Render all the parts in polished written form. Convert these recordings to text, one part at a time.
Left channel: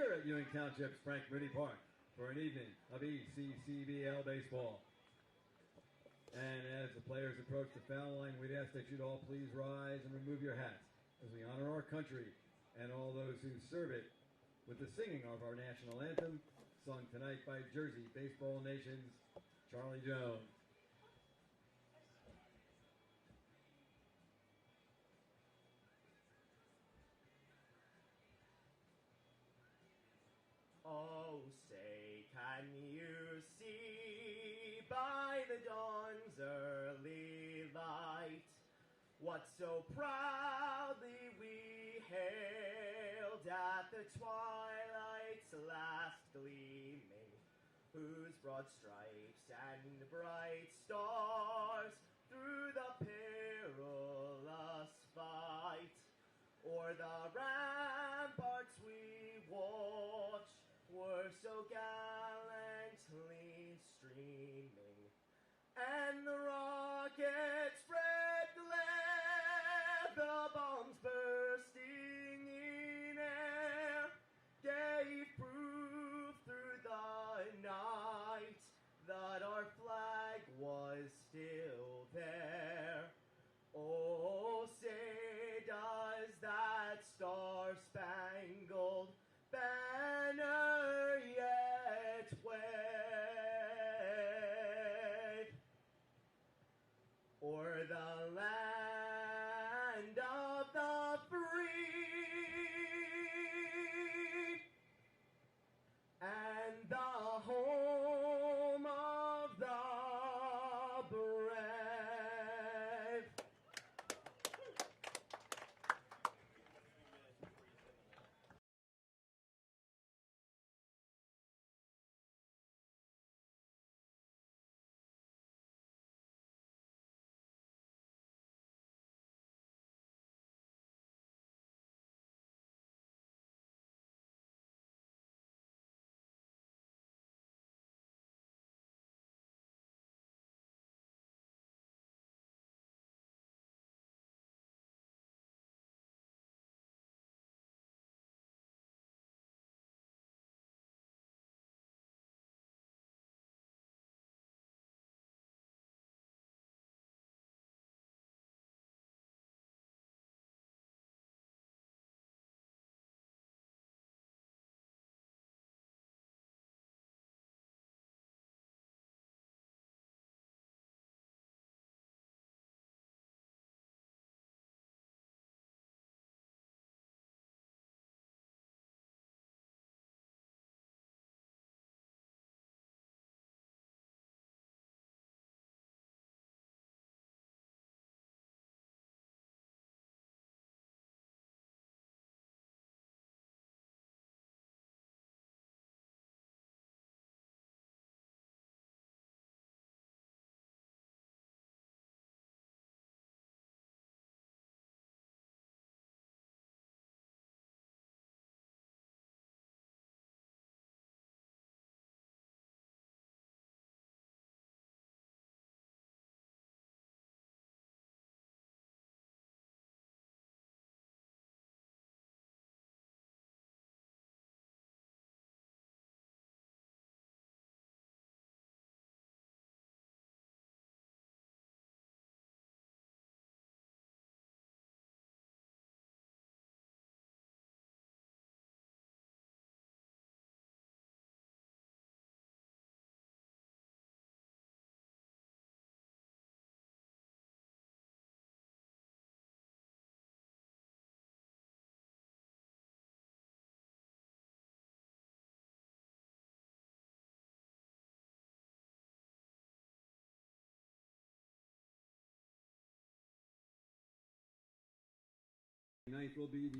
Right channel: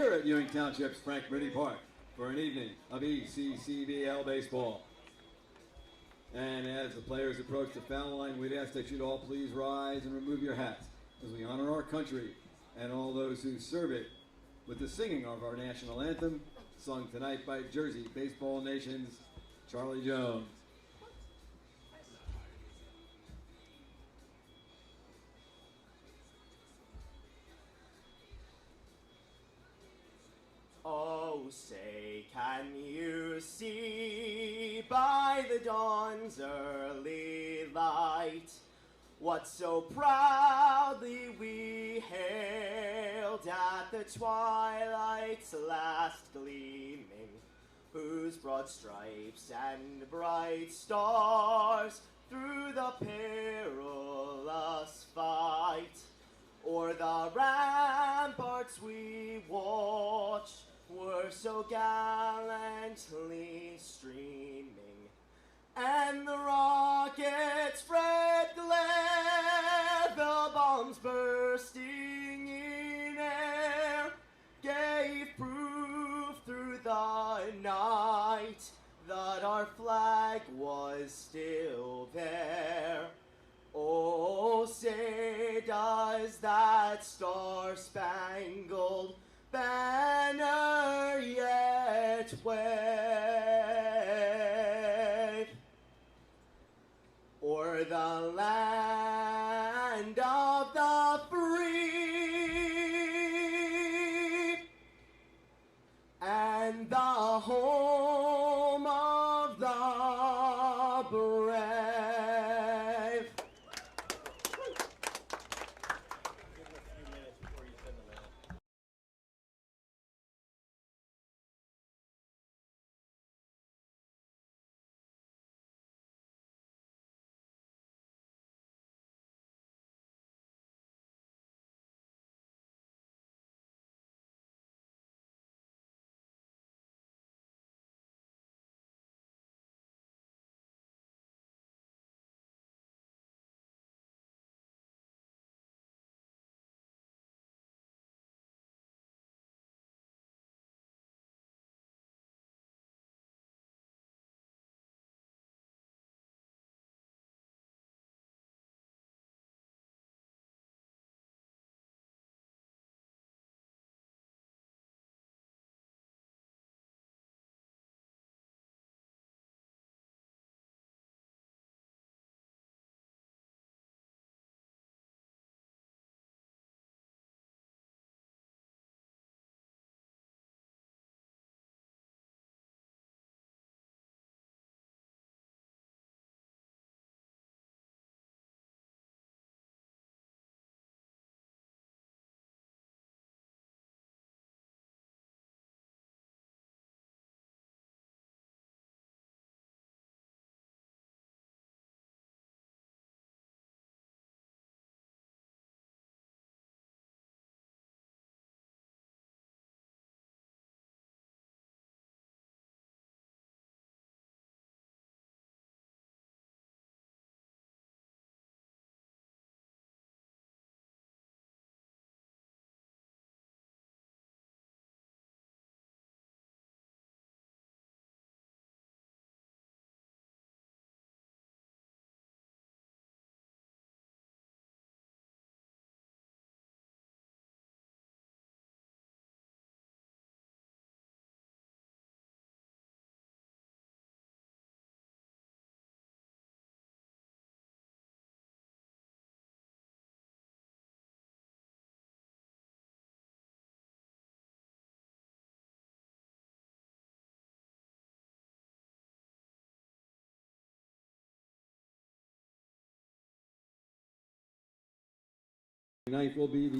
Here at Ewing Township's Frank Brittany Park for an evening of ECCBL baseball. And as the players approach the foul line, we'd ask that you'd all please rise and remove your hats as we honor our country and all those who serve it with the singing of our national anthem, sung tonight by Jersey Baseball Nation's Charlie Jones. Oh, say, can you see by the dawn's early light what so proudly we hailed at the twilight's last gleaming, whose broad stripes and bright stars through the perilous fight o'er the ramparts we watched were so gallantly streaming, and the rockets spread glare, the bombs bursting in air gave proof through the night that our flag was still there. Oh, say does that star-spangled banner yet wave o'er the land of the free and the home of the brave.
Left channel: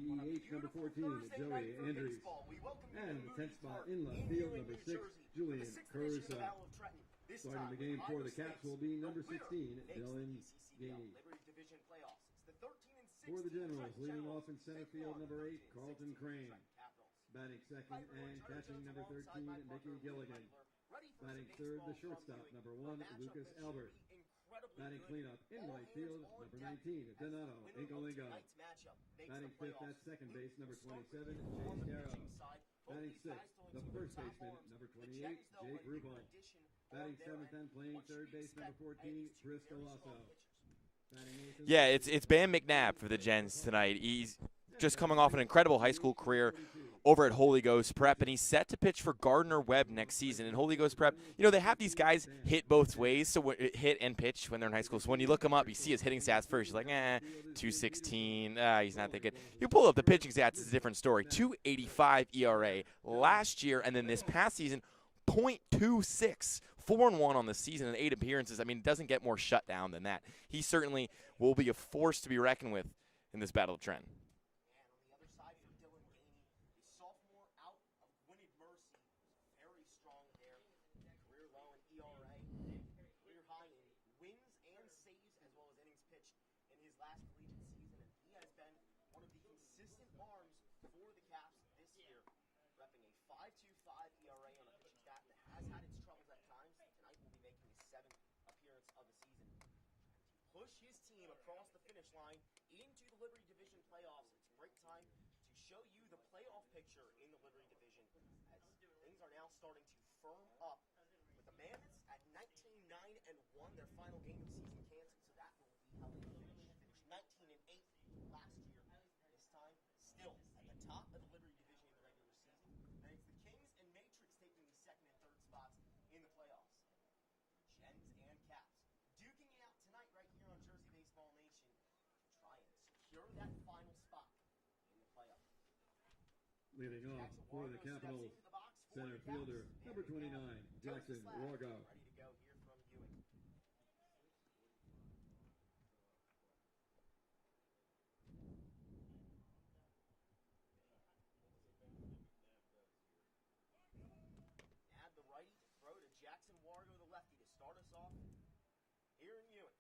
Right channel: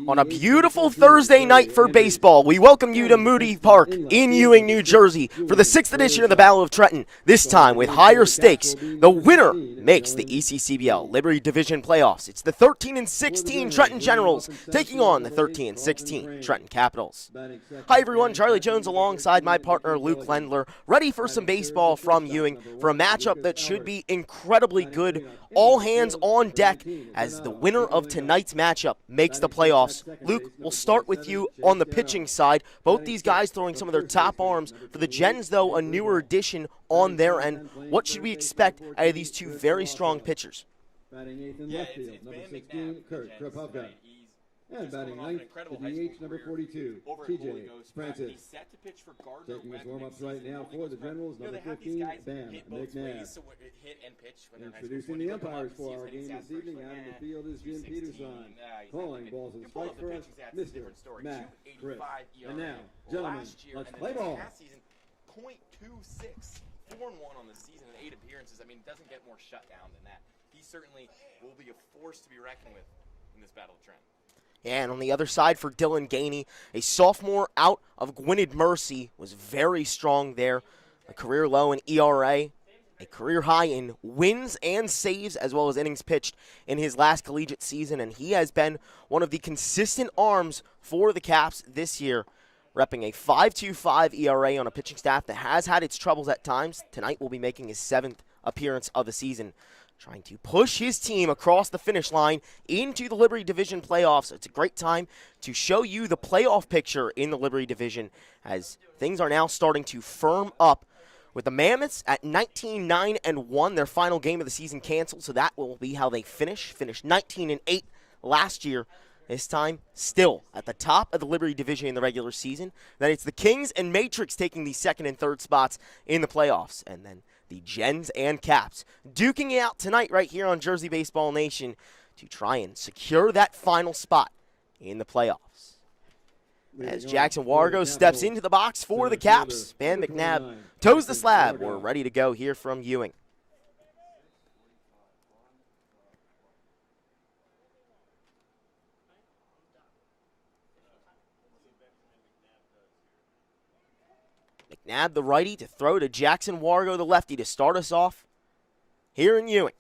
On a beautiful Thursday night for baseball, we welcome you to Moody Park in Ewing, New Jersey for the 6th edition of the Battle of Trenton, this time with higher stakes. The winner makes the ECCBL Liberty Division playoffs. It's the 13-16 Trenton Generals taking on the 13-16 Trenton Capitals. Hi everyone, Charlie Jones alongside my partner Luke Lendler, ready for some baseball from Ewing for a matchup that should be incredibly good. All hands on deck as the winner of tonight's matchup makes the playoffs. Luke, we'll start with you on the pitching side. Both these guys throwing some of their top arms. For the Gens, though, a newer addition on their end. What should we expect out of these two very strong pitchers? Yeah, it's Bam McNabb for the Gens tonight. He's just coming off an incredible high school career over at Holy Ghost Prep, and he's set to pitch for Gardner Webb next season. And Holy Ghost Prep, you know, they have these guys hit both ways, so hit and pitch when they're in high school. So when you look him up, you see his hitting stats first. You're like, 216, he's not that good. You pull up the pitching stats, it's a different story. 2.85 ERA last year, and then this past season, 0.26. 4-1 on the season and 8 appearances. I mean, it doesn't get more shut down than that. He certainly will be a force to be reckoned with in this Battle of Trenton. And on the other side for Dylan Gainey, a sophomore out of Gwynedd Mercy, was very strong there. A career low in ERA, a career high in wins and saves, as well as innings pitched in his last collegiate season. And he has been one of the consistent arms for the Caps this year, repping a 5.25 ERA on a pitching staff that has had its troubles at times. Tonight will be making his 7th appearance of the season, trying to push his team across the finish line into the Liberty Division playoffs. It's a great time to show you the playoff picture in the Liberty Division as things are now starting to firm up with the Mammoths at 19-9-1. Their final game of the season canceled, so that will be how they finish. Finished 19-8 last year. This time, still at the top of the Liberty Division in the regular season. Then it's the Kings and Matrix taking the 2nd and 3rd spots in the playoffs. And then the Gens and Caps duking it out tonight right here on Jersey Baseball Nation to try and secure that final spot in the playoffs. As Jackson Wargo steps into the box for the Caps, Bam McNabb toes the slab. We're ready to go here from Ewing. McNabb, the righty, to throw to Jackson Wargo, the lefty, to start us off here in Ewing.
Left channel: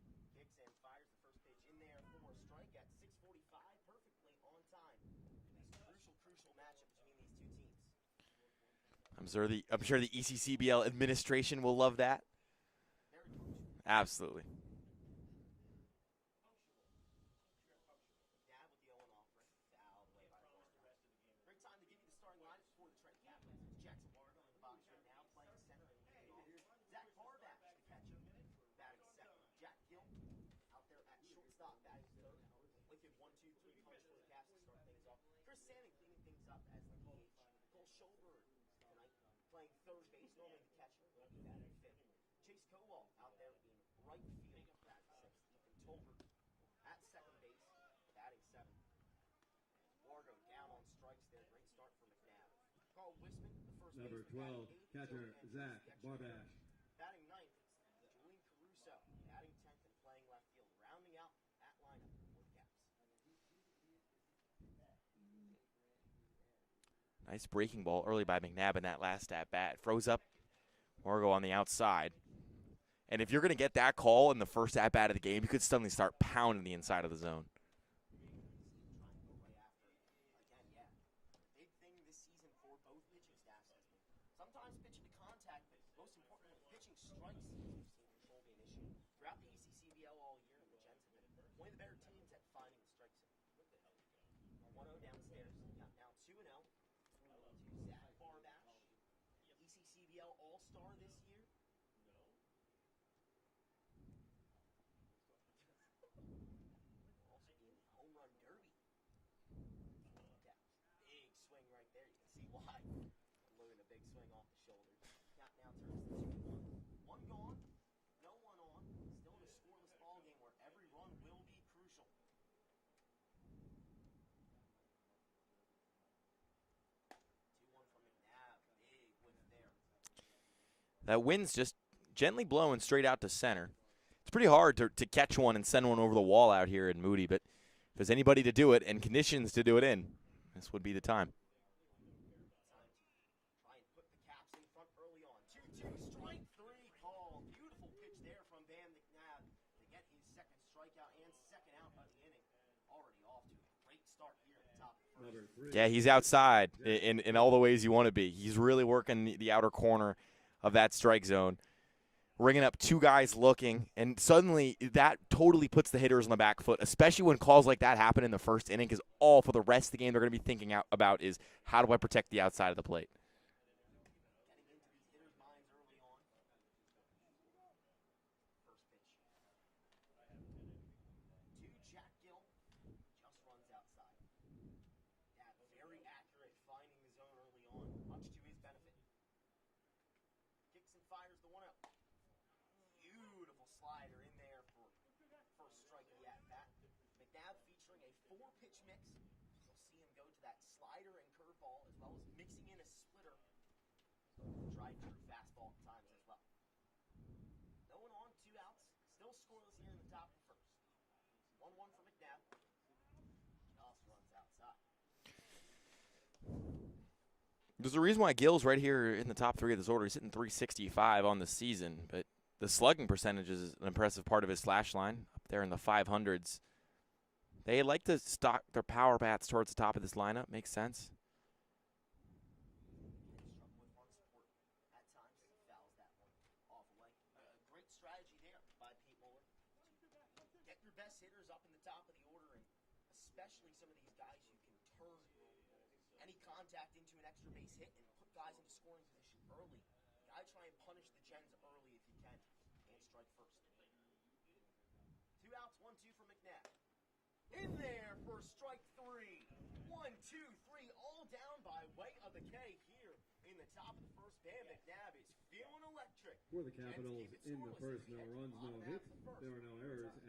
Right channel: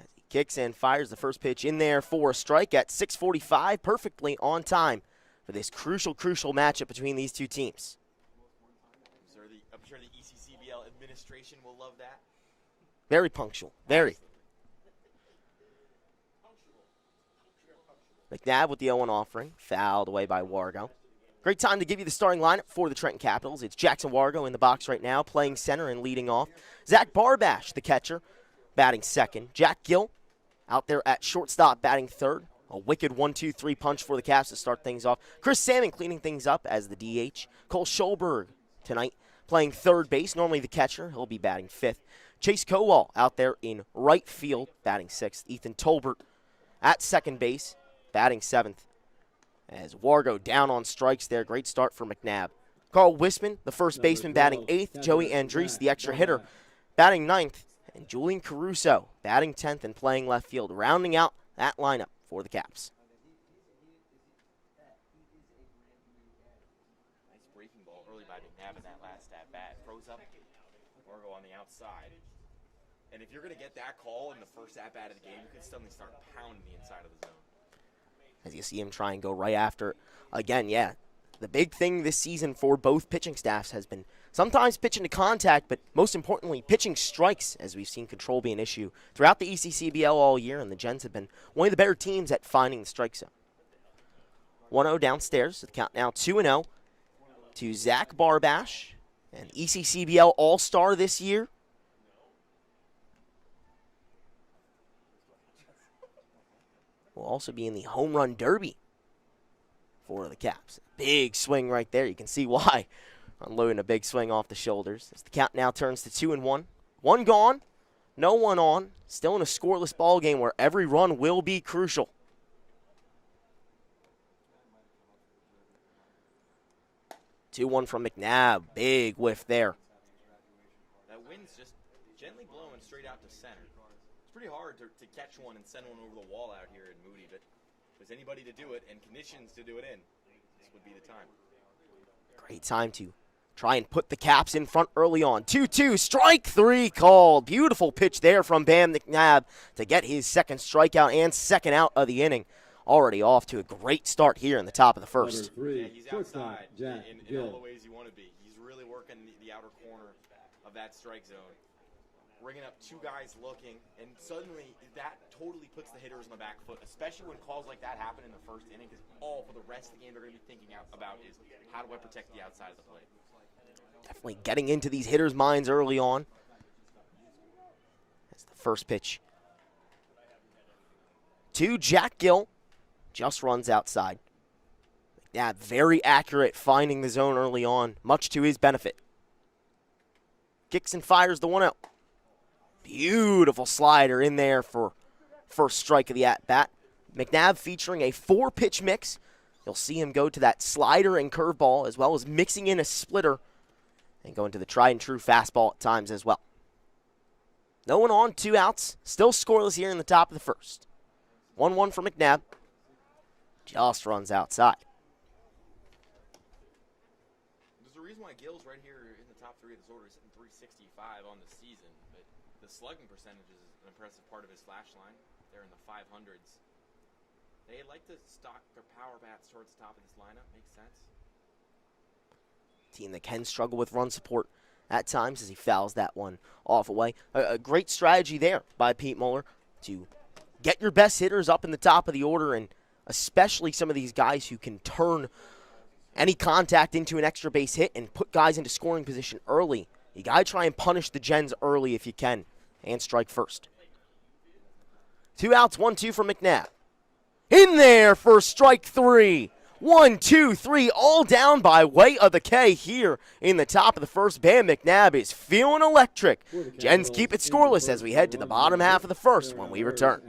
As he kicks and fires the first pitch in there for a strike at 6:45, perfectly on time for this crucial matchup between these two teams. I'm sure the ECCBL administration will love that. Very punctual. Very. Absolutely. McNabb with the 0-1 offering, fouled away by Wargo. Great time to give you the starting lineup for the Trenton Capitals. It's Jackson Wargo in the box right now, playing center and leading off. Zach Barbash, the catcher, batting 2nd. Jack Gill out there at shortstop, batting 3rd. A wicked 1-2-3 punch for the Caps to start things off. Chris Salmon cleaning things up as the DH. Cole Schulberg tonight playing 3rd base, normally the catcher. He'll be batting 5th. Chase Kowal out there in right field, batting 6th. Ethan Tolbert at 2nd base, batting 7th. As Wargo down on strikes there. Great start for McNabb. Carl Wisman, the first baseman, batting 8th. Joey Andres, the extra hitter, batting 9th. And Julian Caruso, batting 10th and playing left field, rounding out that lineup for the Caps. Nice breaking ball early by McNabb in that last at-bat. Froze up Wargo on the outside. And if you're going to get that call in the first at-bat of the game, you could suddenly start pounding the inside of the zone. As you see him try and go right after it. Again, yeah, the big thing this season for both pitching staffs has been sometimes pitching to contact, but most importantly, pitching strikes, as we've seen control be an issue throughout the ECCBL all year, and the Gens have been one of the better teams at finding the strike zone. 1-0 downstairs, the count now 2-0 to Zach Barbash, an ECCBL All-Star this year. Will also be in the home run derby for the Caps. Big swing right there. You can see why. Unloading a big swing off the shoulders. As the count now turns to 2-1. 1 gone, no one on. Still in a scoreless ball game where every run will be crucial. Two-one from McNabb. Big whiff there. That wind's just gently blowing straight out to center. It's pretty hard to catch one and send one over the wall out here in Moody, but if there's anybody to do it and conditions to do it in, this would be the time. Great time to try and put the Caps in front early on. 2-2, strike 3 called. Beautiful pitch there from Bam McNabb to get his second strikeout and second out of the inning. Already off to a great start here in the top of the first. Yeah, he's outside in all the ways you want to be. He's really working the outer corner of that strike zone, ringing up 2 guys looking, and suddenly that totally puts the hitters on the back foot, especially when calls like that happen in the first inning, because all for the rest of the game they're going to be thinking about is how do I protect the outside of the plate. Definitely getting into these hitters' minds early on. That's the first pitch. To Jack Gill. Just runs outside. Yeah, very accurate finding the zone early on, much to his benefit. Kicks and fires the 1-0. Beautiful slider in there for first strike of the at-bat. McNabb featuring a 4-pitch mix. You'll see him go to that slider and curveball, as well as mixing in a splitter and going to the tried-and-true fastball at times as well. No one on, 2 outs. Still scoreless here in the top of the first. 1-1 for McNabb. Just runs outside. There's a reason why Gill's right here in the top 3 of this order. He's hitting .365 on the season, but the slugging percentage is an impressive part of his slash line. There in the 500s. They like to stock their power bats towards the top of this lineup. Makes sense. Team that can struggle with run support at times as he fouls that one off away. A great strategy there by Pete Muller to get your best hitters up in the top of the order, and especially some of these guys who can turn any contact into an extra base hit and put guys into scoring position early. You got to try and punish the Gens early if you can, and strike first. 2 outs, 1-2 for McNabb. In there for strike 3. 1, 2, 3, all down by way of the K here in the top of the first. Bam McNabb is feeling electric. Gens keep it scoreless as we head to the bottom half of the first when we return.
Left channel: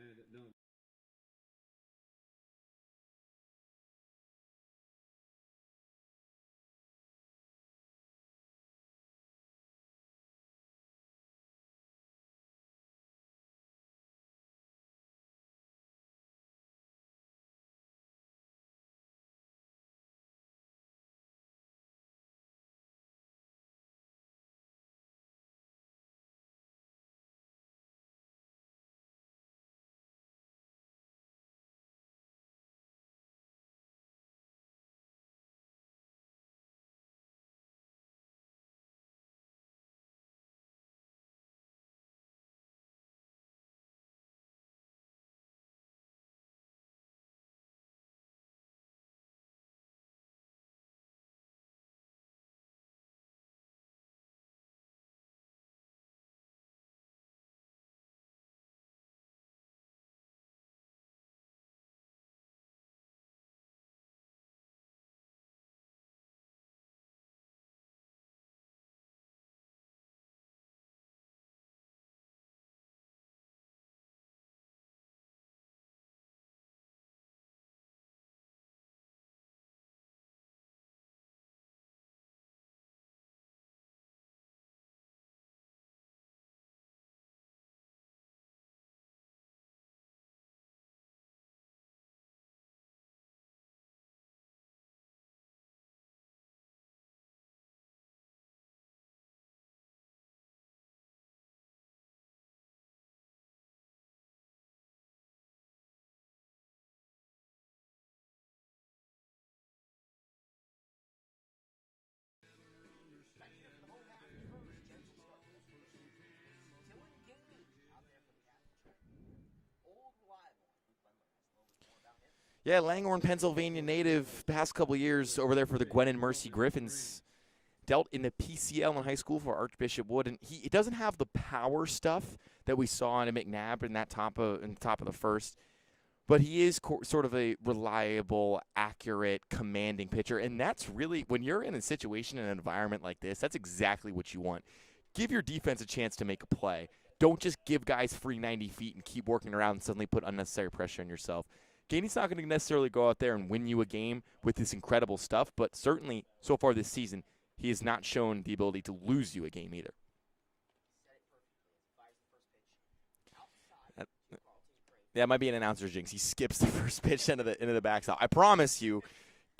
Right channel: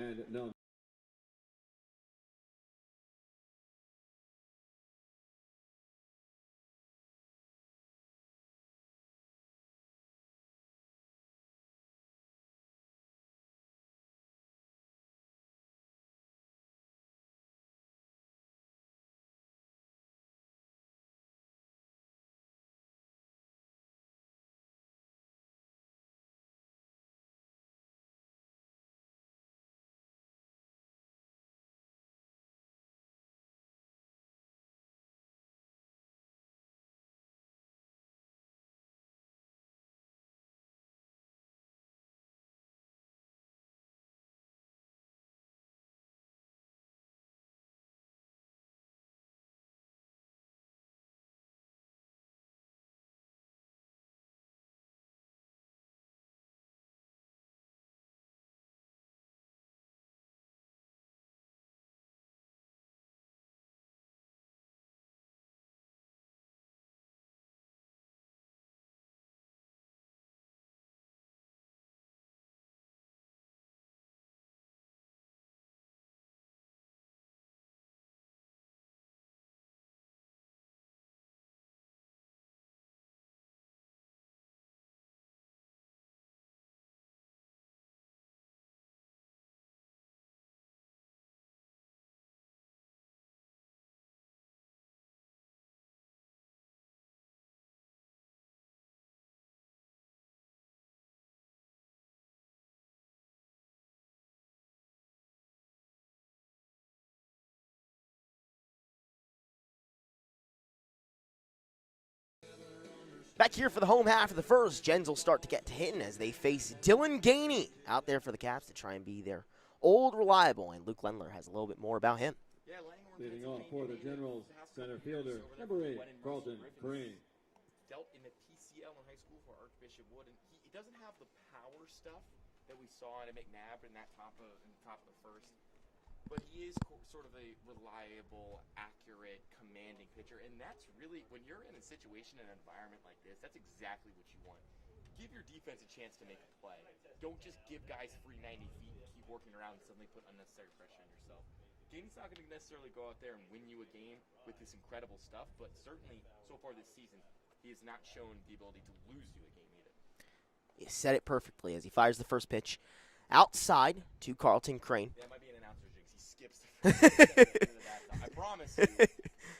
Back here for the home half of the first, Gens will start to get to hitting as they face Dylan Gainey out there for the Caps to try and be their old reliable, and Luke Lendler has a little bit more about him. Yeah, Langhorne, Pennsylvania native, past couple years over there for the Gwen and Mercy Griffins. Dealt in the PCL in high school for Archbishop Wood, and he doesn't have the power stuff that we saw in McNabb in that top of the first. But he is sort of a reliable, accurate, commanding pitcher. And that's really, when you're in a situation, in an environment like this, that's exactly what you want. Give your defense a chance to make a play. Don't just give guys free 90 feet and keep working around and suddenly put unnecessary pressure on yourself. Gainey's not going to necessarily go out there and win you a game with this incredible stuff, but certainly so far this season, he has not shown the ability to lose you a game either. You said it perfectly as he fires the first pitch. Outside to Carlton Crane. That might be an announcer's jinx. He skips the first pitch into the backstop. I promise you,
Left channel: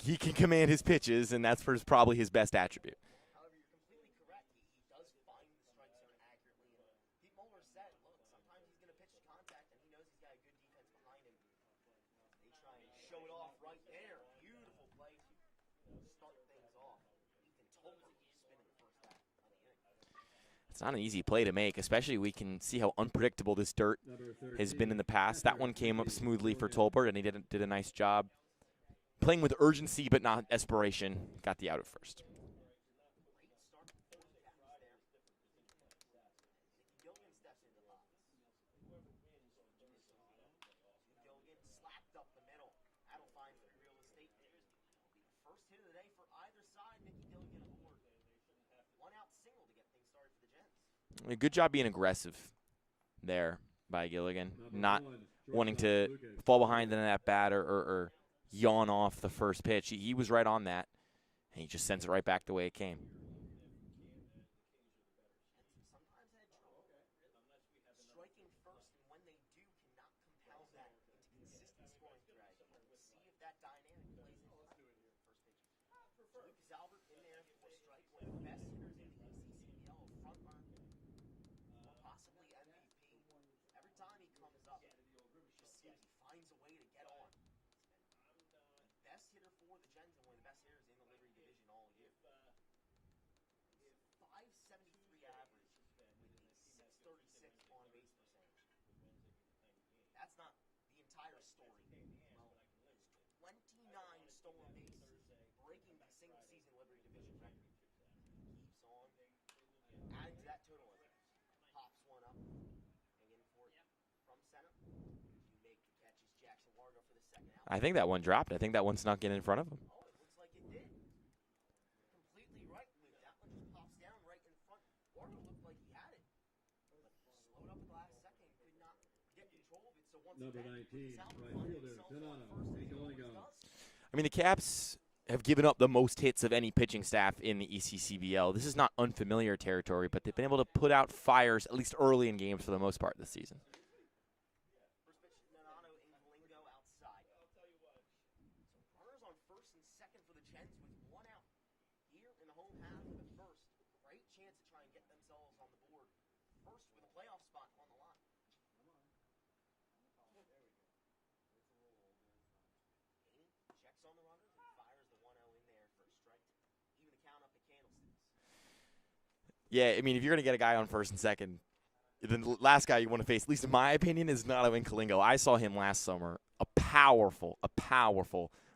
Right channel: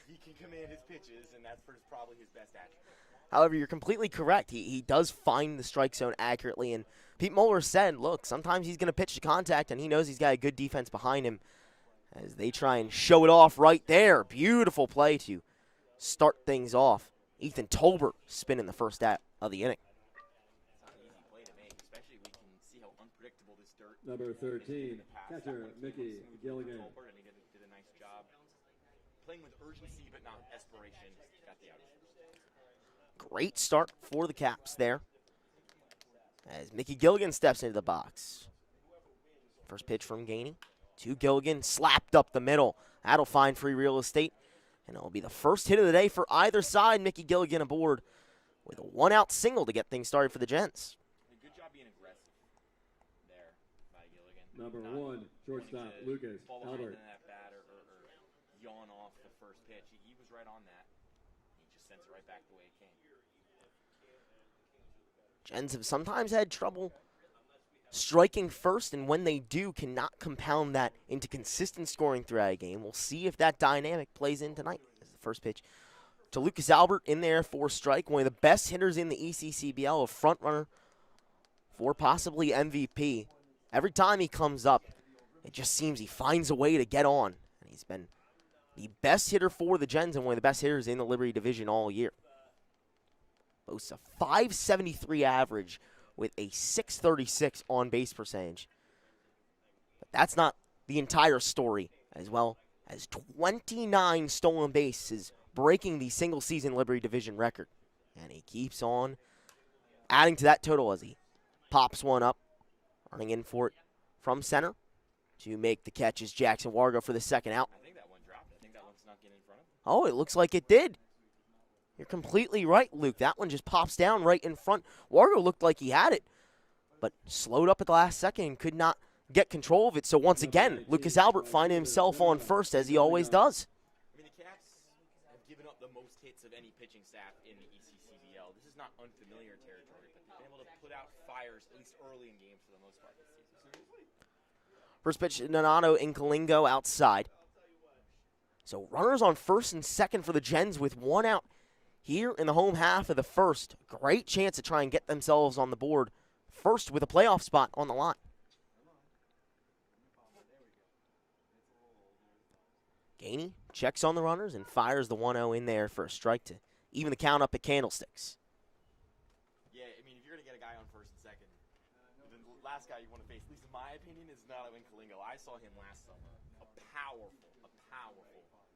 he can command his pitches, and that's probably his best attribute. However, you're completely correct. He does find the strike zone accurately, and Pete Mueller said, look, sometimes he's going to pitch to contact, and he knows he's got a good defense behind him as they try and show it off right there. Beautiful play to start things off. Ethan Tolbert spinning the first out of the inning. It's not an easy play to make, especially we can see how unpredictable this dirt has been in the past. That one came up smoothly for Tolbert, and he did a nice job playing with urgency but not desperation. Got the out at first. Great start for the Caps there as Mickey Gilligan steps into the box. First pitch from Gainey to Gilligan, slapped up the middle. That'll find free real estate, and it'll be the first hit of the day for either side. Mickey Gilligan aboard with a one-out single to get things started for the Gents. A good job being aggressive there by Gilligan, not wanting to fall behind in that bat or yawn off the first pitch. He was right on that, and he just sends it right back the way it came. Gens have sometimes had trouble striking first, and when they do, cannot compound that into consistent scoring throughout a game. We'll see if that dynamic plays in tonight. As the first pitch to Lucas Albert in there for strike, one of the best hitters in the ECCBL, a front runner for possibly MVP. Every time he comes up, it just seems he finds a way to get on. And he's been the best hitter for the Gens and one of the best hitters in the Liberty Division all year. Boasts a .573 average with a .636 on-base percentage. But that's not the entire story, as well as 29 stolen bases, breaking the single-season Liberty Division record. And he keeps on adding to that total as he pops one up, running in for it from center to make the catch is Jackson Wargo for the second out. I think that one dropped. I think that one snuck in front of him. Oh, it looks like it did. You're completely right, Luke. That one just pops down right in front. Wargo looked like he had it, but slowed up at the last second and could not get control of it. So once again, Lucas Albert finding himself on first, as he always does. I mean, the Caps have given up the most hits of any pitching staff in the ECCBL. This is not unfamiliar territory, but they've been able to put out fires, at least early in games for the most part this season. First pitch, Donato Incalingo outside. So runners on first and second for the Gens with one out here in the home half of the first. Great chance to try and get themselves on the board first with a playoff spot on the line. Gainey checks on the runners and fires the 1-0 in there for a strike to even the count up at Candlesticks. Yeah, I mean, if you're going to get a guy on first and second, the last guy you want to face, at least in my opinion, is Donato Incalingo. I saw him last summer. A powerful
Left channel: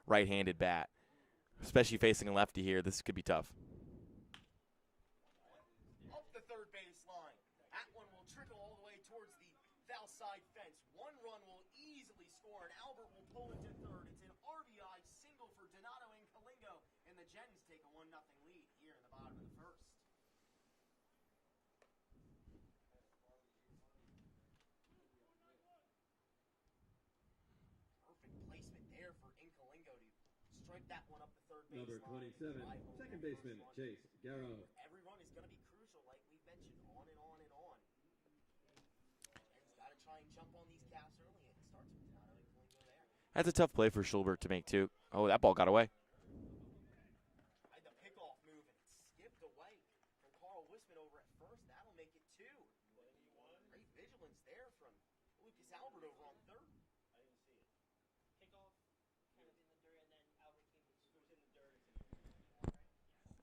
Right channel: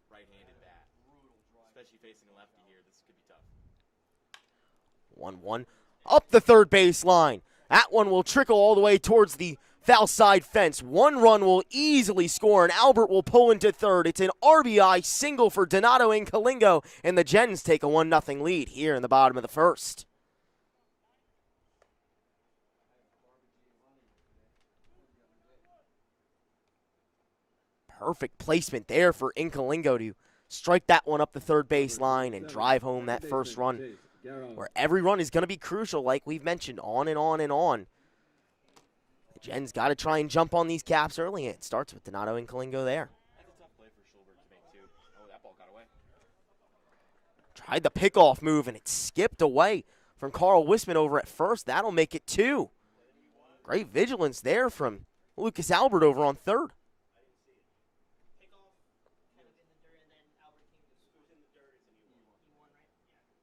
right-handed bat. Especially facing a lefty here, this could be tough. 1-1 up the third base line. That one will trickle all the way towards the foul side fence. One run will easily score, and Albert will pull into third. It's an RBI single for Donato Incalingo, and the Gens take a 1-0 lead here in the bottom of the first. Perfect placement there for Incalingo to strike that one up the third base line and drive home that first run, where every run is going to be crucial, like we've mentioned, on and on and on. The Gens got to try and jump on these Caps early, and it starts with Donato Incalingo there. That's a tough play for Schulberg to make, too. Oh, that ball got away. Tried the pickoff move, and it skipped away from Carl Wisman over at first. That'll make it 2. Great vigilance there from Lucas Albert over on third.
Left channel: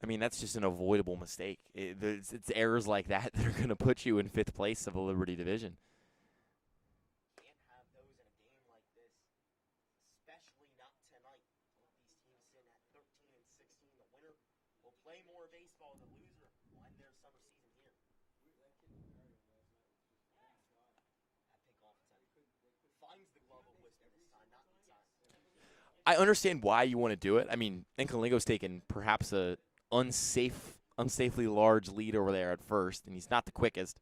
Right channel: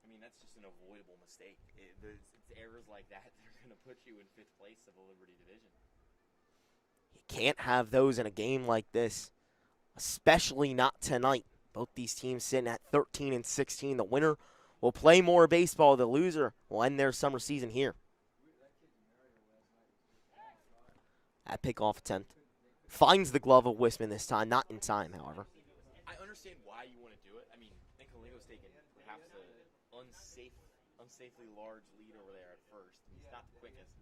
I mean, that's just an avoidable mistake. It's errors like that that are going to put you in 5th place of the Liberty Division. You can't have those in a game like this, especially not tonight. Both these teams sitting at 13 and 16. The winner will play more baseball. The loser will end their summer season here. That pickoff attempt finds the glove of Wisman this time. Not in time, however. I understand why you want to do it. I mean, Incalingo's taken perhaps a unsafely large lead over there at first, and he's not the quickest.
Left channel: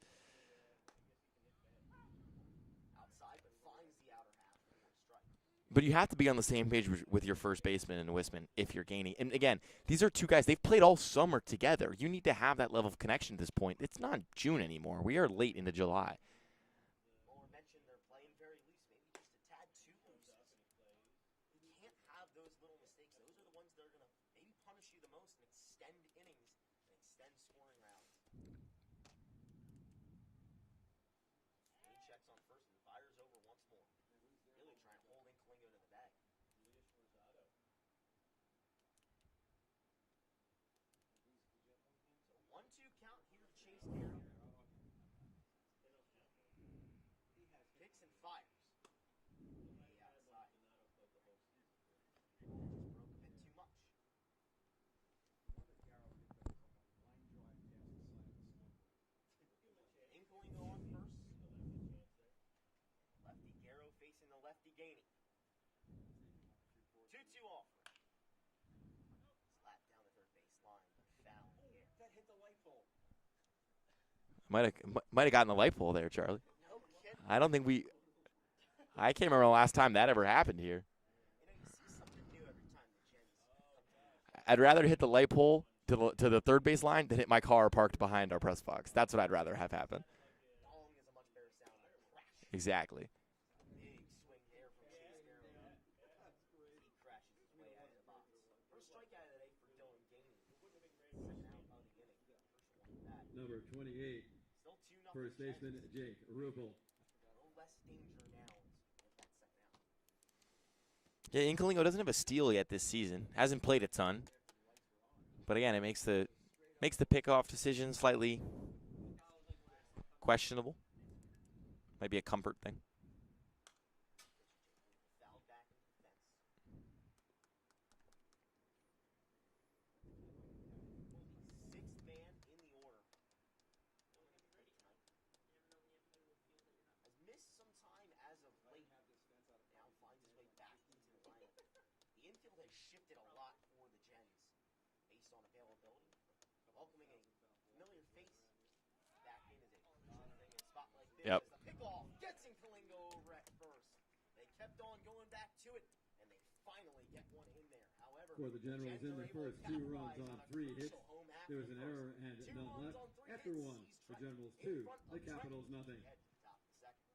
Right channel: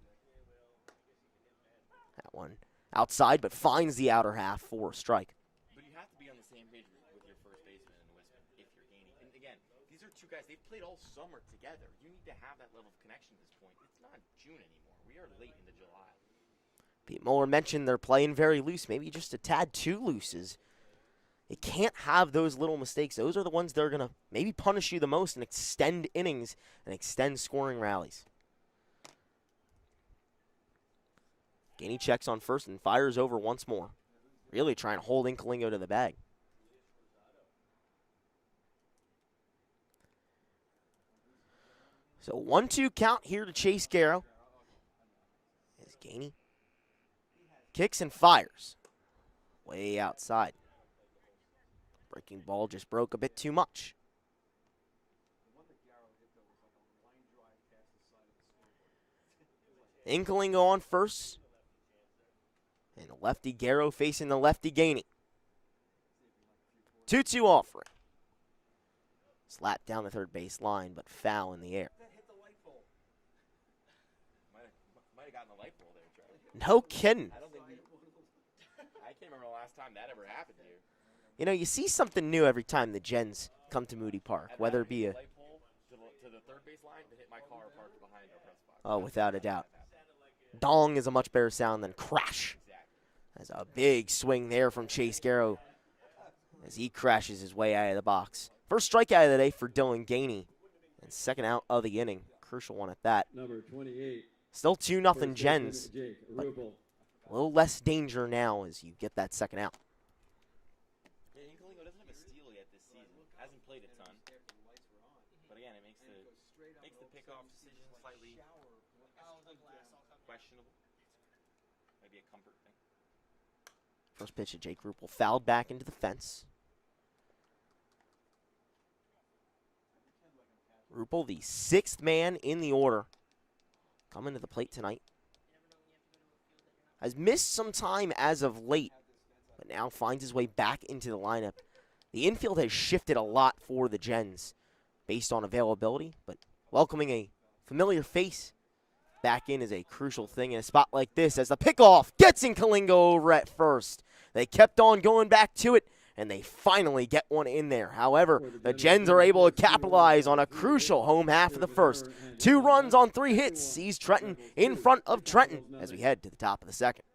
That one outside, but finds the outer half for a strike. But you have to be on the same page with your first baseman and Wisman if you're Gainey. And again, these are two guys, they've played all summer together. You need to have that level of connection at this point. It's not June anymore. We are late into July. Pete Mueller mentioned they're playing very loose, maybe just a tad too loose. As You can't have those little mistakes. Those are the ones that are going to maybe punish you the most and extend innings and extend scoring rallies. Gainey checks on first and fires over once more. Really trying to hold Inkalingo to the bag. So 1-2 count here to Chase Garrow. As Gainey kicks and fires. Way outside. Breaking ball just broke a bit too much. Inkalingo on first. And lefty Garrow facing the lefty Gainey. 2-2 offering. Slap down the third base line, but foul in the air. Might have gotten the light pole there, Charlie. No kidding. I can't remember the last time that ever happened here. You know, you see something new every time the Gens come to Moody Park. I'd rather hit the light pole to the third base line than hit my car parked behind our press box. Oh, That's what I'd without a rather doubt. have happen. Dong is a much better sound than crash. Exactly. There's a big swing there from Chase Garrow as he crashes his way out of the box. First strikeout of the day for Dylan Gainey. And second out of the inning. Crucial one at that. Number 28. Still 2-0 Gens. Jake but Rupel. a little less danger now as you get that second out. Yeah, Inkalingo doesn't have a steal yet this season. Hasn't played a ton. But again, it makes the pickoff decision slightly questionable. Might be a comfort thing. First pitch of Jake Rupel fouled back into the fence. Rupel, the sixth man in the order, coming to the plate tonight. Has missed some time as of late, but now finds his way back into the lineup. The infield has shifted a lot for the Gens based on availability, but welcoming a familiar face back in is a crucial thing in a spot like this. Yep. As the pickoff gets Inkalingo over at first. They kept on going back to it, and they finally get one in there. However, the Gens are able to capitalize on a crucial home half of the first. 2 runs on 3 hits sees Trenton in front of Trenton as we head to the top of the second.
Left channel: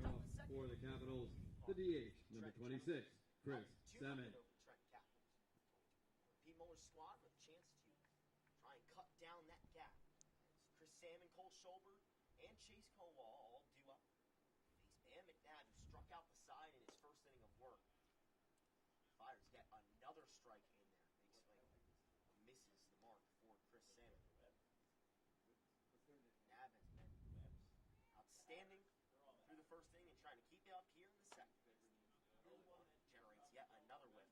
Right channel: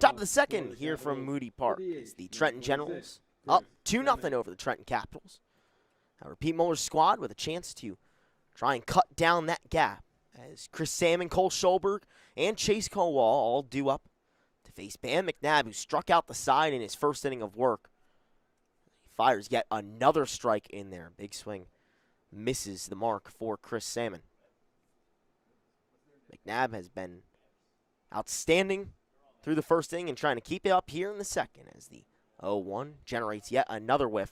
Top of the second here from Moody Park is the Trenton Generals up 2-0 over the Trenton Capitals. Now, Pete Muller's squad with a chance to try and cut down that gap as Chris Salmon, Cole Schulberg, and Chase Kowal all due up to face Bam McNabb, who struck out the side in his first inning of work. He fires yet another strike in there. Big swing. Misses the mark for Chris Salmon. McNabb has been outstanding through the first inning and trying to keep it up here in the second as the 0-1 generates yet another whiff.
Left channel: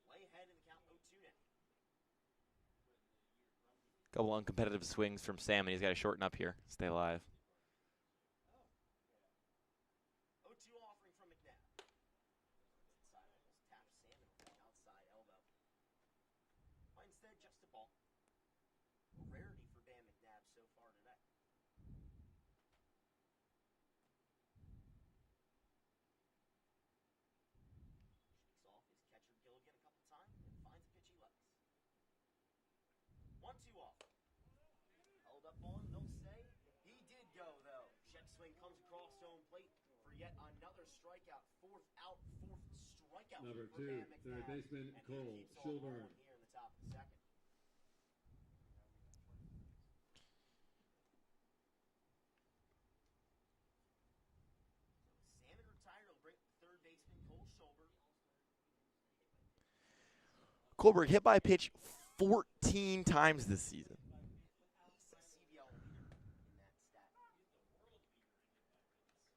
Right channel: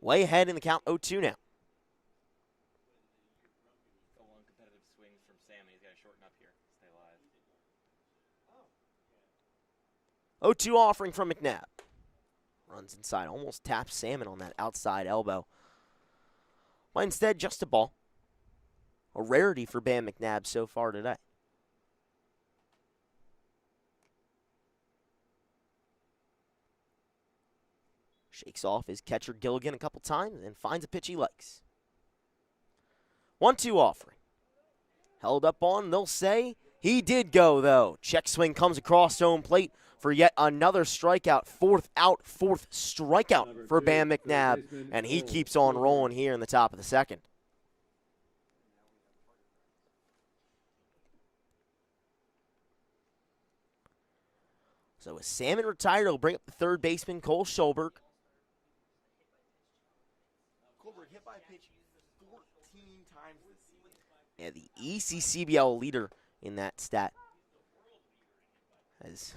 Way ahead in the count, 0-2 now. Couple uncompetitive swings from Sam, and he's got to shorten up here, stay alive. 0-2 offering from McNabb. Runs inside, almost taps Salmon on that outside elbow. But instead, just a ball. A rarity for Bam McNabb so far today. Shakes off his catcher Gilligan a couple times and finds a pitch he likes. 1-2 offering. Held up on, they'll say. He did go, though. Check swing comes across home plate for yet another strikeout. Fourth strikeout for Bam McNabb. And he keeps on rolling here in the top of the second. So with Salmon retired, he'll bring up the third baseman, Cole Schulberg. Colberg hit by a pitch 14 times this season. Yeah, the ECCBL leader in that stat has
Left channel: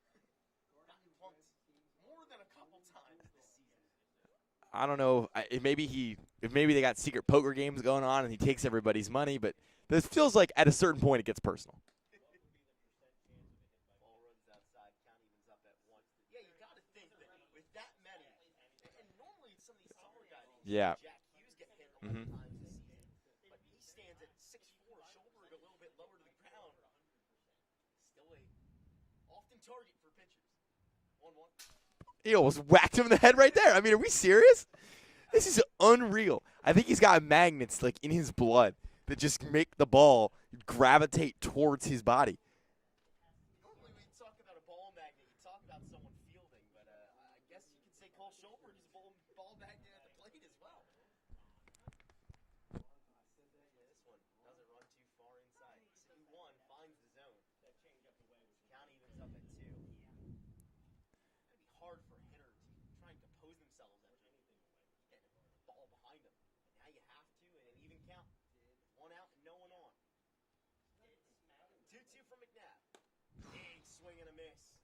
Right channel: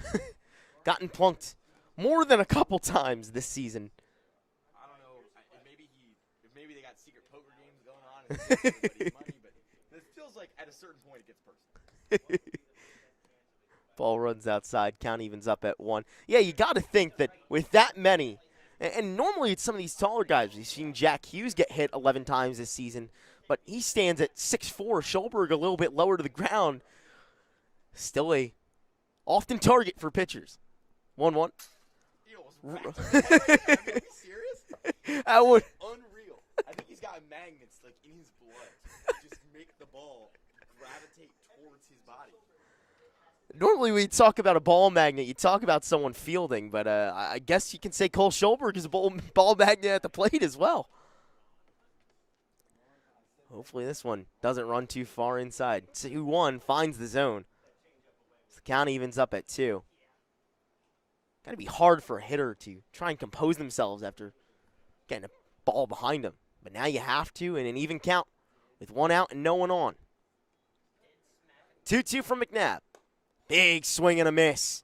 gotten plunked more than a couple times this season. I don't know if maybe they got secret poker games going on and he takes everybody's money, but this feels like at a certain point it gets personal. Ball runs outside, count evens up at 1. Yeah, you got to think that with that many, and normally it's some of these taller guys. We've seen Jack Hughes get hit 11 times this season, but he stands at 6'4". Schulberg a little bit lower to the ground. Still a often target for pitchers. 1-1. He almost whacked him in the head right there. I mean, are we serious? This is unreal. I think he's got magnets like in his blood that just make the ball gravitate towards his body. Normally we talk about a ball magnet. You talk about someone fielding, but I guess you can say Cole Schulberg is a ball magnet at the plate as well. Hopefully this one doesn't run too far inside. 2-1 finds the zone. So the count evens up at 2. Got to be hard for a hitter to try and compose themselves after getting a ball behind them. But now you have to in an even count with 1 out and no one on. 2-2 from McNabb. Big swing and a miss.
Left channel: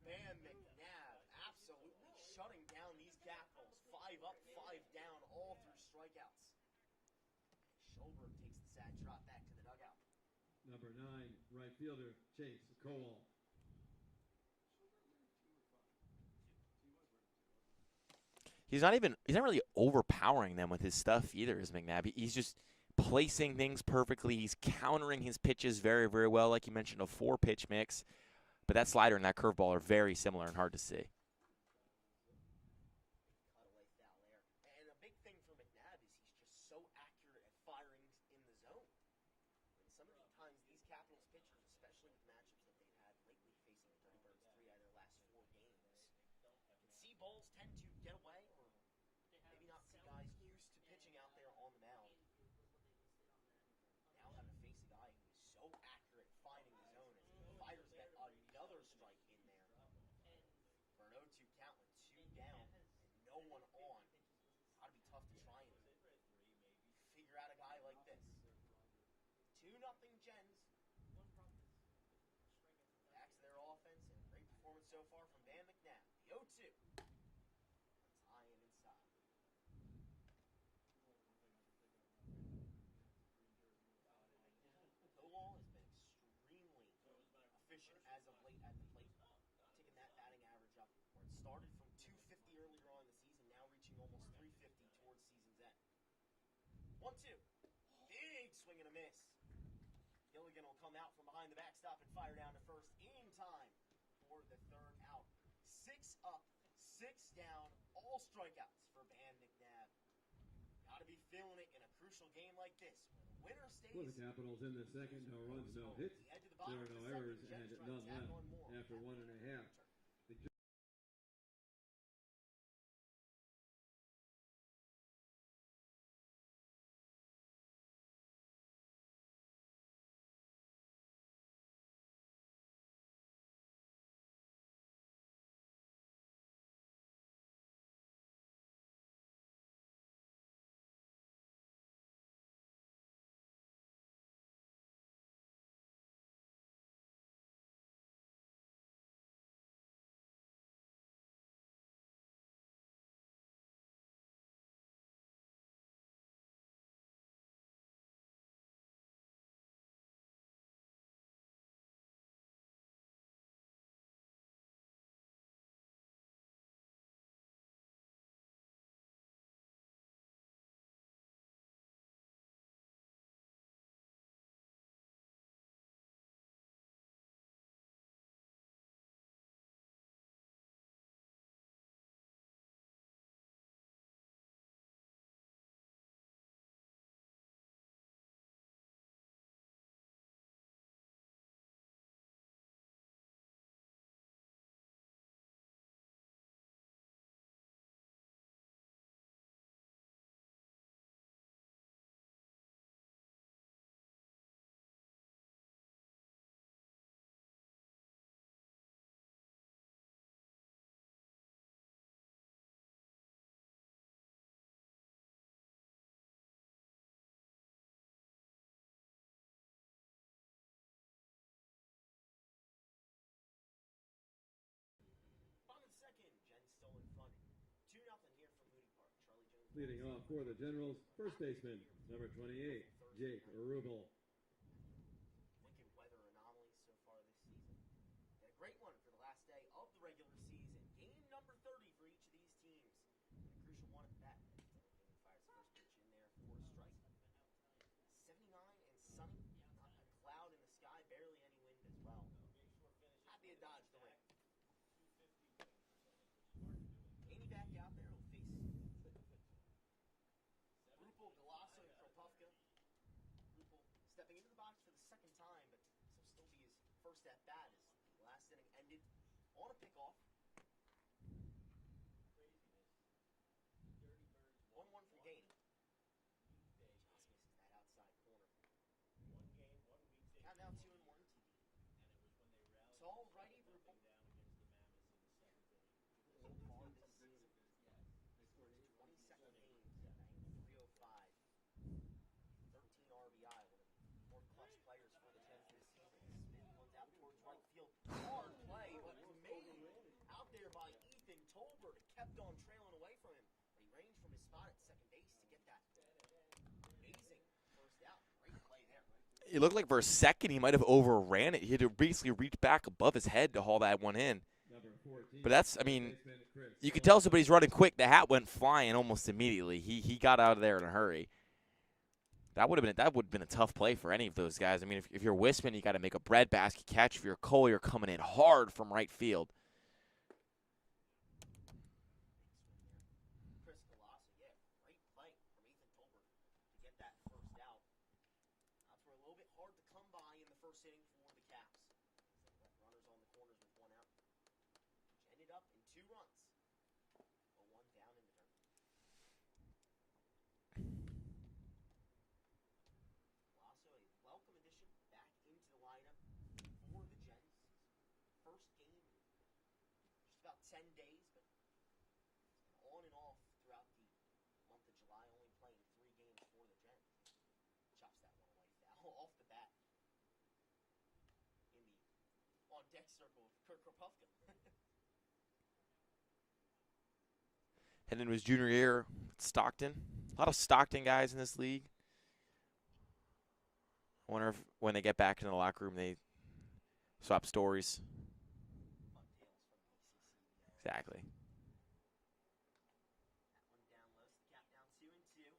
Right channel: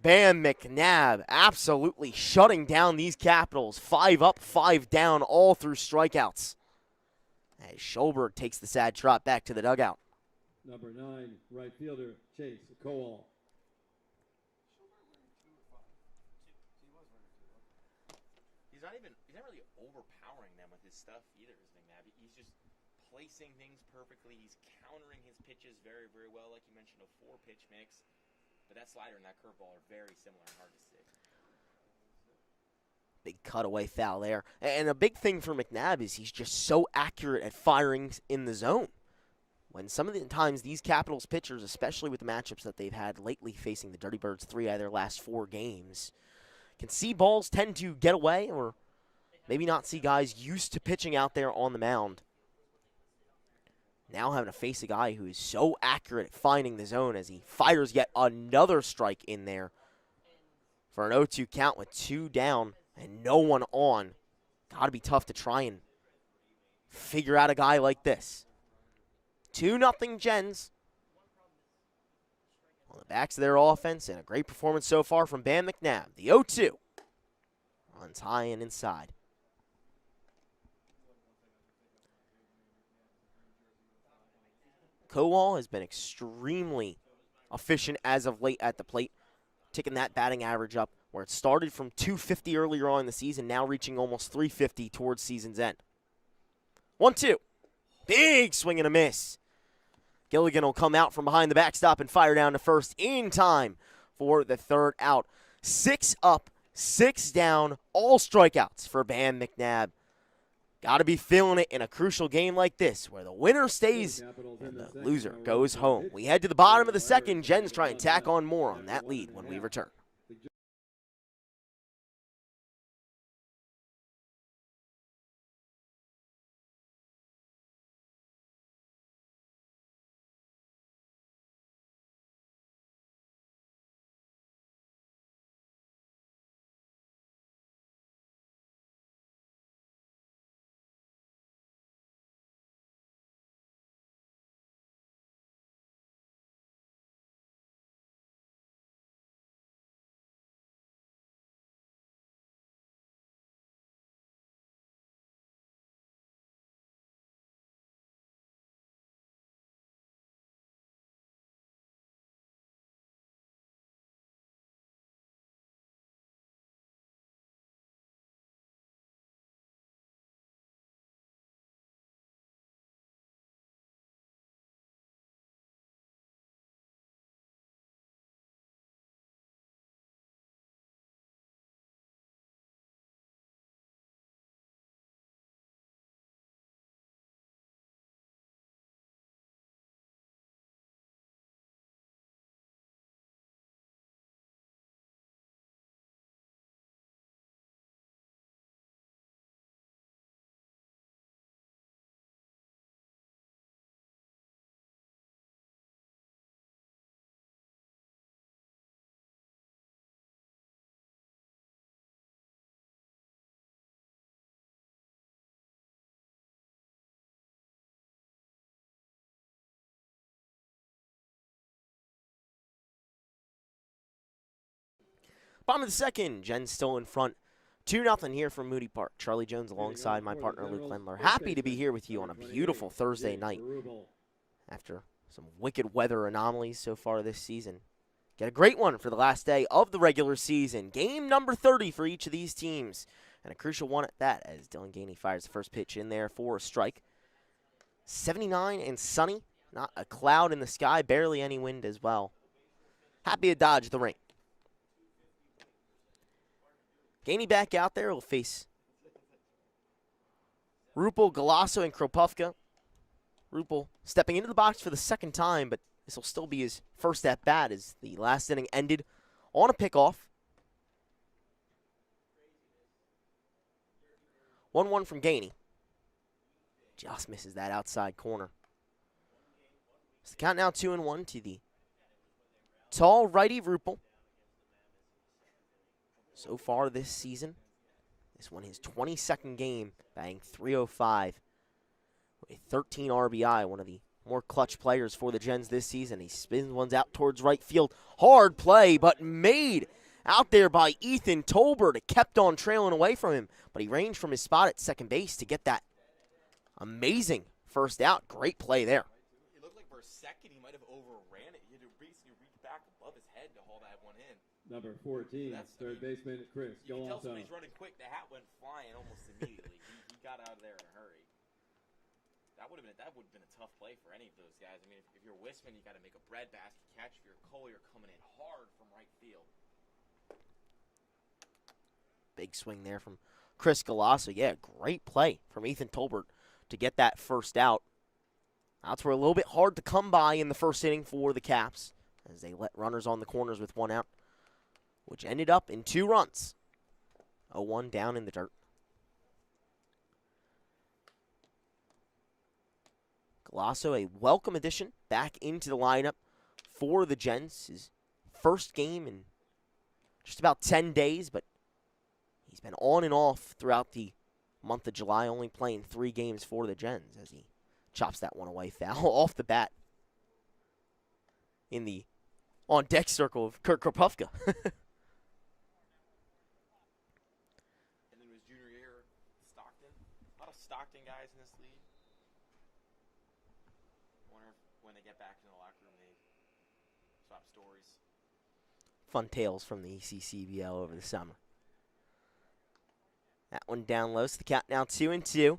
Bam McNabb absolutely shutting down these Capitals. 5 up, 5 down, all through strikeouts. As Schulberg takes the sad trot back to the dugout. Number 9, right fielder, Chase Cole. He's not really overpowering them with his stuff either, is McNabb. He's just placing things perfectly. He's countering his pitches very, very well. Like you mentioned, a 4-pitch mix. But that slider and that curveball are very similar and hard to see. Big cutaway foul there. And a big thing for McNabb is he's just so accurate at firing in the zone. When some of the times these Capitals pitchers, especially with the matchups that they've had lately facing the Dirty Birds 3 out of their last 4 games, can see balls tend to get away or maybe not see guys used to pitching out there on the mound. Now having to face a guy who is so accurate at finding the zone as he fires yet another strike in there for an 0-2 count with 2 down and no one on. Got to be tough to try and figure out a guy like this. 2-0 Gens on the backs of their offense, and a great performance so far from Bam McNabb. The 0-2 runs high and inside. Kowal has been extremely efficient as of late at the plate, taking that batting average up where it started from 250 earlier on in the season, now reaching almost 350 towards season's end. 1-2. Big swing and a miss. Gilligan will come out from behind the backstop and fire down to first in time for the 3rd out. 6 up, 6 down, all strikeouts for Bam McNabb. Got to be feeling it in a crucial game like this where the winner stays and the loser goes home. We head to the bottom of the second. Gens try and tack on more on that lead when we return. Bottom of the second, Gens still in front. 2-0 here from Moody Park. Charlie Jones alongside my partner Luke Lendler. Happy to be here with you on a beautiful Thursday night after some wicked weather anomalies so far this season. Get a great one for the last day of the regular season. Game number 30 for each of these teams. And a crucial one at that as Dylan Gainey fires the first pitch in there for a strike. 79 and sunny. Not a cloud in the sky. Barely any wind as well. Happy to dodge the rain. Gainey back out there will face Rupel, Galasso, and Kropufka. Rupel stepping into the box for the second time, but this will still be his first at-bat as the last inning ended on a pickoff. 1-1 from Gainey. Just misses that outside corner. So the count now 2-1 to the tall righty Rupel. So far this season, this one his 22nd game, batting .305 with 13 RBI, one of the more clutch players for the Gens this season. He spins ones out towards right field. Hard play, but made out there by Ethan Tolbert. It kept on trailing away from him, but he ranged from his spot at second base to get that amazing first out. Great play there. It looked like for a second he might have overran it. He had to basically reach back above his head to haul that one in. Number 14, but that's, I mean, you can tell somebody's running quick. The hat went flying almost immediately. He got out of there in a hurry. That would have been a tough play for any of those guys. I mean, if you're Wisman, you got to make a breadbasket catch. If you're Cole, you're coming in hard from right field. Big swing there from Chris Galasso. Yeah, great play from Ethan Tolbert to get that first out. Outs were a little bit hard to come by in the first inning for the Caps as they let runners on the corners with one out, which ended up in 2 runs. 0-1 down in the dirt. Galasso, a welcome addition back into the lineup for the Gens. His first game in just about 10 days, but he's been on and off throughout the month of July, only playing 3 games for the Gens as he chops that one away foul off the bat in the on-deck circle of Kurt Kropufka. And in his junior year, Stockton. A lot of Stockton guys in this league. I wonder if when they get back into the locker room, they swap stories. Fun tales from the ECCBL over the summer. That one down low, so the count now 2-2.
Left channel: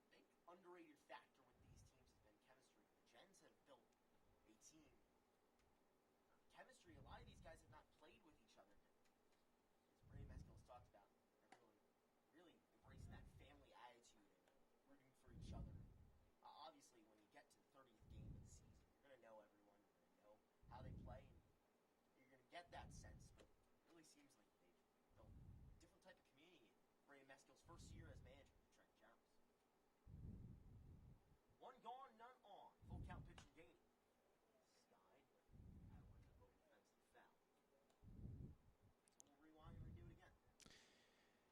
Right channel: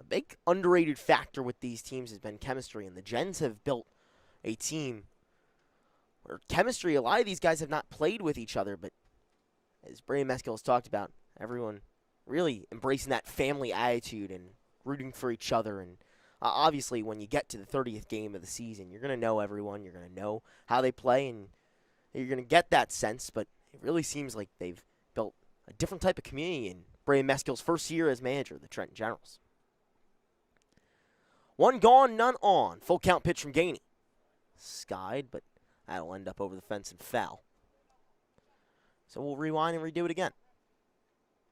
A big underrated factor with these teams has been chemistry, and the Gens have built a team where chemistry, a lot of these guys have not played with each other, but as Brandon Meskill has talked about, everyone really embracing that family attitude and rooting for each other. And obviously, when you get to the 30th game of the season, you're going to know everyone. You're going to know how they play, and you're going to get that sense. But it really seems like they've built a different type of community in Brandon Meskill's first year as manager of the Trenton Generals. 1 gone, none on. Full count pitch from Gainey. Skied, but that'll end up over the fence and foul. So we'll rewind and redo it again.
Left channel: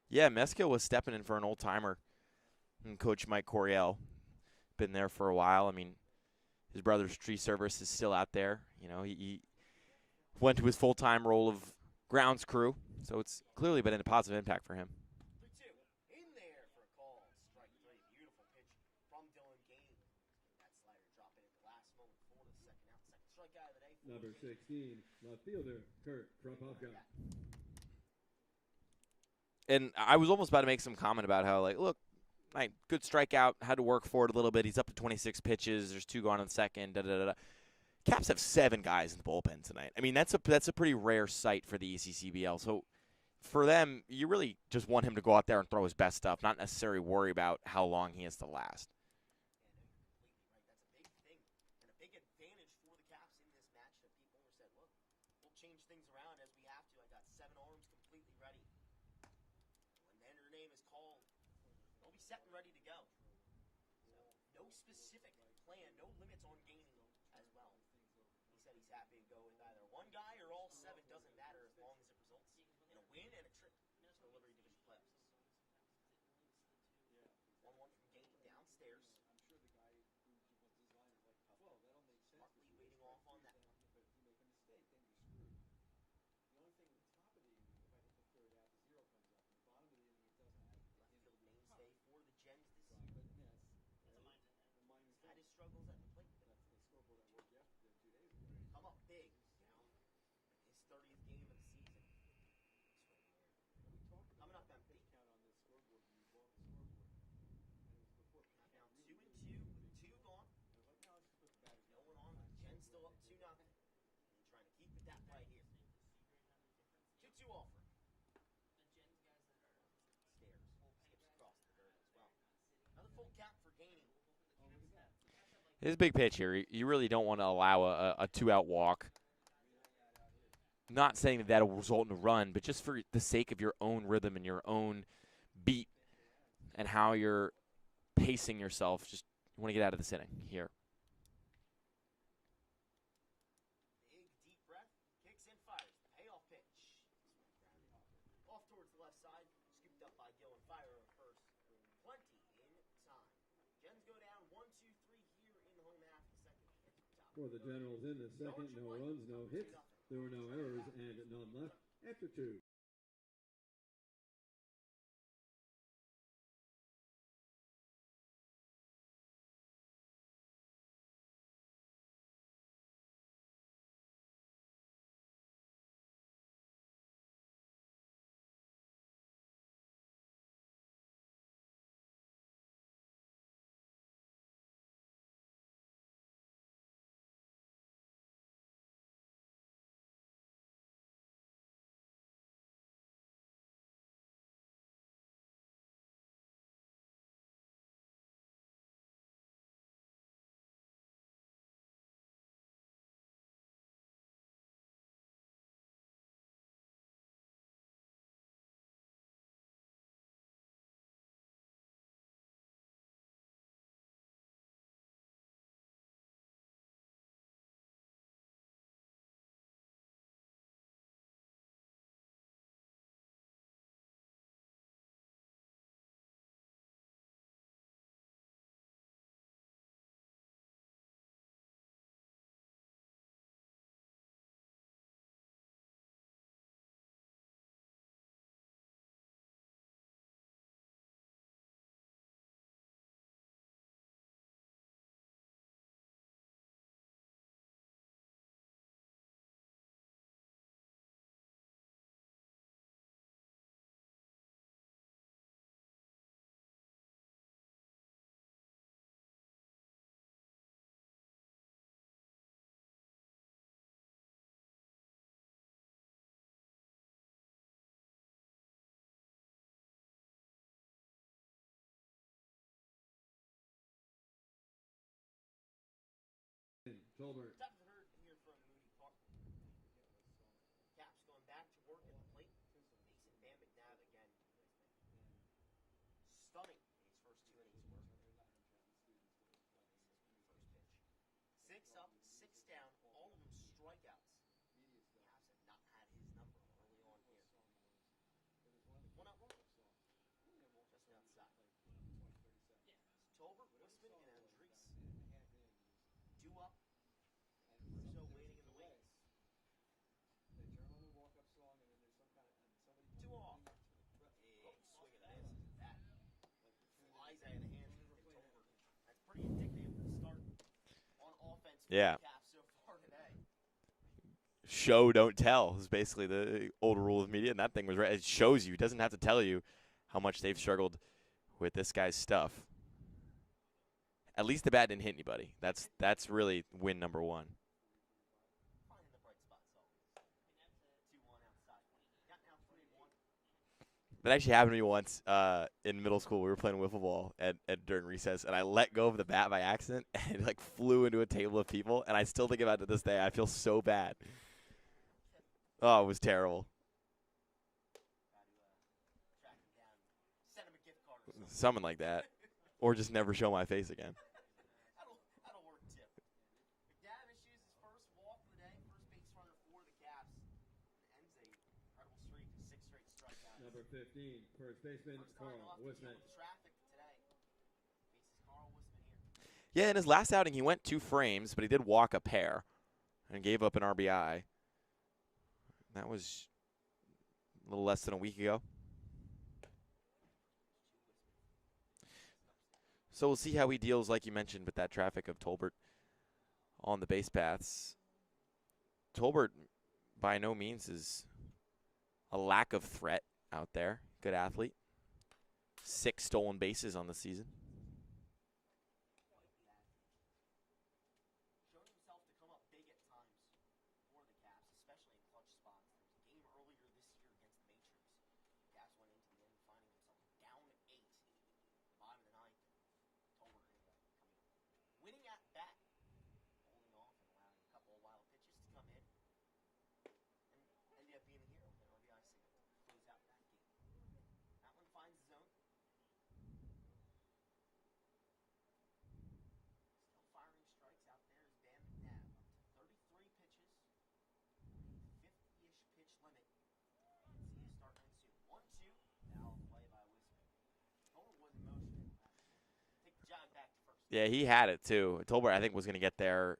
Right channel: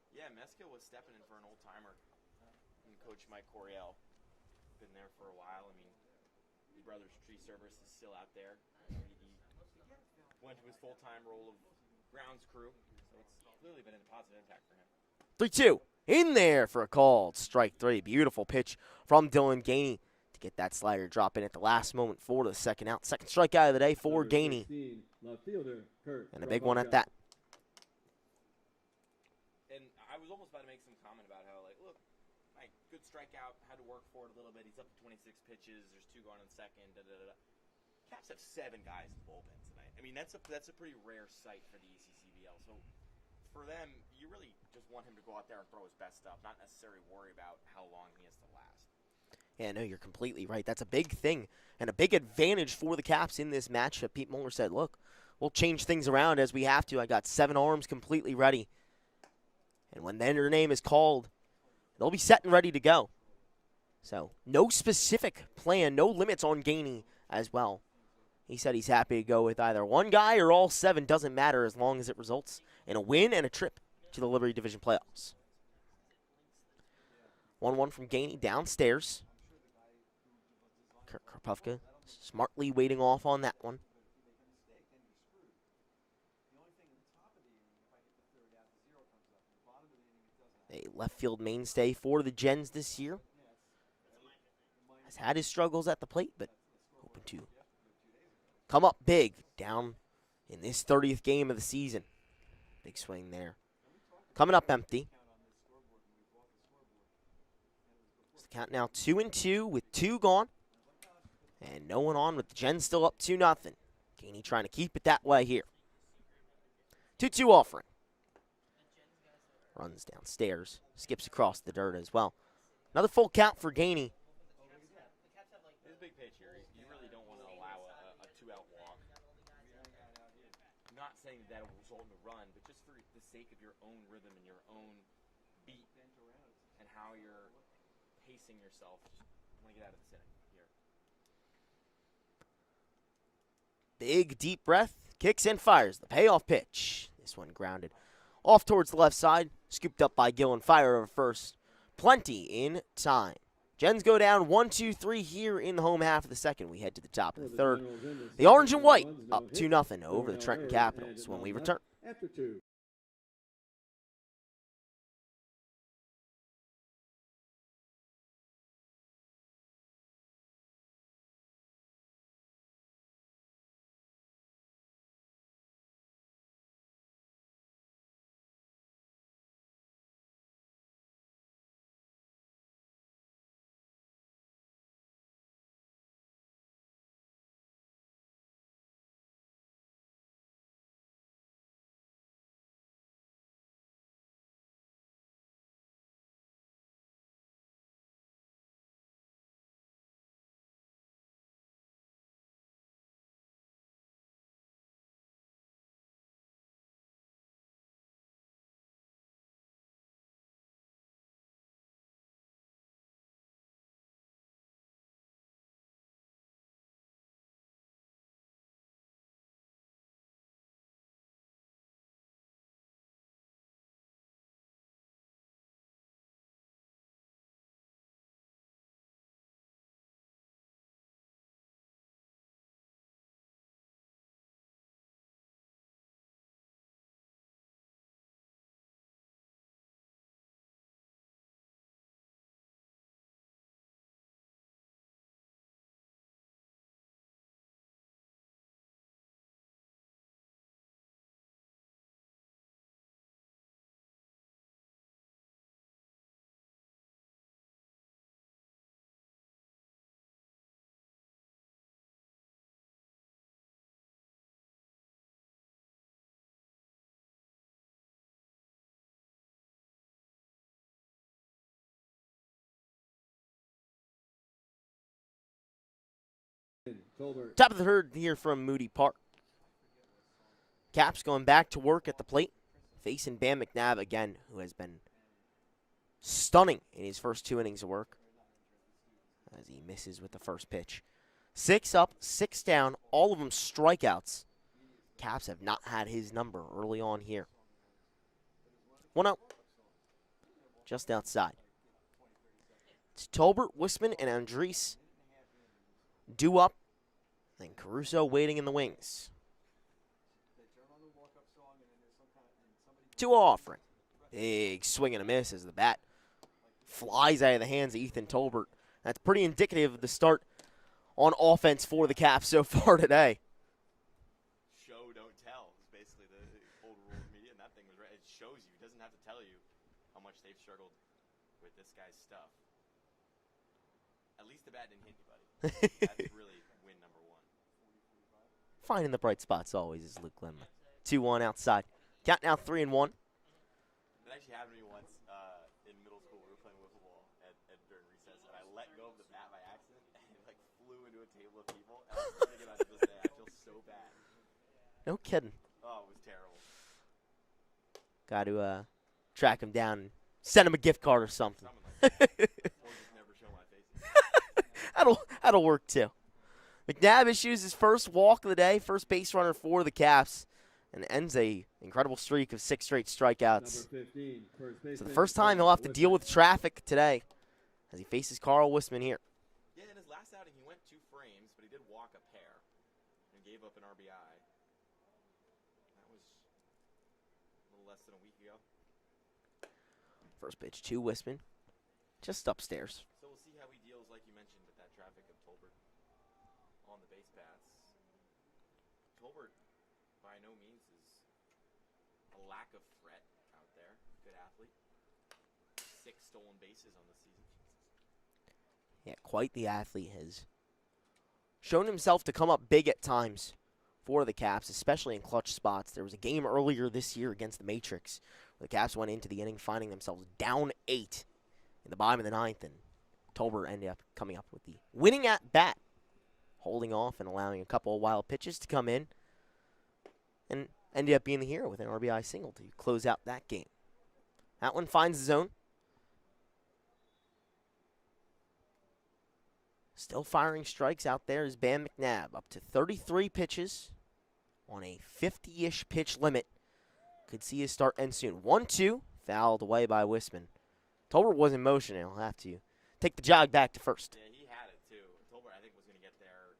Yeah, Meskill was stepping in for an old-timer. And Coach Mike Coryell, been there for a while. I mean, his brother's tree service is still out there. You know, he went to his full-time role of grounds crew. So it's clearly been a positive impact for him. 3-2. In there for a called strike 3. Beautiful pitch from Dylan Gainey to get that slider drop in at the last moment for the second out. Second strikeout of the day for Gainey. And a big one at that. And I was almost about to make some comment about how, like, look, good strikeout, had to work for it a little bit. He's up to 26 pitches. There's 2 gone in the second. Caps have 7 guys in the bullpen tonight. I mean, that's a pretty rare sight for the ECCBL. So for them, you really just want him to go out there and throw his best stuff, not necessarily worry about how long he has to last. Yeah, no, you're completely right. That's a big thing and a big advantage for the Caps in this matchup. Pete Muller said, look, we'll change things around as we have to. I got 7 arms completely ready. And when their name is called, they'll be set and ready to go. So no specific plan, no limits on Gainey as well. He said he's happy to go with either one guy or all 7. Doesn't matter as long as it results in a win and a trip to the Liberty Division playoffs. 1-1 from Gainey downstairs. Kurt Kropufka smartly waiting off on that one. left field mainstay for the Gens this year. Has had his struggles at the plate, but hoping to come up big down in this 30th game of the season. Big swing there. Coming up empty. So the count now 2-2 with 2 gone. And no one on with the Gens still up 2-0. Gainey trying to keep it that way here. 2-2 offering. Runs downstairs. Skips across the dirt as well. Another full count for Gainey. It's a big pitch here. You really don't want to allow a 2-out walk. Not saying that that'll result in a run, but just for the sake of your own rhythm and your own beat and how you're pacing yourself, just want to get out of this inning here. Big deep breath, kicks and fires the payoff pitch. This one grounded off towards the left side, scooped up by Gillen. Fire over first. Plenty in time. Gens go down 1-2-3 here in the home half of the second. We head to the top of the third. The orange and white up 2-0 over the Trenton Capitals when we return. Top of the third here from Moody Park. Caps going back to work at the plate, facing Bam McNabb again, who has been stunning in his first 2 innings of work as he misses with the first pitch. 6 up, 6 down, all of them strikeouts. Caps have not had his number early on here. 1-0, just outside. It's Tolbert, Wisman, and Andres due up. And Caruso waiting in the wings. 2 offering. Big swing and a miss as the bat flies out of the hands of Ethan Tolbert. That's pretty indicative of the start on offense for the Caps so far today. Show, don't tell is basically the old rule of media, and that thing was right. It shows you. It doesn't have to tell you how much they've struggled with this guy's stuff. At least the bat didn't hit anybody. That's really win number 1. Finding the bright spots always is Luke Lendler. 2-1 outside. Count now 3-1. That actually happened to me once in middle school. We were playing wiffle ball during recess, and I let go of the bat by accident, and it flew into a table of people, and I still think about it to this day. I feel so bad. No kidding. Oh, it was terrible. Got to track him down and send him a gift card or something. Something like that. Or just never show my face again. That'll work too. McNabb issues his first walk of the day, first base runner for the Caps, and ends a incredible streak of 6 straight strikeouts. 15, So the first time he'll have to deal with traffic today as he faces Carl Wisman here. Yeah, in his last outing he went 2 frames, but he did walk a pair and gave up an RBI. That was a little less than a week ago. First pitch to Wisman, just upstairs. So we'll see how he deals, like you mentioned, with that traffic of Tolbert on the base paths. Tolbert, by no means, is a lack of threat out there. Good athlete. 6 stolen bases on the season. Yeah, quite the athlete. Has shown himself to come up big at times for the Caps, especially in clutch spots. There was a game earlier this year against the Matrix where the Caps went into the inning finding themselves down 8 in the bottom of the 9th, and Tolbert ended up coming up with the winning at bat, holding off and allowing a couple of wild pitches to come in, and ended up being the hero with an RBI single to close out that game. That one finds the zone. Still firing strikes out there is Bam McNabb, up to 33 pitches on a 50-ish pitch limit. Could see his start end soon. 1-2, fouled away by Wisman. Tolbert was in motion, and he'll have to take the jog back to first. Yeah, he had it too. Tolbert, I think, was going to get there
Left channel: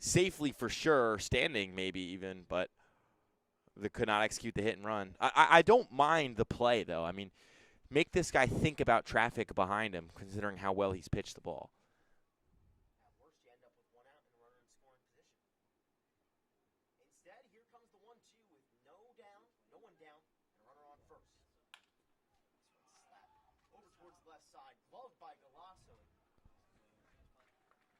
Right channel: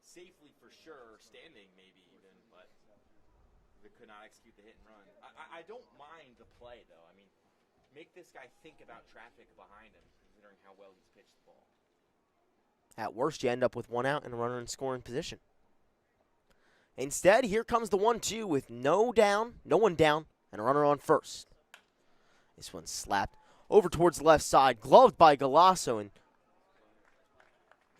safely for sure, standing maybe even, but they could not execute the hit and run. I don't mind the play, though. I mean, make this guy think about traffic behind him, considering how well he's pitched the ball. At worst, you end up with 1 out and a runner in scoring position. Instead, here comes the 1-2 with no one down, and a runner on first. This one slapped over towards the left side, gloved by Galasso, and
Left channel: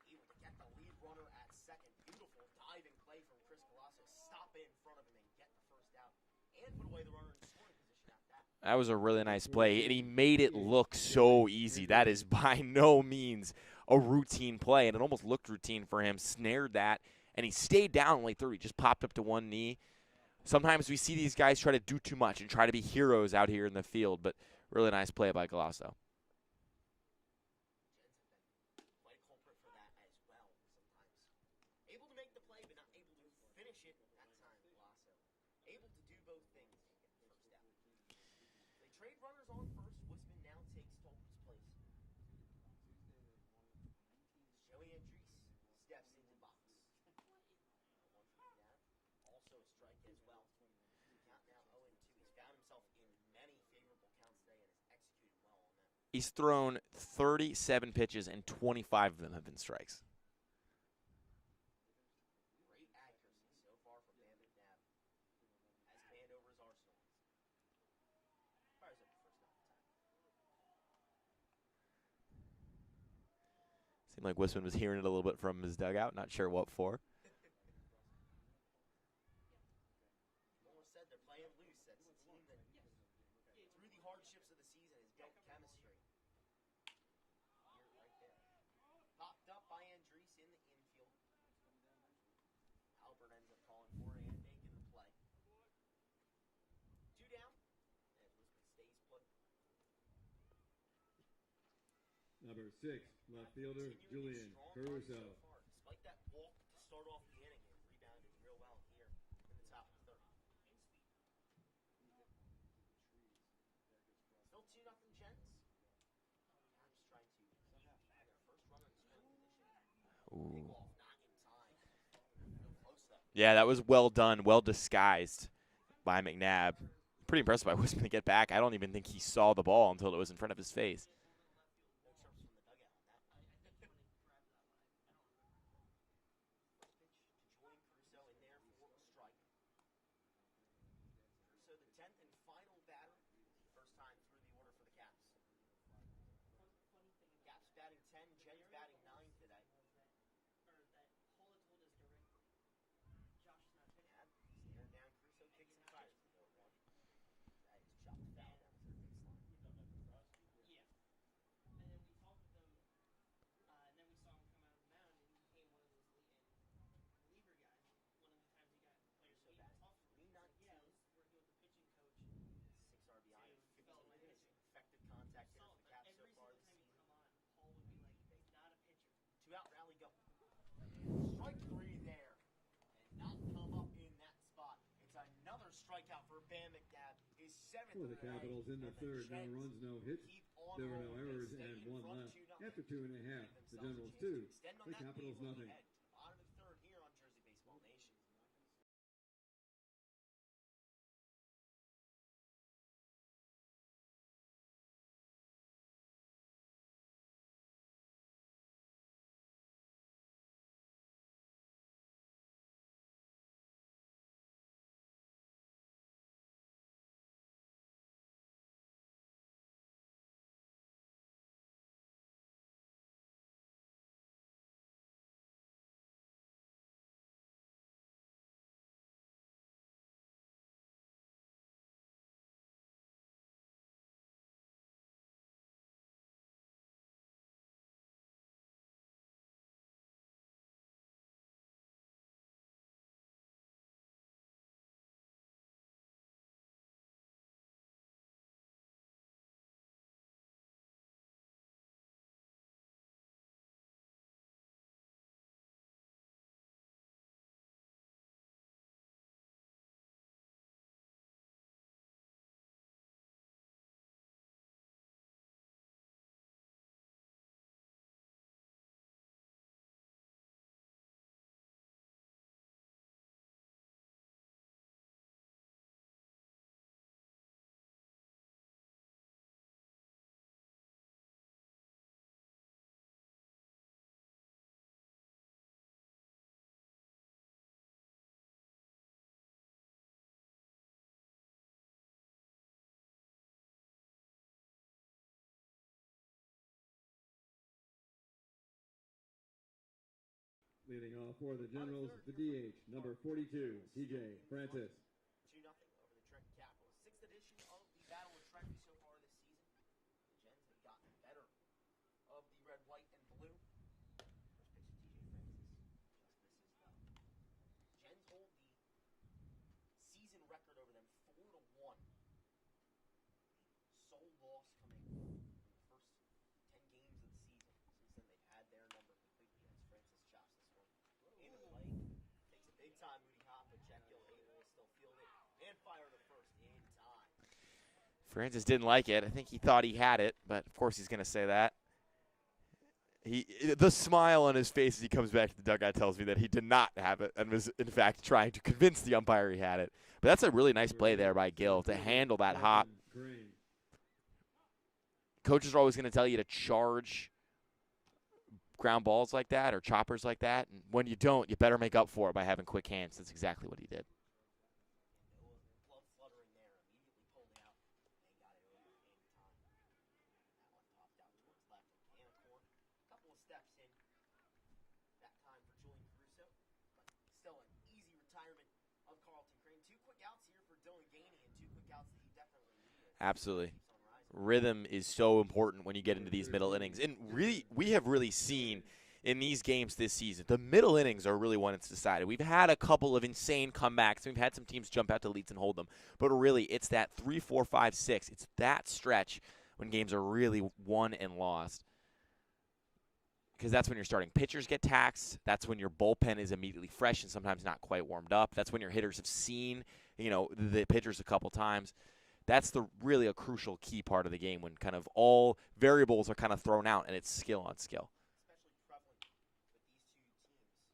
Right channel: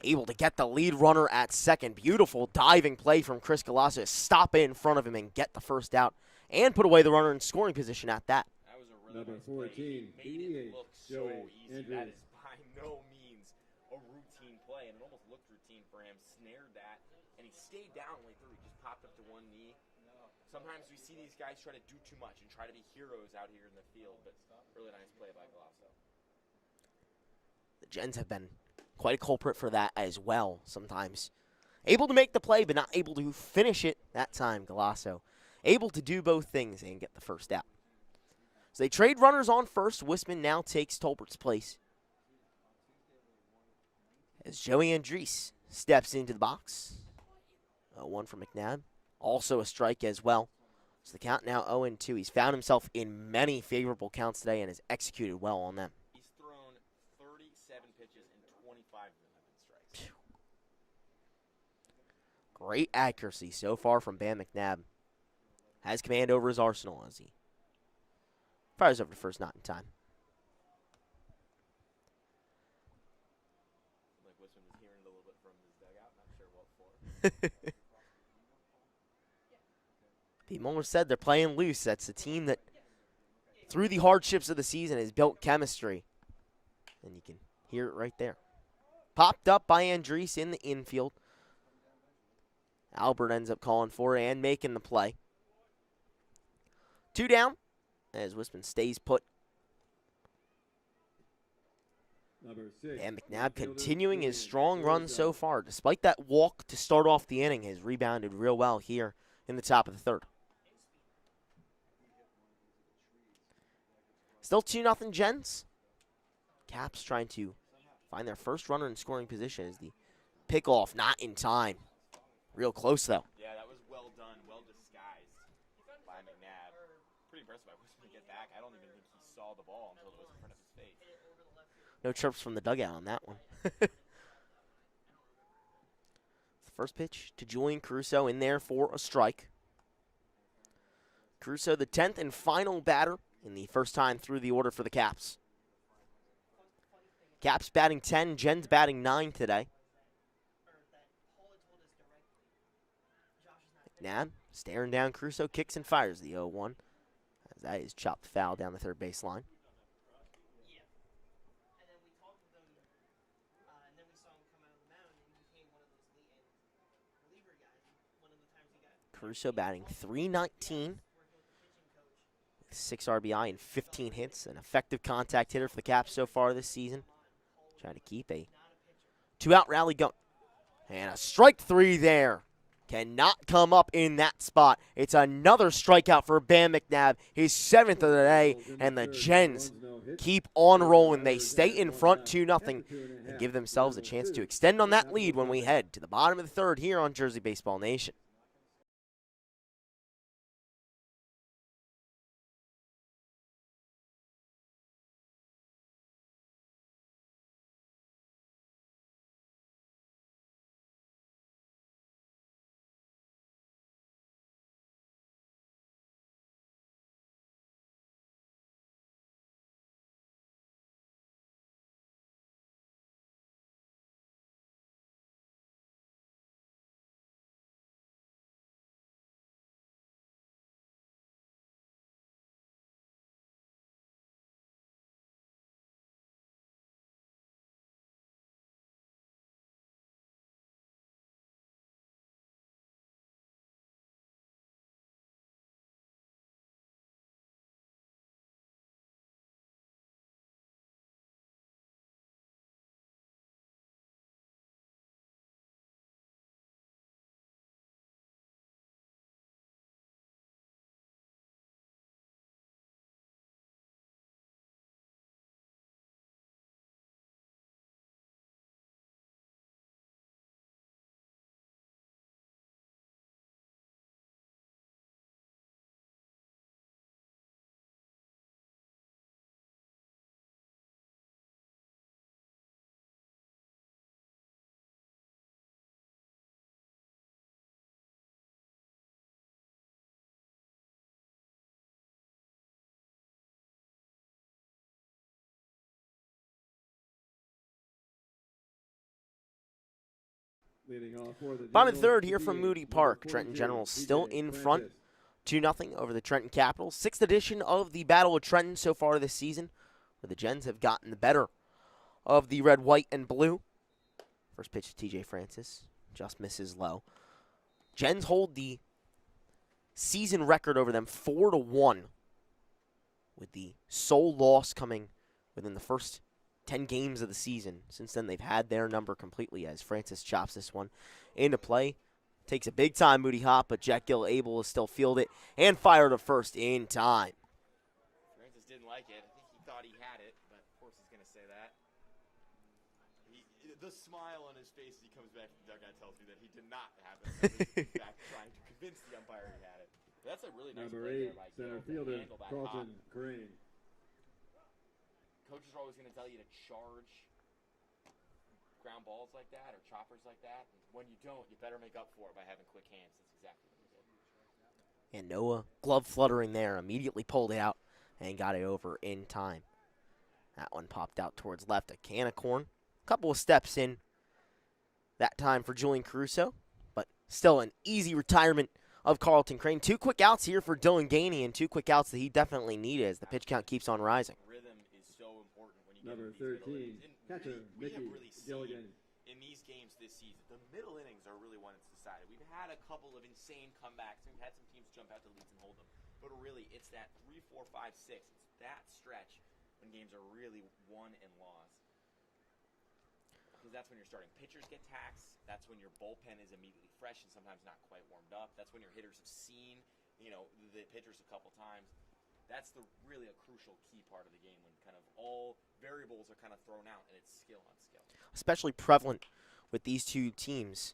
able to get the lead runner at second. Beautiful diving play from Chris Galasso to stop it in front of him and get the first out, and put away the runner in scoring position at that. That was a really nice play, and he made it look so easy. That is by no means a routine play, and it almost looked routine for him. Snared that, and he stayed down in late third. He just popped up to one knee. Sometimes we see these guys try to do too much and try to be heroes out here in the field, but really nice play by Galasso. The Gens have been quite a culprit for that as well sometimes. Able to make the play, but not able to finish it that time, Galasso. Able to do both things and get the first out. So they trade runners on first. Wisman now takes Tolbert's place, as Joey Andres steps into the box. 0-1 for McNabb. Also a strike as well. So the count now 0-2. He's found himself in many favorable counts today and has executed well on them. He's thrown 37 pitches, and 25 of them have been strikes. Great accuracy so far from Bam McNabb. Has command over his arsenal as he fires over to first, not in time. Seemed like Wisman was hearing it a little bit from his dugout. Not sure what for. Pete Muller said they're playing loose. That's a team that, through the hardships of the season, has built chemistry. And you can hear it right there. Popped up by Andres in the infield. Albert ends up calling for it and making the play. 2 down as Wisman stays put. And McNabb continuing his strong run so far. Despite that walk to start off the inning, has rebounded real well here in the top of the third. Still 2-0 Gens. Caps trying to find their first runner in scoring position as the pickoff not in time. Real close, though. Yeah, that was well done, well disguised by McNabb. Pretty impressed by Wisman to get back. I don't even think he saw the ball until it was in front of his face. No chirps from the dugout on that one. The first pitch to Julian Caruso in there for a strike. Caruso, the 10th and final batter in the first time through the order for the Caps. Caps batting 10, Gens batting 9 today. McNabb staring down Caruso, kicks and fires the 0-1. As that is chopped foul down the third baseline. Caruso batting .319 with 6 RBI and 15 hits. An effective contact hitter for the Caps so far this season. Trying to keep a 2-out rally going. And a strike 3 there. Cannot come up in that spot. It's another strikeout for Bam McNabb, his 7th of the day, and the Gens keep on rolling. They stay in front 2-0 and give themselves a chance to extend on that lead when we head to the bottom of the third here on Jersey Baseball Nation. Bottom third here from Moody Park. Trenton Generals still in front, 2-0 over the Trenton Capitals. 6th edition of the Battle of Trenton so far this season, where the Gens have gotten the better of the red, white, and blue. First pitch to TJ Francis, just misses low. Gens hold the season record over them 4-1, with the sole loss coming within the first 10 games of the season. Since then, they've had their number completely as Francis chops this one into play. Takes a big time, Moody hop, but Jack Gill able to still field it and fire to first in time. Francis didn't like it. I think he thought he had it, but of course he's going to say that. The smile on his face as he comes back to the dugout tells me that he did not have it and was, in fact, trying to convince the umpire he had it. But that's a really nice play there by Gill to handle that hop. Coaches are always going to tell you to charge ground balls like that or choppers like that. And when you don't, you better make up for it by having quick hands. That's exactly what he did. And Noah, glove fluttering there, immediately pulled it out and got it over in time. That one popped out towards left, a can of corn. Couple of steps in that time for Julian Caruso, but still an easy retirement of Carlton Crane. 2 quick outs here for Dylan Gainey, and 2 quick outs that he definitely needed as the pitch count keeps on rising. Rhythm is so important when you get into these middle innings. And really, we have really seen in these games this season, the middle innings are really when it's decided. We've had a couple of insane comebacks. We've had some teams jump out to leads and hold them. But really, it's that 3, 4, 5, 6. It's that stretch when games are really won and lost. Because that's when your starting pitchers get taxed. That's when your bullpen is immediately fresh and sometimes not quite warmed up. That's when your hitters have seen, the pitchers a couple times. That's really a crucial key part of the game when kind of all variables are kind of thrown out and it's skill on skill. Especially prevalent with these two teams,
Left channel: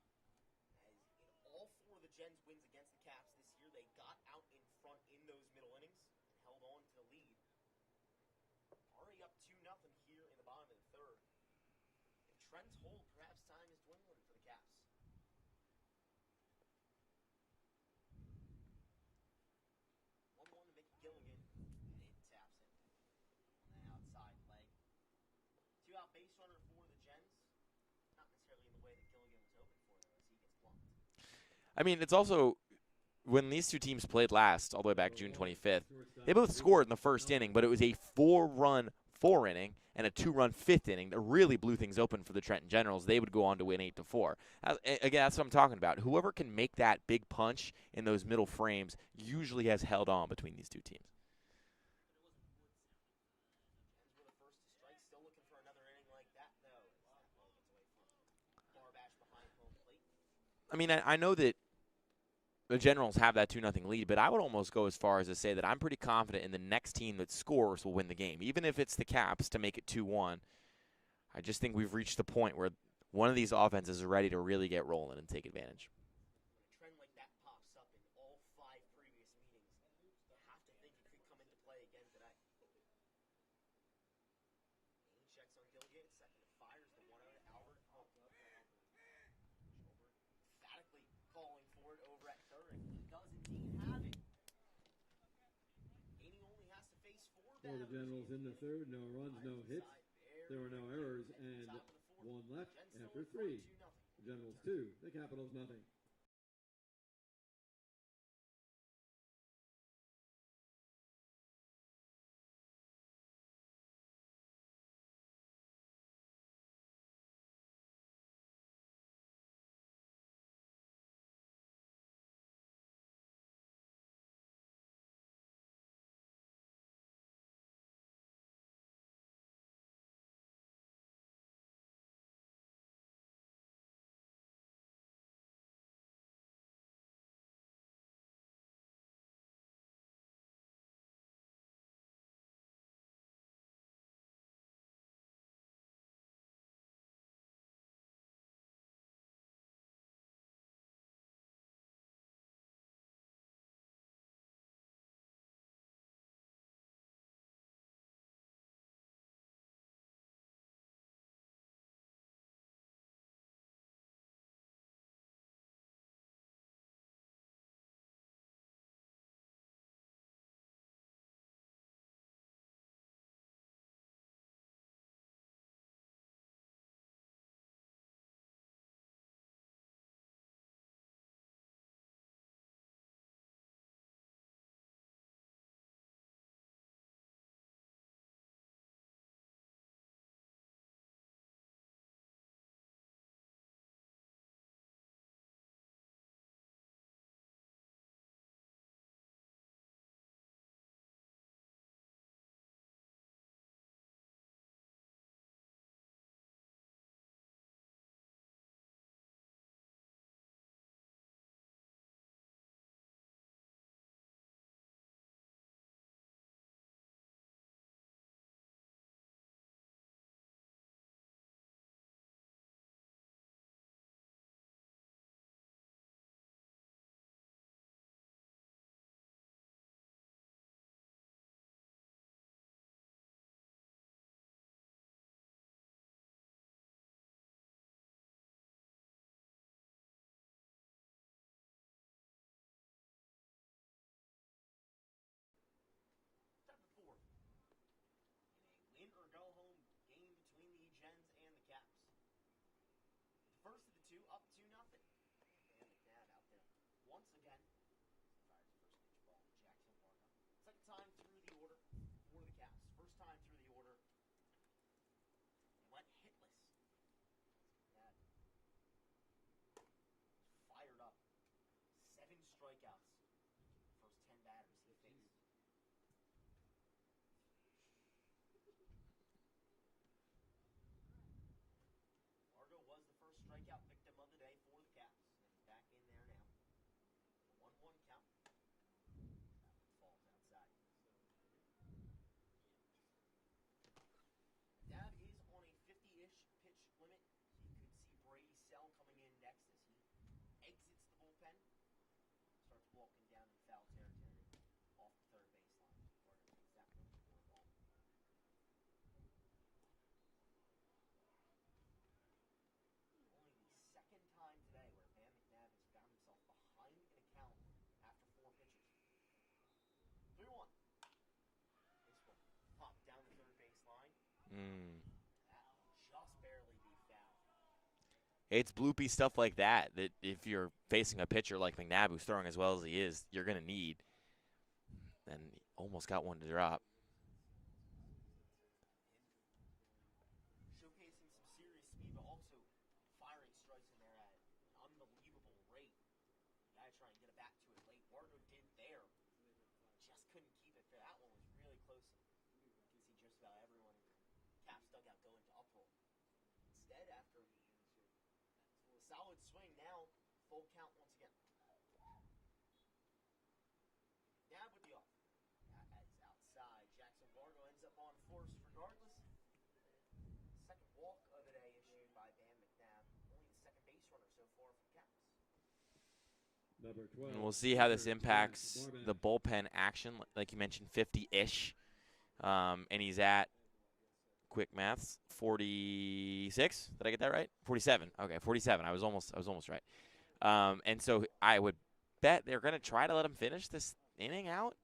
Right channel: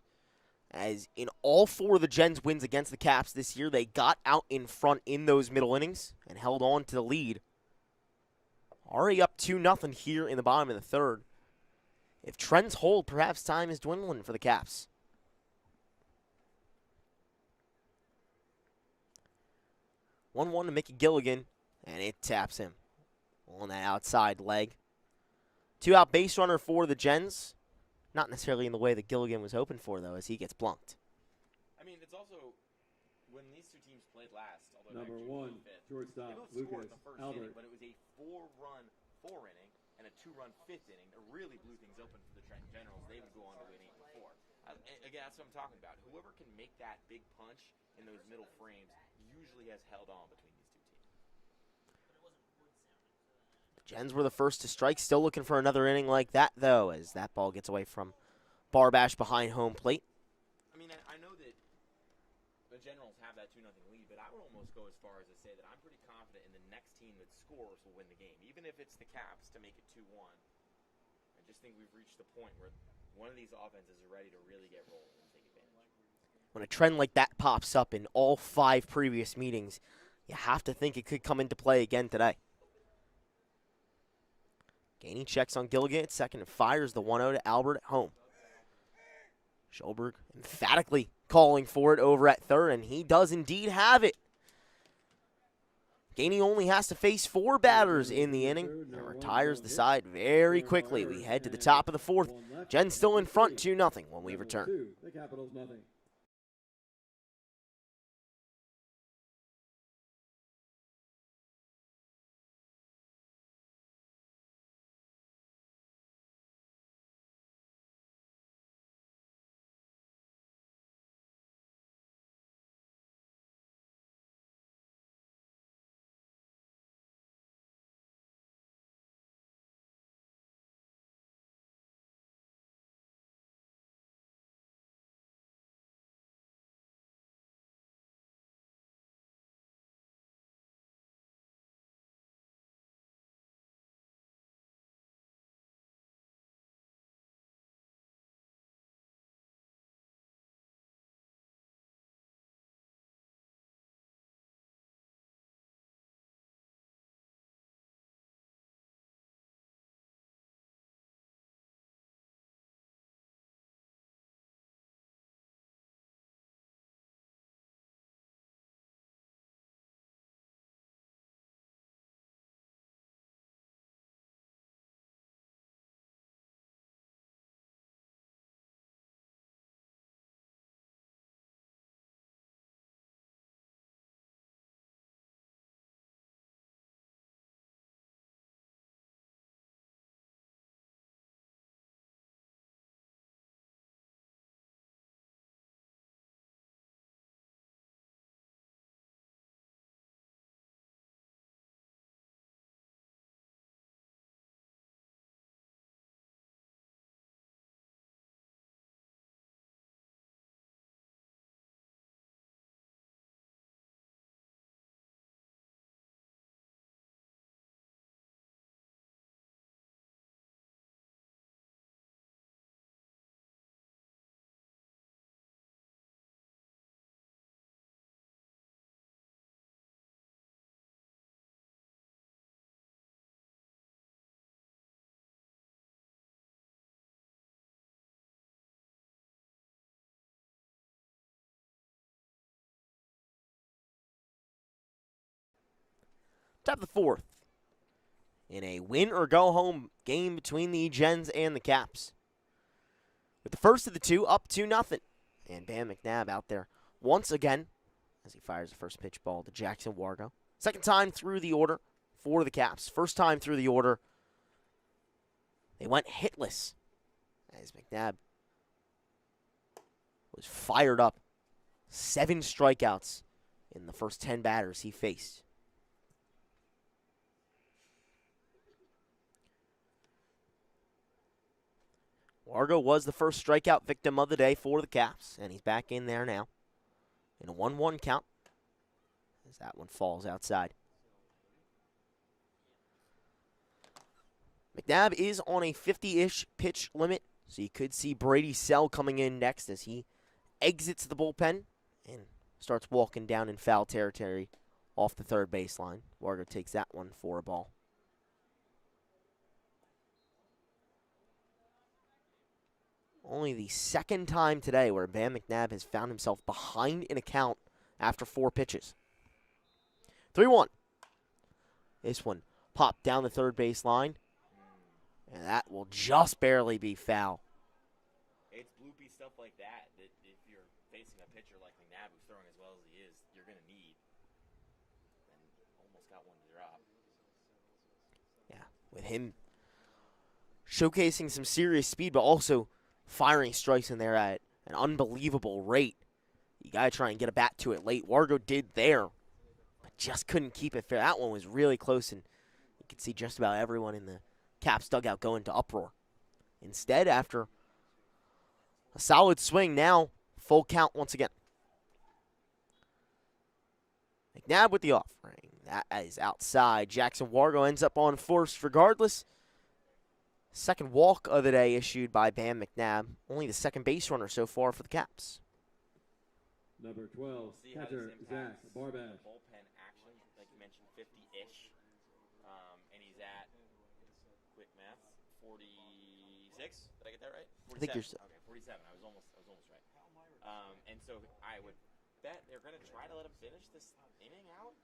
as in all 4 of the Gens wins against the Caps this year, they got out in front in those middle innings and held on to the lead. Already up 2-0 here in the bottom of the third. If trends hold, perhaps time is dwindling for the Caps. 1-1 to Mickey Gilligan, and it taps him on that outside leg. 2-out base runner for the Gens. Not necessarily in the way that Gilligan was hoping for, though, as he gets blunked. I mean, it's also, when these two teams played last, all the way back June 25th, they both scored in the first inning, but it was a 4-run 4-inning and a 2-run 5th inning that really blew things open for the Trenton Generals. They would go on to win 8-4. Again, that's what I'm talking about. Whoever can make that big punch in those middle frames usually has held on between these two teams. The Gens were the first to strike. Still looking for another inning like that, though, as that ball gets away from Barbash behind home plate. I mean, I know that the Generals have that 2-0 lead, but I would almost go as far as to say that I'm pretty confident in the next team that scores will win the game. Even if it's the Caps to make it 2-1, I just think we've reached the point where one of these offenses is ready to really get rolling and take advantage. When a trend like that pops up in all 5 previous meetings, you have to think it could come into play again today. Gainey checks on Gilligan at second and fires the 1-0 to Albert at home. Schulberg emphatically calling for it over at third, and he does indeed have it. Gainey only has to face 4 batters in the inning and retires the side very quickly. We head to the top of the 4th. Gens still in front 2-0 when we return. to have the fourth in a win-or-go-home game between the Gens and the Caps. With the first of the two up 2-0. And Bam McNabb out there once again as he fires the first pitch ball to Jackson Wargo. Second time through the order for the Caps. First time through the order, they went hitless as McNabb was fired up. 7 strikeouts in the first 10 batters he faced. Wargo was the first strikeout victim of the day for the Caps, and he's back in there now in a 1-1 count as that one falls outside. McNabb is on a 50-ish pitch limit, so you could see Brady Sell coming in next as he exits the bullpen and starts walking down in foul territory off the third baseline. Wargo takes that one for a ball. Only the second time today where Bam McNabb has found himself behind in a count after 4 pitches. 3-1. This one popped down the third baseline, and that will just barely be foul. It's bloopy stuff like that if you're facing a pitcher like McNabb who's throwing as well as he is, you're going to need. And almost got one to drop. Yeah, with him showcasing some serious speed, but also firing strikes in there at an unbelievable rate. You got to try and get a bat to it late. Wargo did there, but just couldn't keep it fair. That one was really close, and you could see just about everyone in the Caps dugout go into uproar. Instead, after a solid swing, now full count once again. McNabb with the offering. That is outside. Jackson Wargo ends up on first regardless. Second walk of the day issued by Bam McNabb. Only the second base runner so far for the Caps. Number 12. We'll see how this impacts the bullpen action. Like you mentioned, 50-ish. And he's at, quick maths, 46. Did I get that right? 47. Okay, 47. I was almost right. And so I would bet they're going to try to let him finish this inning out.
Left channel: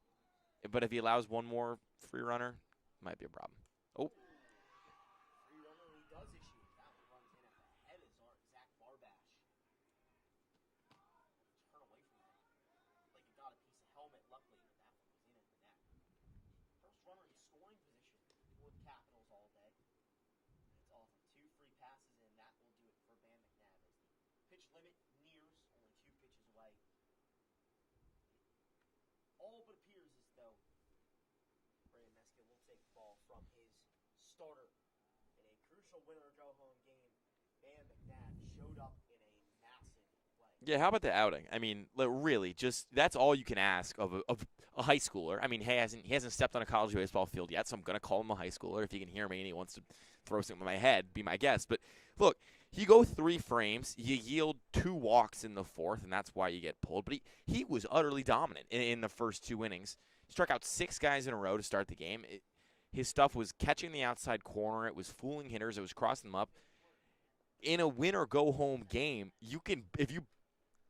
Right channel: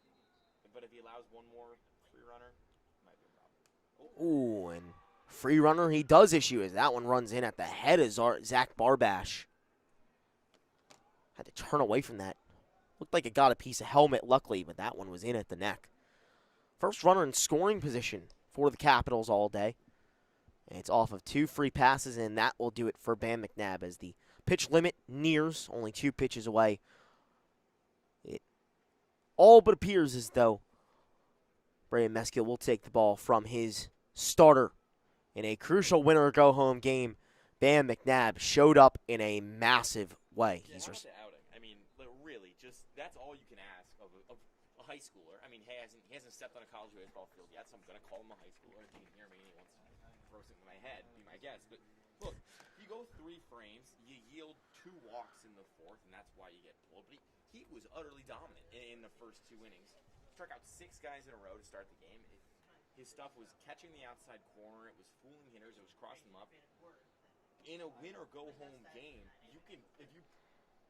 But if he allows one more free runner, it might be a problem. Oh, and free runner he does issue as that one runs in at the head of Zach Barbash. Had to turn away from that. Looked like it got a piece of helmet, luckily, but that one was in at the neck. First runner in scoring position for the Capitals all day. And it's off of 2 free passes, and that will do it for Bam McNabb as the pitch limit nears, only 2 pitches away. It all but appears as though Brady Meskill will take the ball from his starter. In a crucial winner-go-home game, Bam McNabb showed up in a massive way. Yeah, how about the outing? I mean, really, just that's all you can ask of a high schooler. I mean, he hasn't stepped on a college baseball field yet, so I'm going to call him a high schooler. If you can hear me and he wants to throw something in my head, be my guest. But, look, you go 3 frames, you yield 2 walks in the 4th, and that's why you get pulled. But he was utterly dominant in the first 2 innings. Struck out 6 guys in a row to start the game. His stuff was catching the outside corner. It was fooling hitters. It was crossing them up. In a win-or-go-home game, you can, if you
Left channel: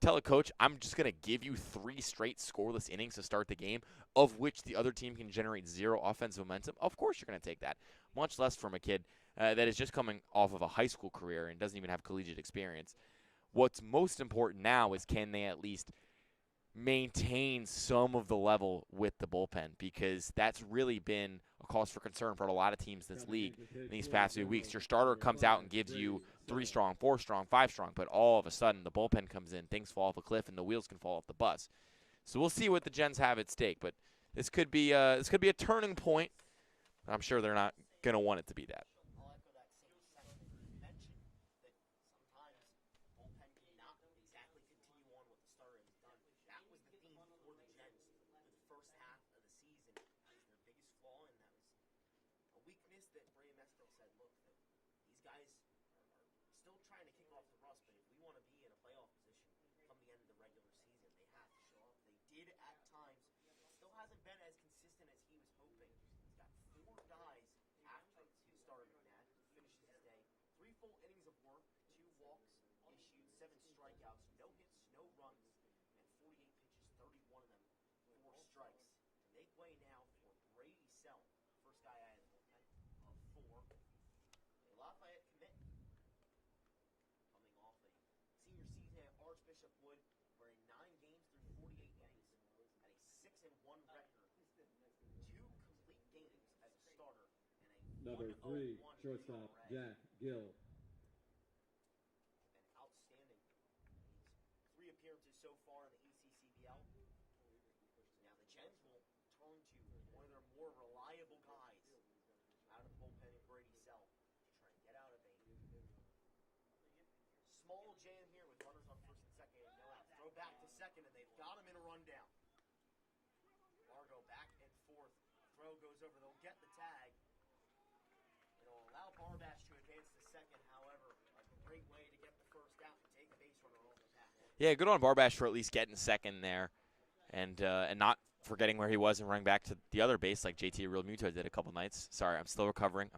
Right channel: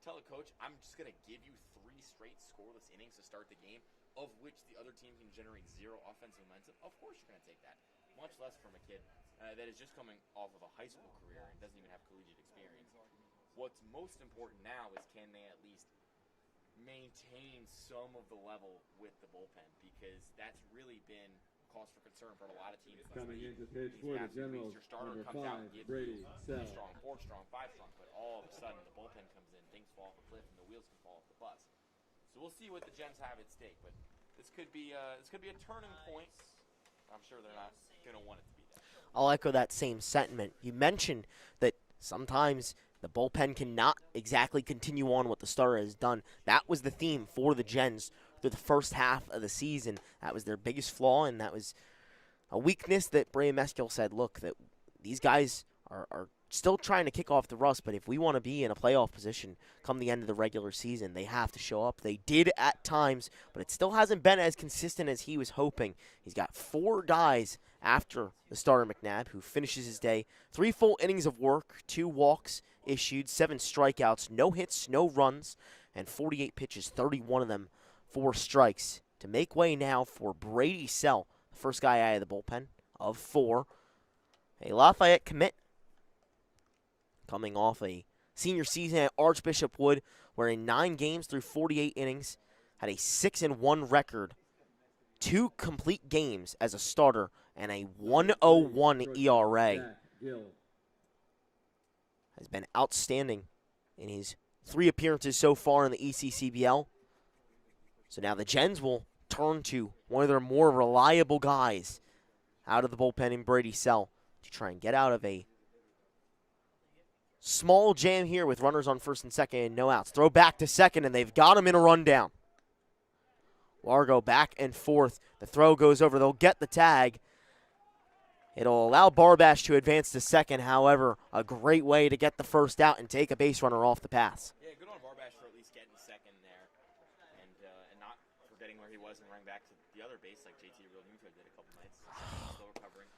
tell a coach, I'm just going to give you 3 straight scoreless innings to start the game, of which the other team can generate 0 offensive momentum, of course you're going to take that. Much less from a kid that is just coming off of a high school career and doesn't even have collegiate experience. What's most important now is can they at least maintain some of the level with the bullpen, because that's really been a cause for concern for a lot of teams in this league in these past few weeks. Your starter comes out and gives you 3 strong, 4 strong, 5 strong, but all of a sudden the bullpen comes in, things fall off a cliff, and the wheels can fall off the bus. So we'll see what the Gens have at stake, but this could be a turning point. I'm sure they're not going to want it to be that. I'll echo that same sentiment. You mentioned that sometimes the bullpen cannot exactly continue on what the starter has done. That was the theme for the Gens through the first half of the season. That was their biggest flaw, and that was a weakness that Brady Meskill said, look, that these guys are still trying to kick off the rust, but if we want to be in a playoff position come the end of the regular season, they have to show up. They did at times, but it still hasn't been as consistent as he was hoping. He's got 4 guys after the starter McNabb who finishes his day. 3 full innings of work, 2 walks issued, 7 strikeouts, no hits, no runs, and 48 pitches, 31 of them 4 strikes to make way now for Brady Sell, the first guy out of the bullpen of 4. A Lafayette commit coming off a senior season at Archbishop Wood, where in 9 games through 48 innings, had a 6-1 record, 2 complete games as a starter, and a 1.01 ERA. Has been outstanding in his 3 appearances so far in the ECCBL. So now the Gens will turn to one of their more reliable guys out of the bullpen in Brady Sell to try and get out of a small jam here with runners on first and second and no outs. Throw back to second, and they've got him in a rundown. Largo back and forth. The throw goes over. They'll get the tag. It'll allow Barbash to advance to second. However, a great way to get the first out and take a base runner off the pass. Yeah, good on Barbash for at least getting second there and not forgetting where he was and running back to the other base like JT Real Muto did a couple nights. Sorry, I'm still recovering.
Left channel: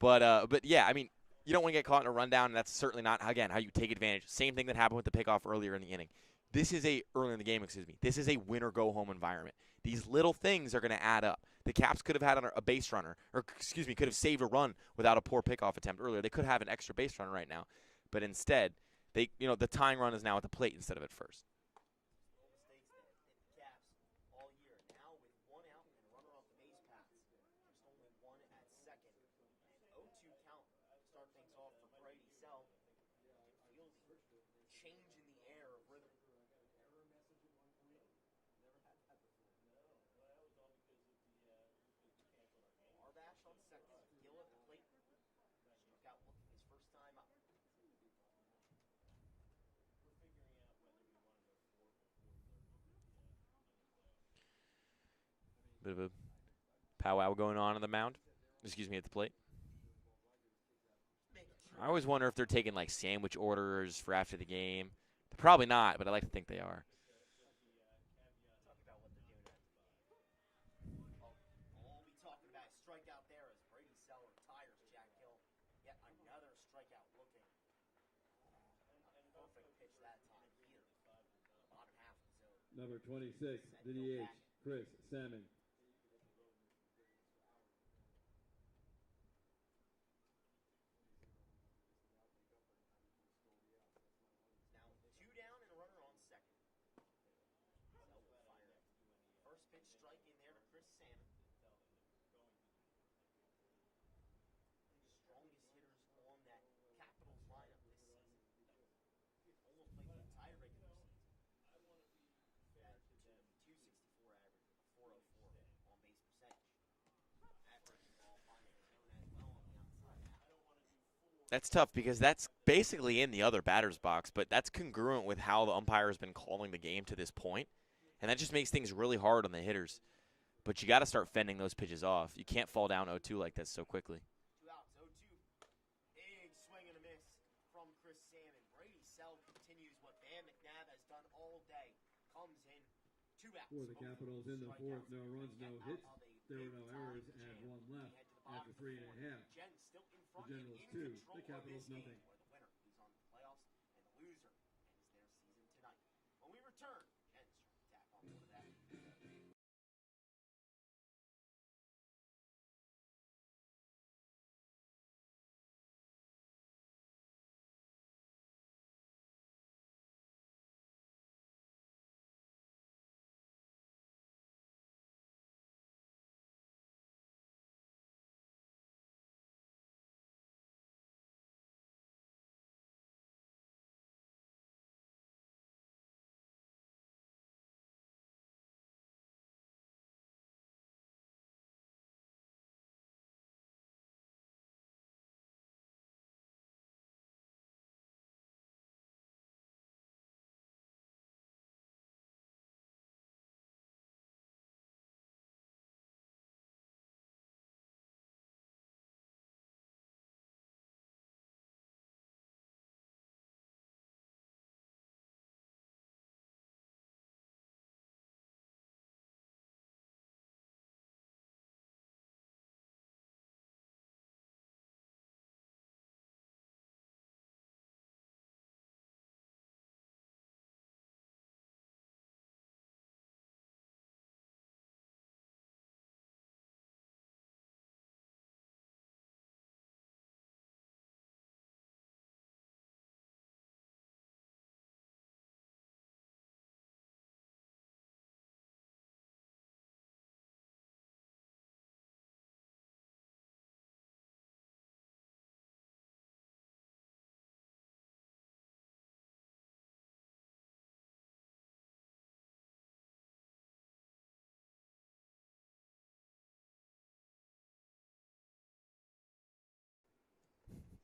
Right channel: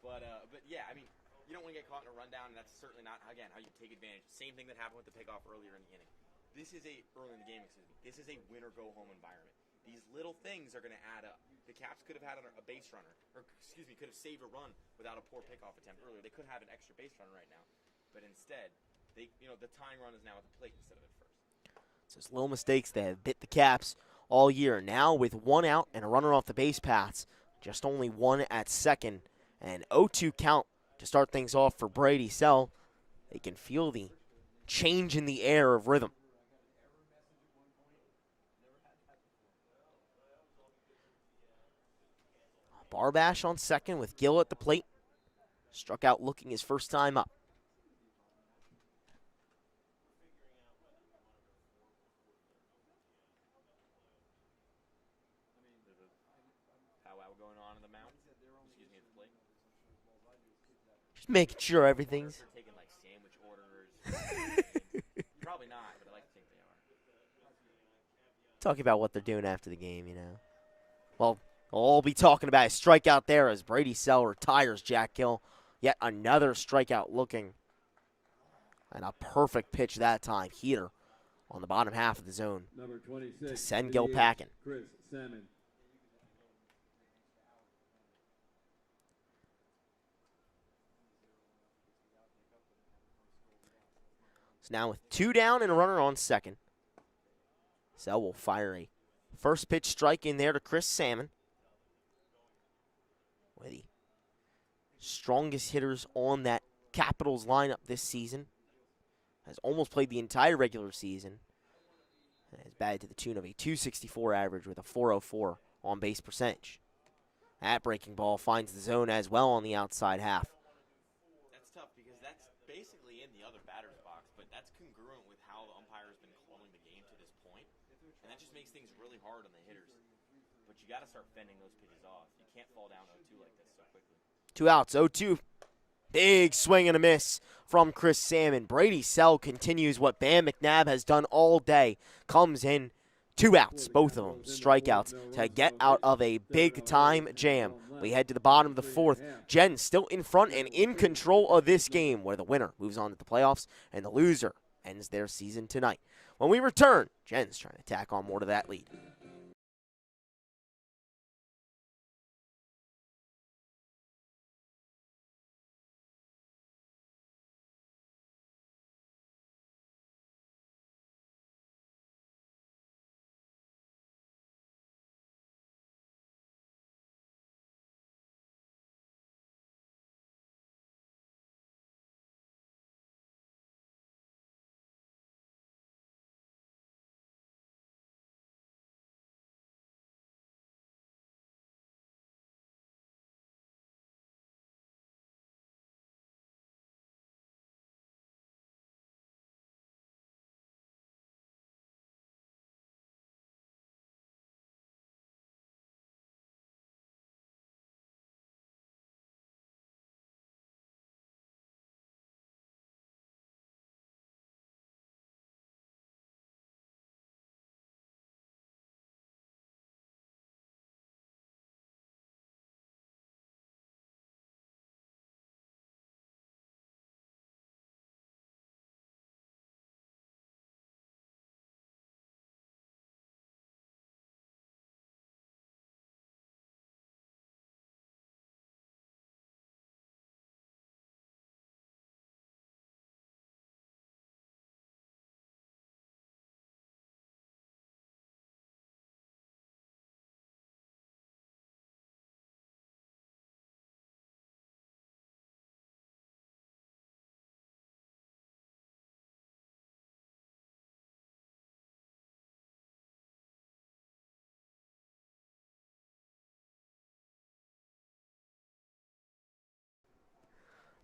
But yeah, I mean, you don't want to get caught in a rundown, and that's certainly not, again, how you take advantage. Same thing that happened with the pickoff earlier in the inning. This is early in the game, This is a win-or-go-home environment. These little things are going to add up. The Caps could have had a base runner, could have saved a run without a poor pickoff attempt earlier. They could have an extra base runner right now, but instead, the tying run is now at the plate instead of at first. So it's little mistakes that have bit the Caps all year. Now with 1 out and a runner off the base paths, just only 1 at second, and 0-2 count to start things off for Brady Sell. They can feel the change in the air of rhythm. Barbash on second with Gill at the plate. Struck out looking his first time up. Bit of a powwow going on the mound. At the plate. Just making sure I everything. always wonder if they're taking like sandwich orders for after the game. Probably not, but I like to think they are. Talking about what they're doing after the game, Well, we'll all be talking about a strikeout there as Brady Sell retires Jack Gill. Yet another strikeout looking. And a perfect pitch that time. Heater on the bottom half of the zone. Number 26, to send Gill packing. Chris Salmon. So now with 2 down and a runner on second, Sell will fire a first pitch strike in there to Chris Salmon. One of the strongest hitters on that Capitals lineup this season. Has almost played the entire regular season. And has batted to the tune of a .264 average with a .404 on base percentage. That breaking ball finds the zone as well on the outside half. That's tough because that's basically in the other batter's box, but that's congruent with how the umpire has been calling the game to this point. And that just makes things really hard on the hitters. But you got to start fending those pitches off. You can't fall down 0-2 like this so quickly. 2 outs, 0-2. Big swing and a miss from Chris Salmon. Brady Sell continues what Bam McNabb has done all day. Comes in 2 outs, both of them strikeouts, to get out of a big-time jam. We head to the bottom of the 4th. Gens still in front and in control of this game, where the winner moves on to the playoffs and the loser ends their season tonight. When we return, Gens trying to tack on more to that lead.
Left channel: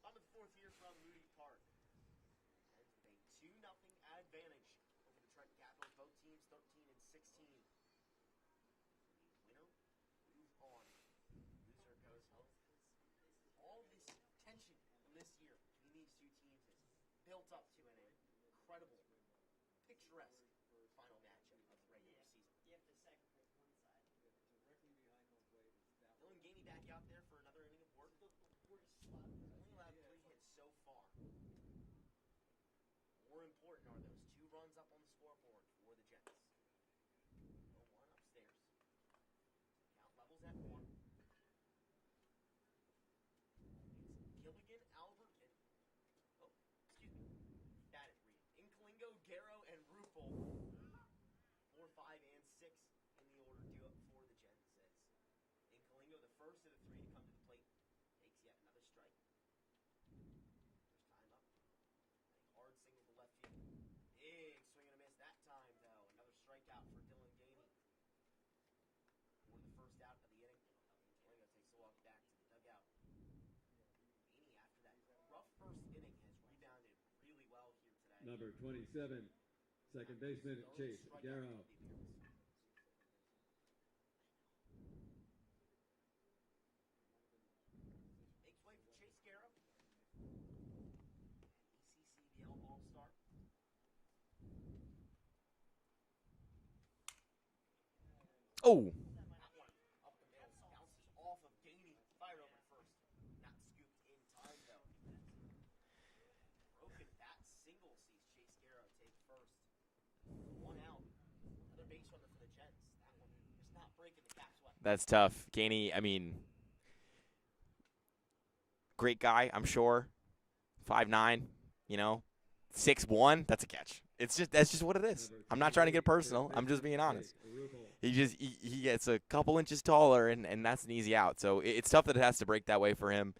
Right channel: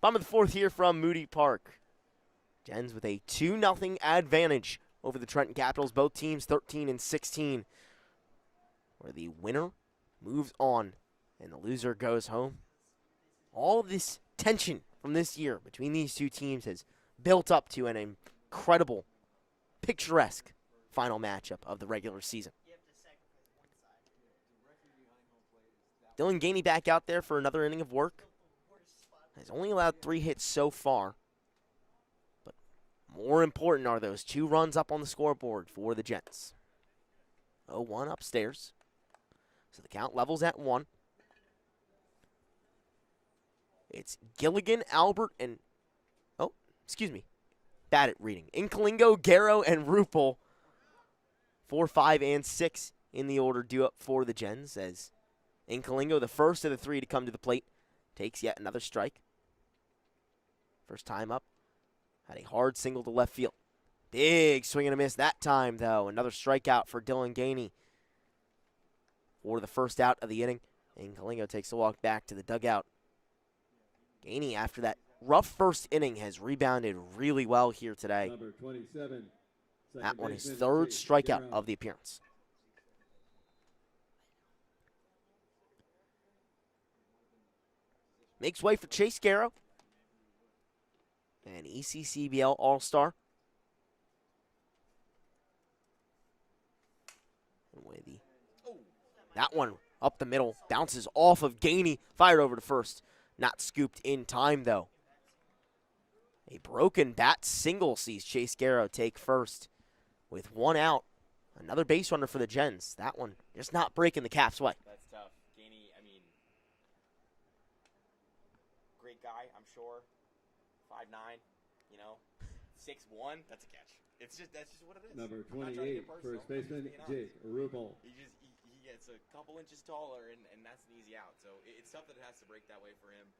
Bottom of the fourth here from Moody Park. Gens with a 2-0 advantage over the Trenton Capitals. Both teams 13-16. Where the winner moves on and the loser goes home. All this tension from this year between these two teams has built up to an incredible, picturesque final matchup of the regular season. Dylan Gainey back out there for another inning of work. Has only allowed 3 hits so far. But more important are those 2 runs up on the scoreboard for the Gents. 0-1 upstairs. So the count levels at 1. It's Gilligan, Albert, and... Oh, excuse me. Bad at reading. Inkalingo, Garrow, and Rupel. 4, 5, and 6 in the order due up for the Gens as Inkalingo, the first of the 3 to come to the plate, takes yet another strike. First time up. Had a hard single to left field. Big swing and a miss that time, though. Another strikeout for Dylan Gainey for the first out of the inning. Inkalingo takes a walk back to the dugout. Gainey, after that rough first inning, has rebounded really well here today. Number 27. That one is 3rd strikeout of the appearance. Makes way for Chase Garrow, an ECCBL All-Star. Oh, that one up the middle, bounces off of Gainey, fired over to first. Not scooped in time, though. A broken bat single sees Chase Garrow take first with 1 out. Another base runner for the Gens. That one just not breaking the Caps' way. That's tough. Gainey, I mean, great guy, I'm sure. 5'9", 6'1", that's a catch. That's just what it is. I'm not trying to get personal. I'm just being honest. He gets a couple inches taller, and that's an easy out. So it's tough that it has to break that way for him.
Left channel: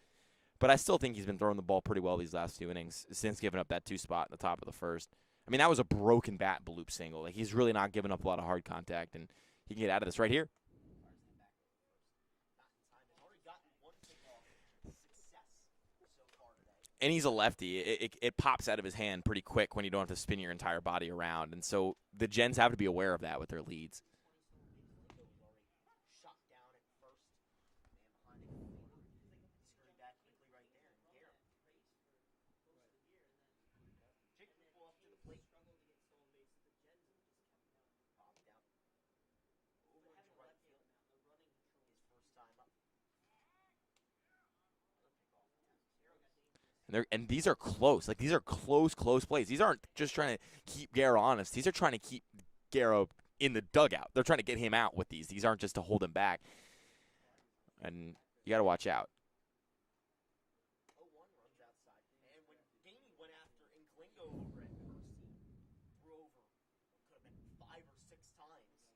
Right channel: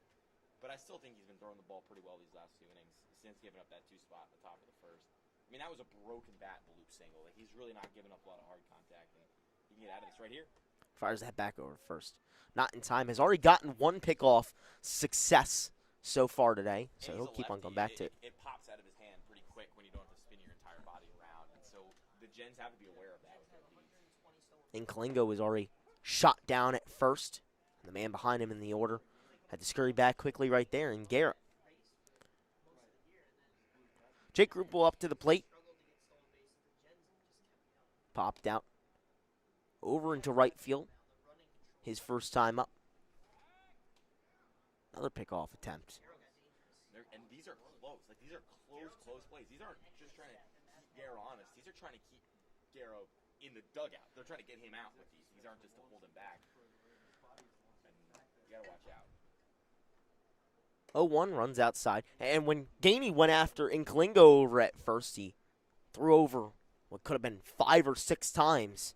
But I still think he's been throwing the ball pretty well these last 2 innings since giving up that 2 spot in the top of the first. I mean, that was a broken bat bloop single. Like, he's really not giving up a lot of hard contact, and he can get out of this right here. Fires that back over first. Not in time. Has already gotten 1 pickoff success so far today. And so he's a lefty. It pops out of his hand pretty quick when you don't have to spin your entire body around. And so the Gens have to be aware of that with their leads. And Kalingo was already shot down at first. The man behind him in the order had to scurry back quickly right there. And Garrett. Jake Rupel up to the plate. Popped out. Over into right field. His first time up. Another pickoff attempt. And these are close. Like, these are close plays. These aren't just trying to keep Garrow honest. These are trying to keep Garrow in the dugout. They're trying to get him out with these. These aren't just to hold him back. And you got to watch out. 0-1 runs outside. And when Gainey went after Inkalingo over at first, he threw over what could have been 5 or 6 times.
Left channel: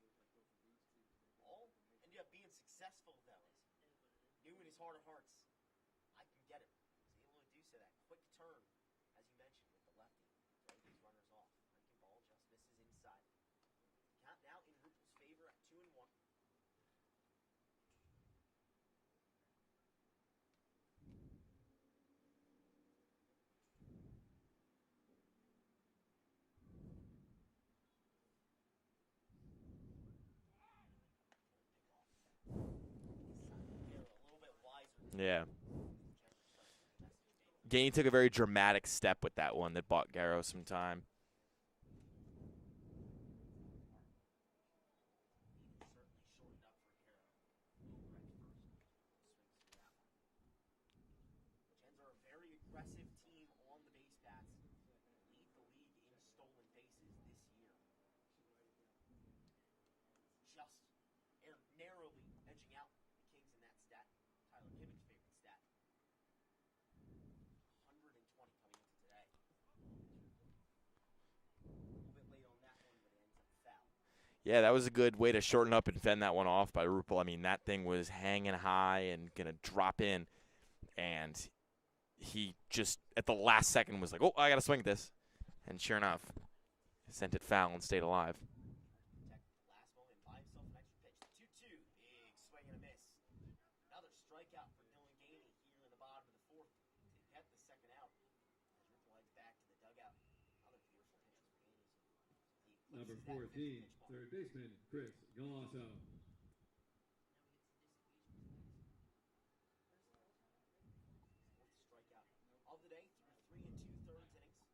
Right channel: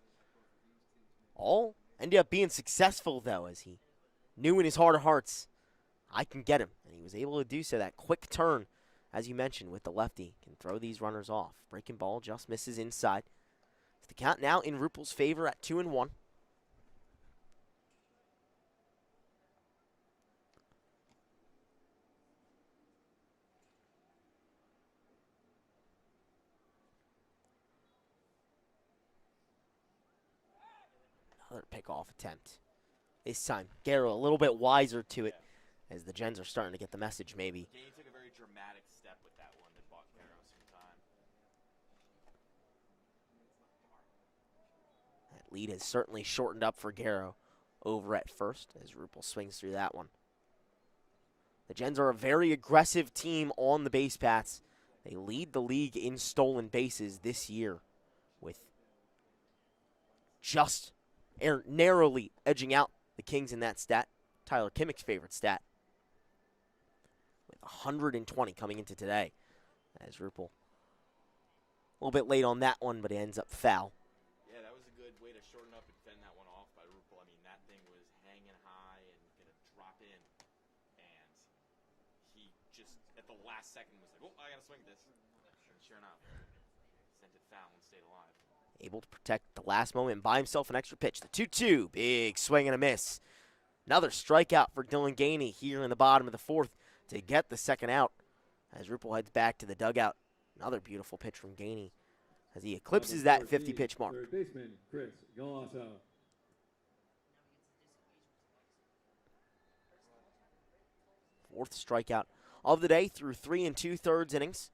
All ended up being successful, though, as he knew in his heart of hearts, I can get him. And he was able to do so. That quick turn, as you mentioned, with the lefty, can throw these runners off. Breaking ball just misses inside. The count now in Rupel's favor at 2-1. Another pickoff attempt. This time, Garrow a little bit wiser to it, as the Gens are starting to get the message, maybe. Gainey took a very dramatic step with that one that bought Garrow some time. That lead has certainly shortened up for Garrow over at first, as Rupel swings through that one. The Gens are a very aggressive team on the base paths. They lead the league in stolen bases this year, with just narrowly edging out the Kings in that stat. Tyler Kimmick's favorite stat. With 120 coming into today. As Rupel a little bit late on that one, but it ends up foul. Yeah, that was a good way to shorten up and fend that one off by Rupel. I mean, that thing was hanging high and going to drop in. And he just, at the last second, was like, oh, I got to swing at this. And sure enough, sent it foul and stayed alive. Able to protect the last moment and buy himself an extra pitch. The 2-2. Big swing and a miss. Another strikeout for Dylan Gainey here in the bottom of the fourth. to get the second out as Rupel heads back to the dugout. Another beautiful pitch from Gainey as he eclipses that 50-pitch mark. Third baseman, Chris Galasso. Fourth strikeout of the day through 3 2/3 innings.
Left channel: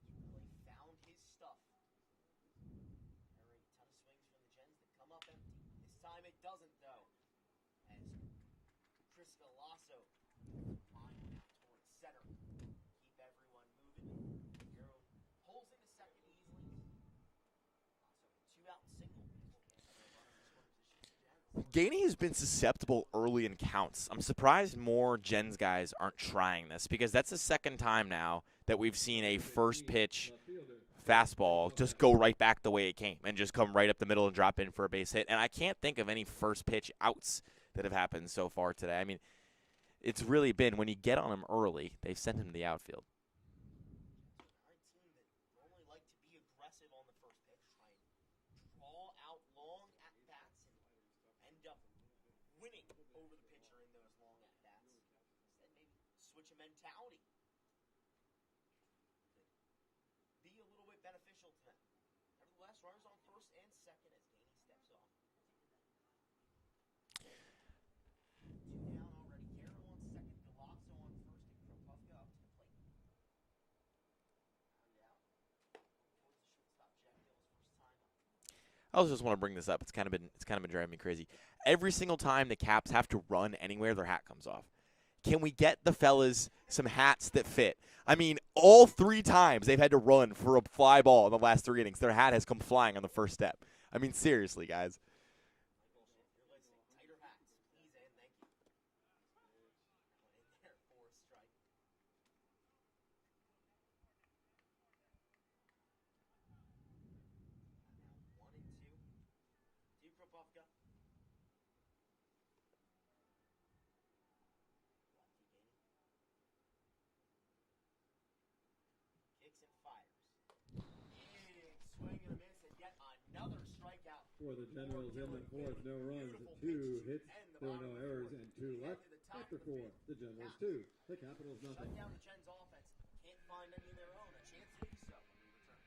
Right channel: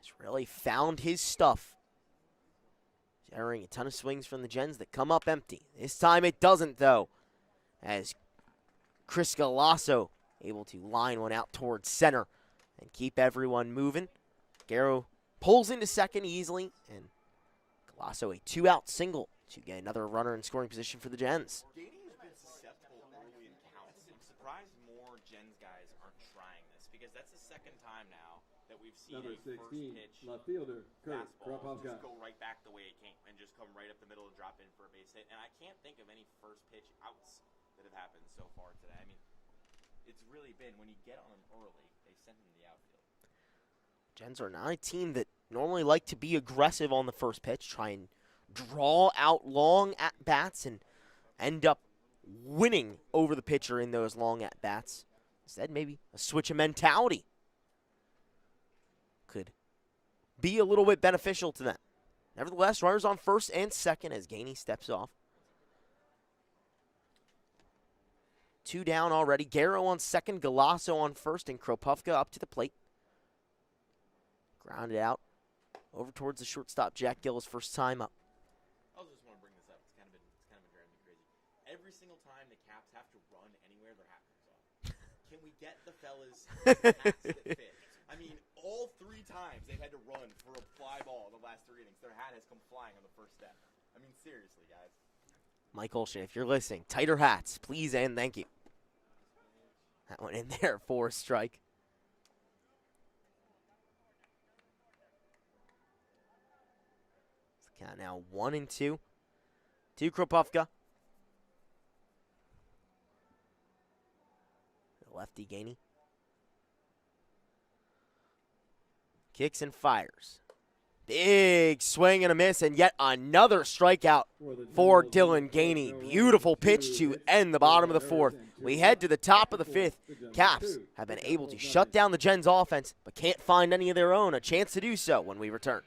He's really found his stuff. Generating a ton of swings from the Gens that come up empty. This time it doesn't, though, as Chris Galasso able to line one out towards center and keep everyone moving. Garrow pulls into second easily, and Galasso a 2-out single to get another runner in scoring position for the Gens. Gainey has been susceptible early in counts. I'm surprised more Gens guys aren't trying this, because that's the second time now that we've seen a first pitch fastball just go right back the way it came and just come right up the middle and drop in for a base hit. And I can't think of any first pitch outs that have happened so far today. I mean, it's really been when you get on him early, they've sent him to the outfield. Gens are not a team that normally like to be aggressive on the first pitch, try and draw out long at-bats and end up winning over the pitcher in those long at-bats. Instead, maybe a switch of mentality could be a little bit beneficial to them. Nevertheless, runners on first and second as Gainey steps off. 2 down already. Garrow on second, Galasso on first, and Kropufka up to the plate. Grounded out over towards the shortstop, Jack Gill's first time up. I also just want to bring this up. It's kind of been driving me crazy. Every single time the Caps have to run anywhere, their hat comes off. Can we get the fellas some hats that fit? I mean, all 3 times they've had to run for a fly ball in the last 3 innings, their hat has come flying on the first step. I mean, seriously, guys. Mike Olshan, if you're listening, tighter hats, please and thank you. That went in there for a strike. Count now 1-2 to Kropufka. Lefty Gainey. Kicks and fires. Big swing and a miss, and yet another strikeout for Dylan Gainey. Beautiful pitch to end the bottom of the 4th. We head to the top of the 5th. Caps have been able to shut down the Gens offense, but can't find any of their own. A chance to do so when we return.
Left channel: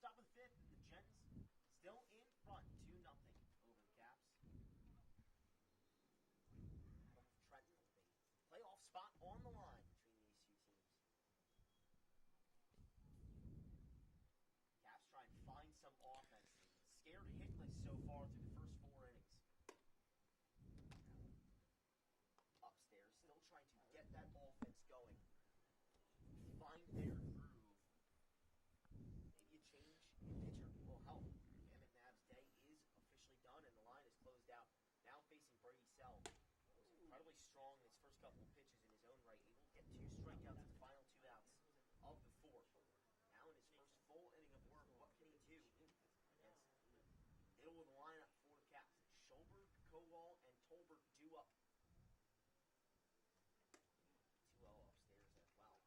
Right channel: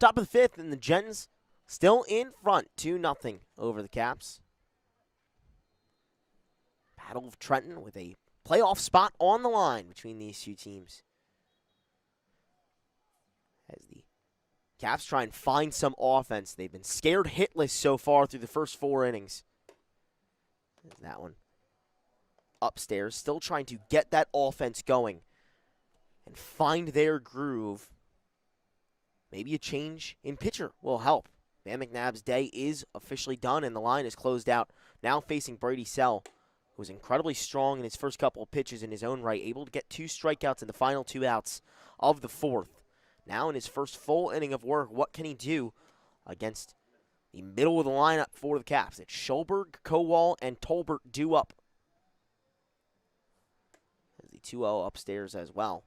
Top of the 5th, and the Gens still in front, 2-0 over the Caps. Battle of Trenton with a playoff spot on the line between these two teams. As the Caps try and find some offense. They've been scared hitless so far through the first 4 innings. There's that one. Upstairs, still trying to get that offense going and find their groove. Maybe a change in pitcher will help. Bam McNabb's day is officially done, and the line is closed out. Now facing Brady Sell, who was incredibly strong in his first couple of pitches in his own right, able to get 2 strikeouts in the final 2 outs of the 4th. Now in his first full inning of work, what can he do against the middle of the lineup for the Caps? It's Schulberg, Kowal, and Tolbert due up. As the 2-0 upstairs as well.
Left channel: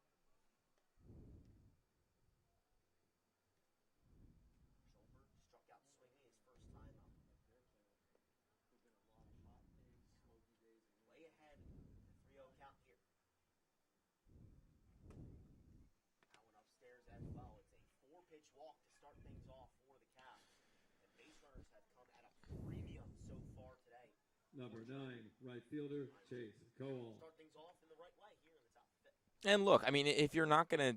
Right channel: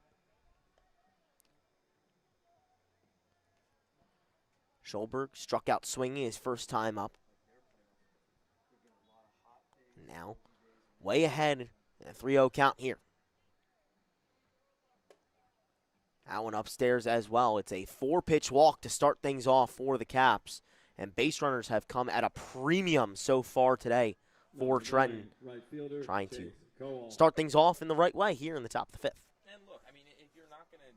Schulberg struck out swinging his first time up. Now, way ahead in a 3-0 count here. That one upstairs as well. It's a 4-pitch walk to start things off for the Caps. And base runners have come at a premium so far today for Trenton. Trying to start things off in the right way here in the top of the 5th. And look, I mean, if you're not going to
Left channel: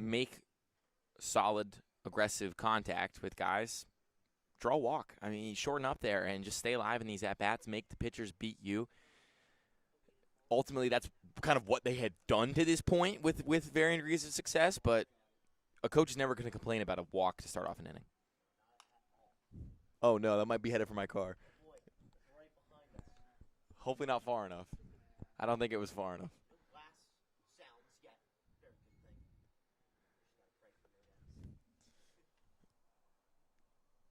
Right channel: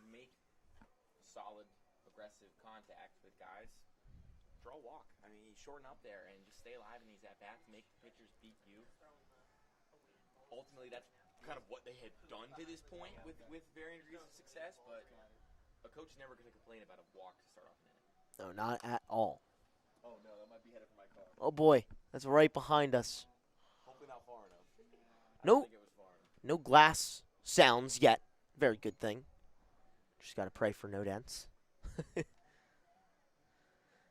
make solid, aggressive contact with guys, draw a walk. I mean, shorten up there and just stay alive in these at-bats. Make the pitchers beat you. Ultimately, that's kind of what they had done to this point with varying degrees of success, but a coach is never going to complain about a walk to start off an inning. No, not at all. Oh, no, that might be headed for my car. Oh, boy. That's right behind us. Hopefully not far enough. I don't think it was far enough. No glass sounds yet. Very good thing. Just got to pray for no dents.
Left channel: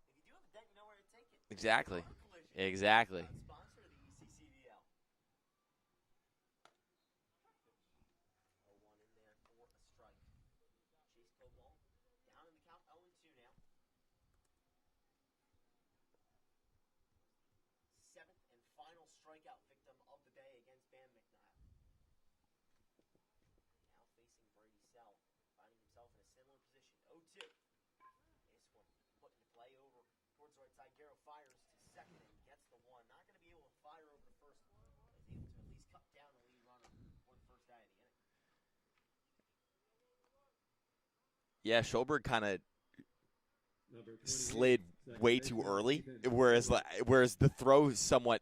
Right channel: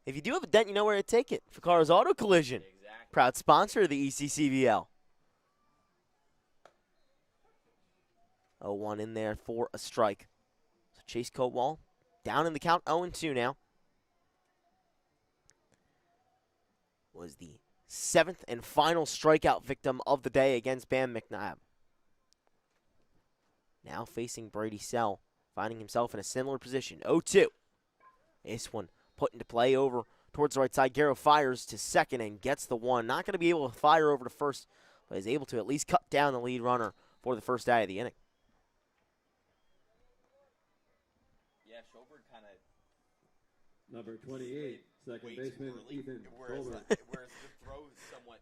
If you do have a dent, you know where to take it. Exactly. Cars Auto Collision. Exactly. Proud sponsor of the ECCBL. 0-1 in there for a strike. So Chase Kowal down in the count, 0-2 now. Was the 7th and final strikeout victim of the day against Bam McNabb. Now facing Brady Sell, finding himself in a similar position, 0-2. This one put into play over towards the right side. Garrow fires to second and gets the one. Not going to be able to fire over to first, but is able to at least cut down the lead runner for the first out of the inning. Yeah, Schulberg kind of slid way too early, whereas the throw somewhat,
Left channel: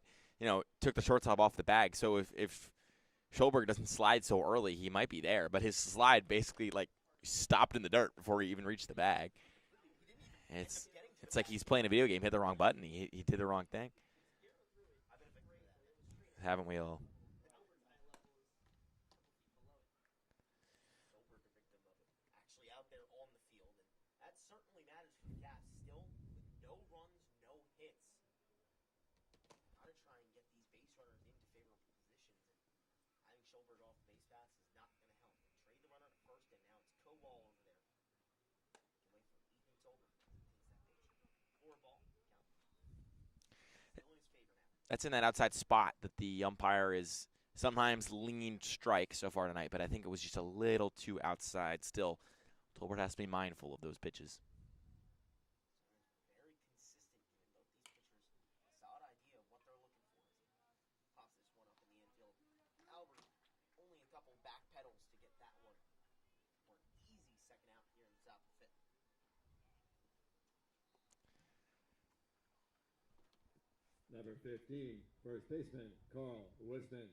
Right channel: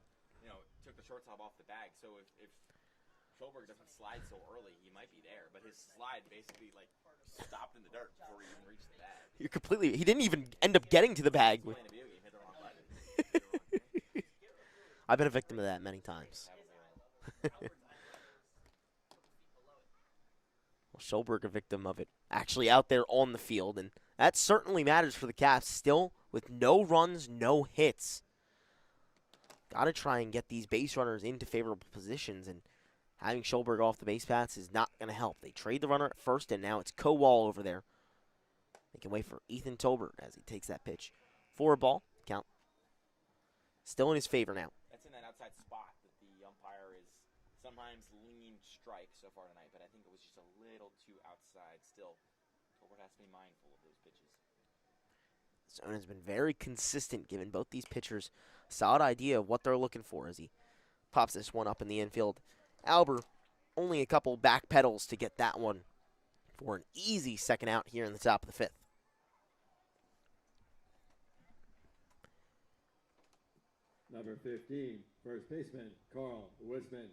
took the shortstop off the bag. So if Schulberg doesn't slide so early, he might be there. But his slide basically stopped in the dirt before he even reached the bag. He didn't even end up getting to the bag. He's playing a video game, hit the wrong button, he did the wrong thing. I've been a victim of that many times. Haven't we all? Schulberg a victim of it actually out there on the field, and that certainly matters for the Caps. Still with no runs, no hits. Got to try and get these base runners into favorable positions, and having Schulberg off the base paths is not going to help. They trade the runner at first, and now it's Kowal over there. They can wait for Ethan Tolbert as he takes that pitch for a ball. Count still in his favor now. That's in that outside spot that the umpire is sometimes leaned strike so far tonight, but I think it was just a little too outside still. Tolbert has to be mindful of those pitches. Zone has been very consistent, giving both these pitchers a solid idea of what they're looking for as he pops this one up in the infield. Albert, only a couple back pedals to get that one for an easy second out here in the top of the 5th. Number 15, first baseman, Carl Wisman.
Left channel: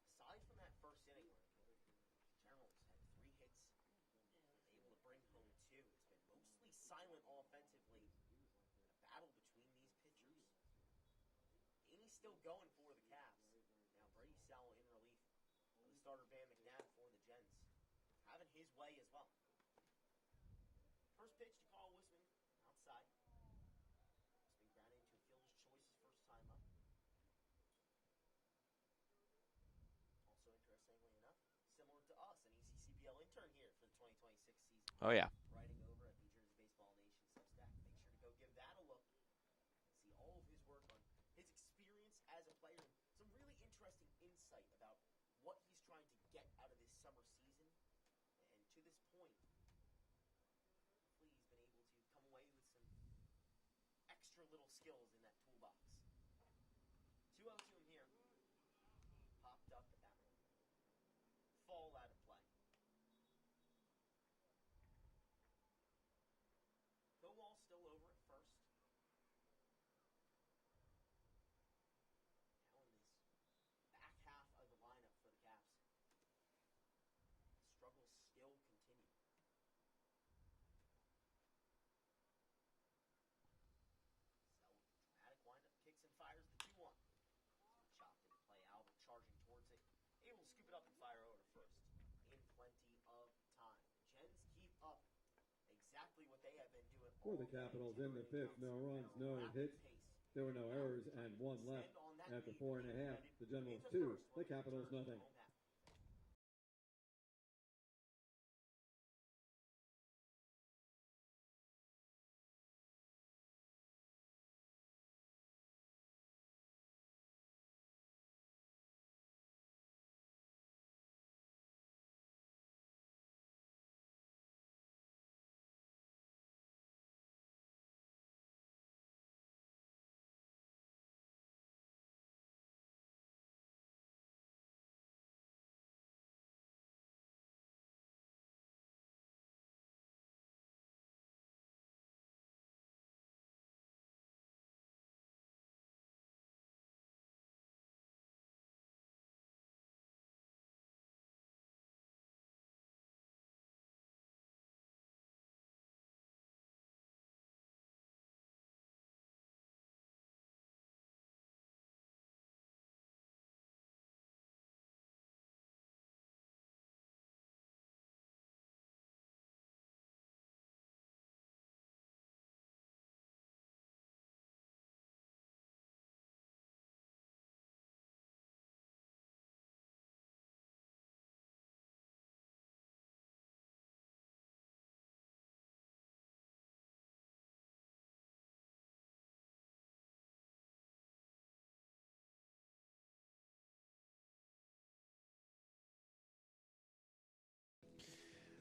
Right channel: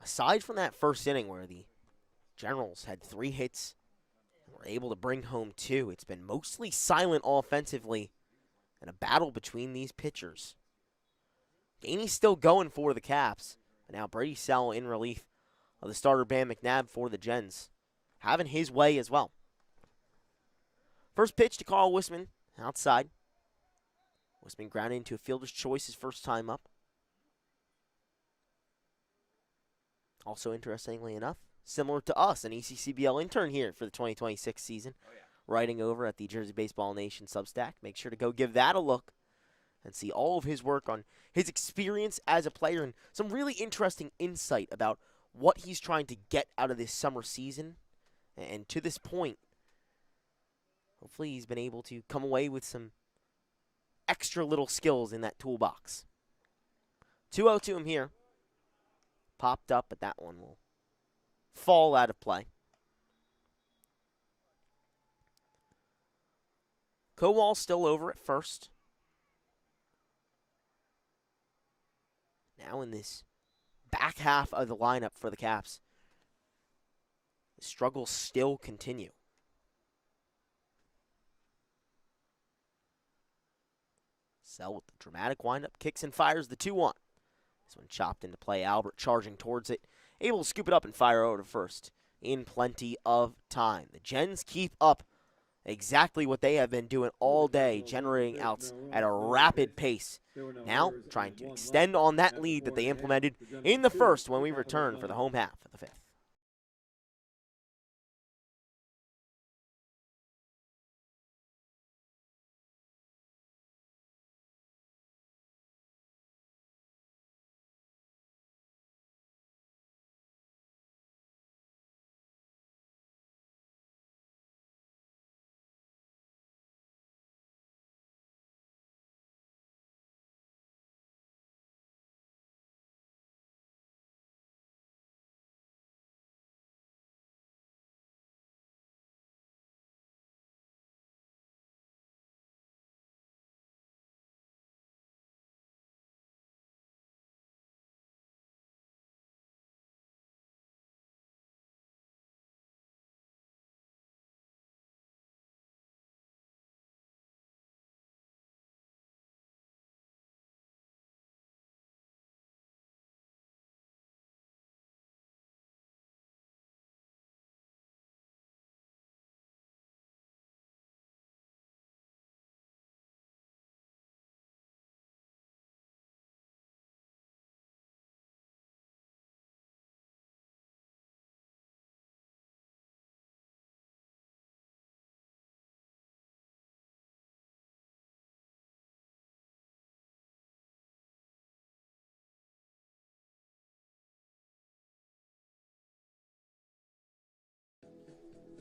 Aside from that first inning where the Generals had 3 hits and were able to bring home 2, it's been mostly silent offensively and a battle between these pitchers. Gainey's still going for the Caps, and now Brady Sell in relief of the starter Bam McNabb for the Gens, having his way as well. First pitch to Carl Wisman, outside. Wisman grounded into a fielder's choice his first time up. Also, interestingly enough, similar to us, an ECCBL intern here for the 2026 season. Oh, yeah. Writing over at the Jersey Baseball Nation Substack. Make sure to go give that a look and see all of his work on his experience as a player and some really interesting insight about what he's trying to get out of this summer season. And to this point, hopefully he's been able to come away with some extra little skills in that toolbox. 2-0 to him here. popped up, but that one will fall out of play. Kowal still over at first. Now in this back half of the lineup for the Caps, the struggles still continue. Sell with the dramatic windup, kicks and fires the 2-1. This one chopped into play. Albert charging towards it, able to scoop it up and fire over to first in plenty of time. The Gens keep up exactly what they have been doing all day, generating outs at a rapid pace. Now trying to extend on that lead that they implemented in the first when we return for the home half of the fifth.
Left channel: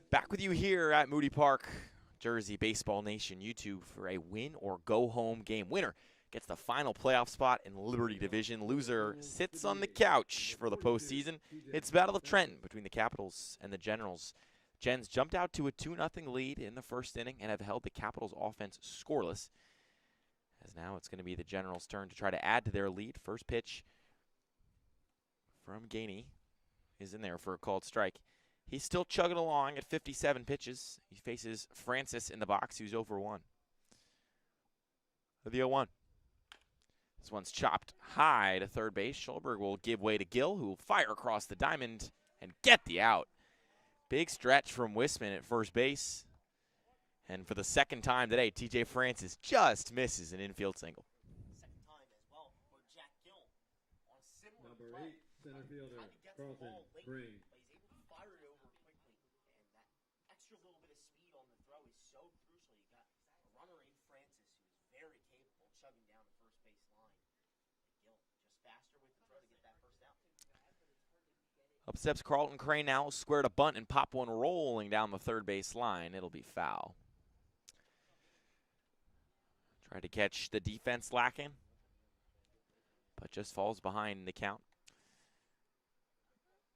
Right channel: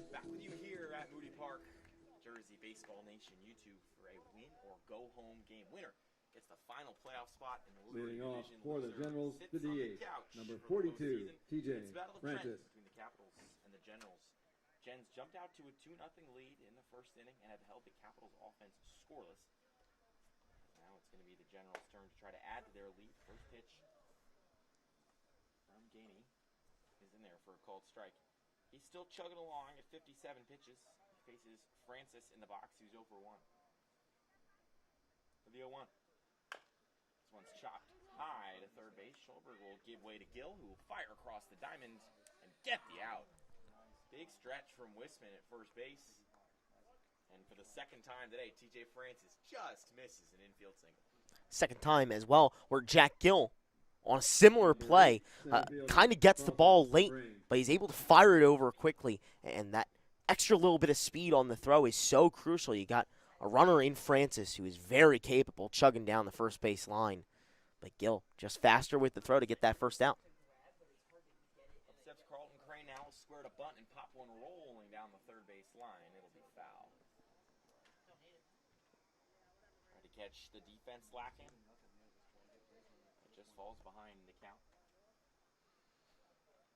Back with you here at Moody Park, Jersey Baseball Nation YouTube for a win or go home game. Winner gets the final playoff spot in Liberty Division. Loser sits on the couch for the postseason. It's Battle of Trenton between the Capitals and the Generals. Gens jumped out to a 2-0 lead in the first inning and have held the Capitals offense scoreless. As now it's going to be the Generals' turn to try to add to their lead. First pitch from Gainey is in there for a called strike. He's still chugging along at 57 pitches. He faces Francis in the box, who's over 1. The 0-1. This one's chopped high to third base. Schulberg will give way to Gill, who will fire across the diamond and get the out. Big stretch from Wisman at first base. And for the second time today, TJ Francis just misses an infield single. Second time as well, where Jack Gill, on a similar play, kind of gets the ball late, but he's able to fire it over quickly, and that extra little bit of speed on the throw is so crucial. You got a runner in Francis who is very capable chugging down the first base line, but Gill just faster with the throw to get that first out. Up steps Carlton Crane now, squared a bunt and pop one rolling down the third base line. It'll be foul. Tried to catch the defense lacking, but just falls behind the count.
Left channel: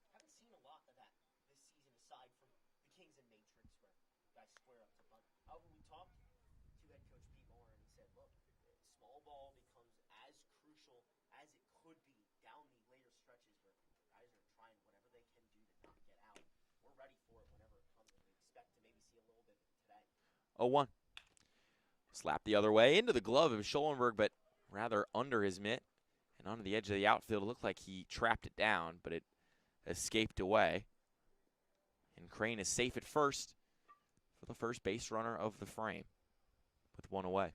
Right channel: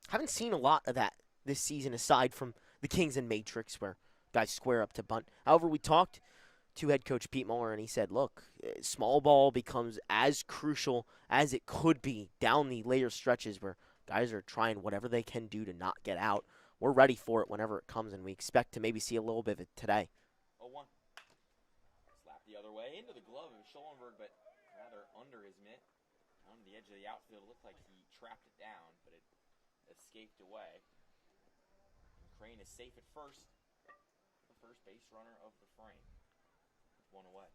Haven't seen a lot of that this season aside from the Kings and Matrix where guys square up to bunt. However, we talked to head coach Pete Muller, and he said, look, small ball becomes as crucial as it could be down the later stretches where guys are trying whatever they can do to not get out. We're ready for it whenever it comes, and we expect to maybe see a little bit of it today. 0-1. Slap the other way into the glove of Schollenberg, but rather under his mitt and onto the edge of the outfield. It looked like he trapped it down, but it escaped away. And Crane is safe at first for the first base runner of the frame with one away.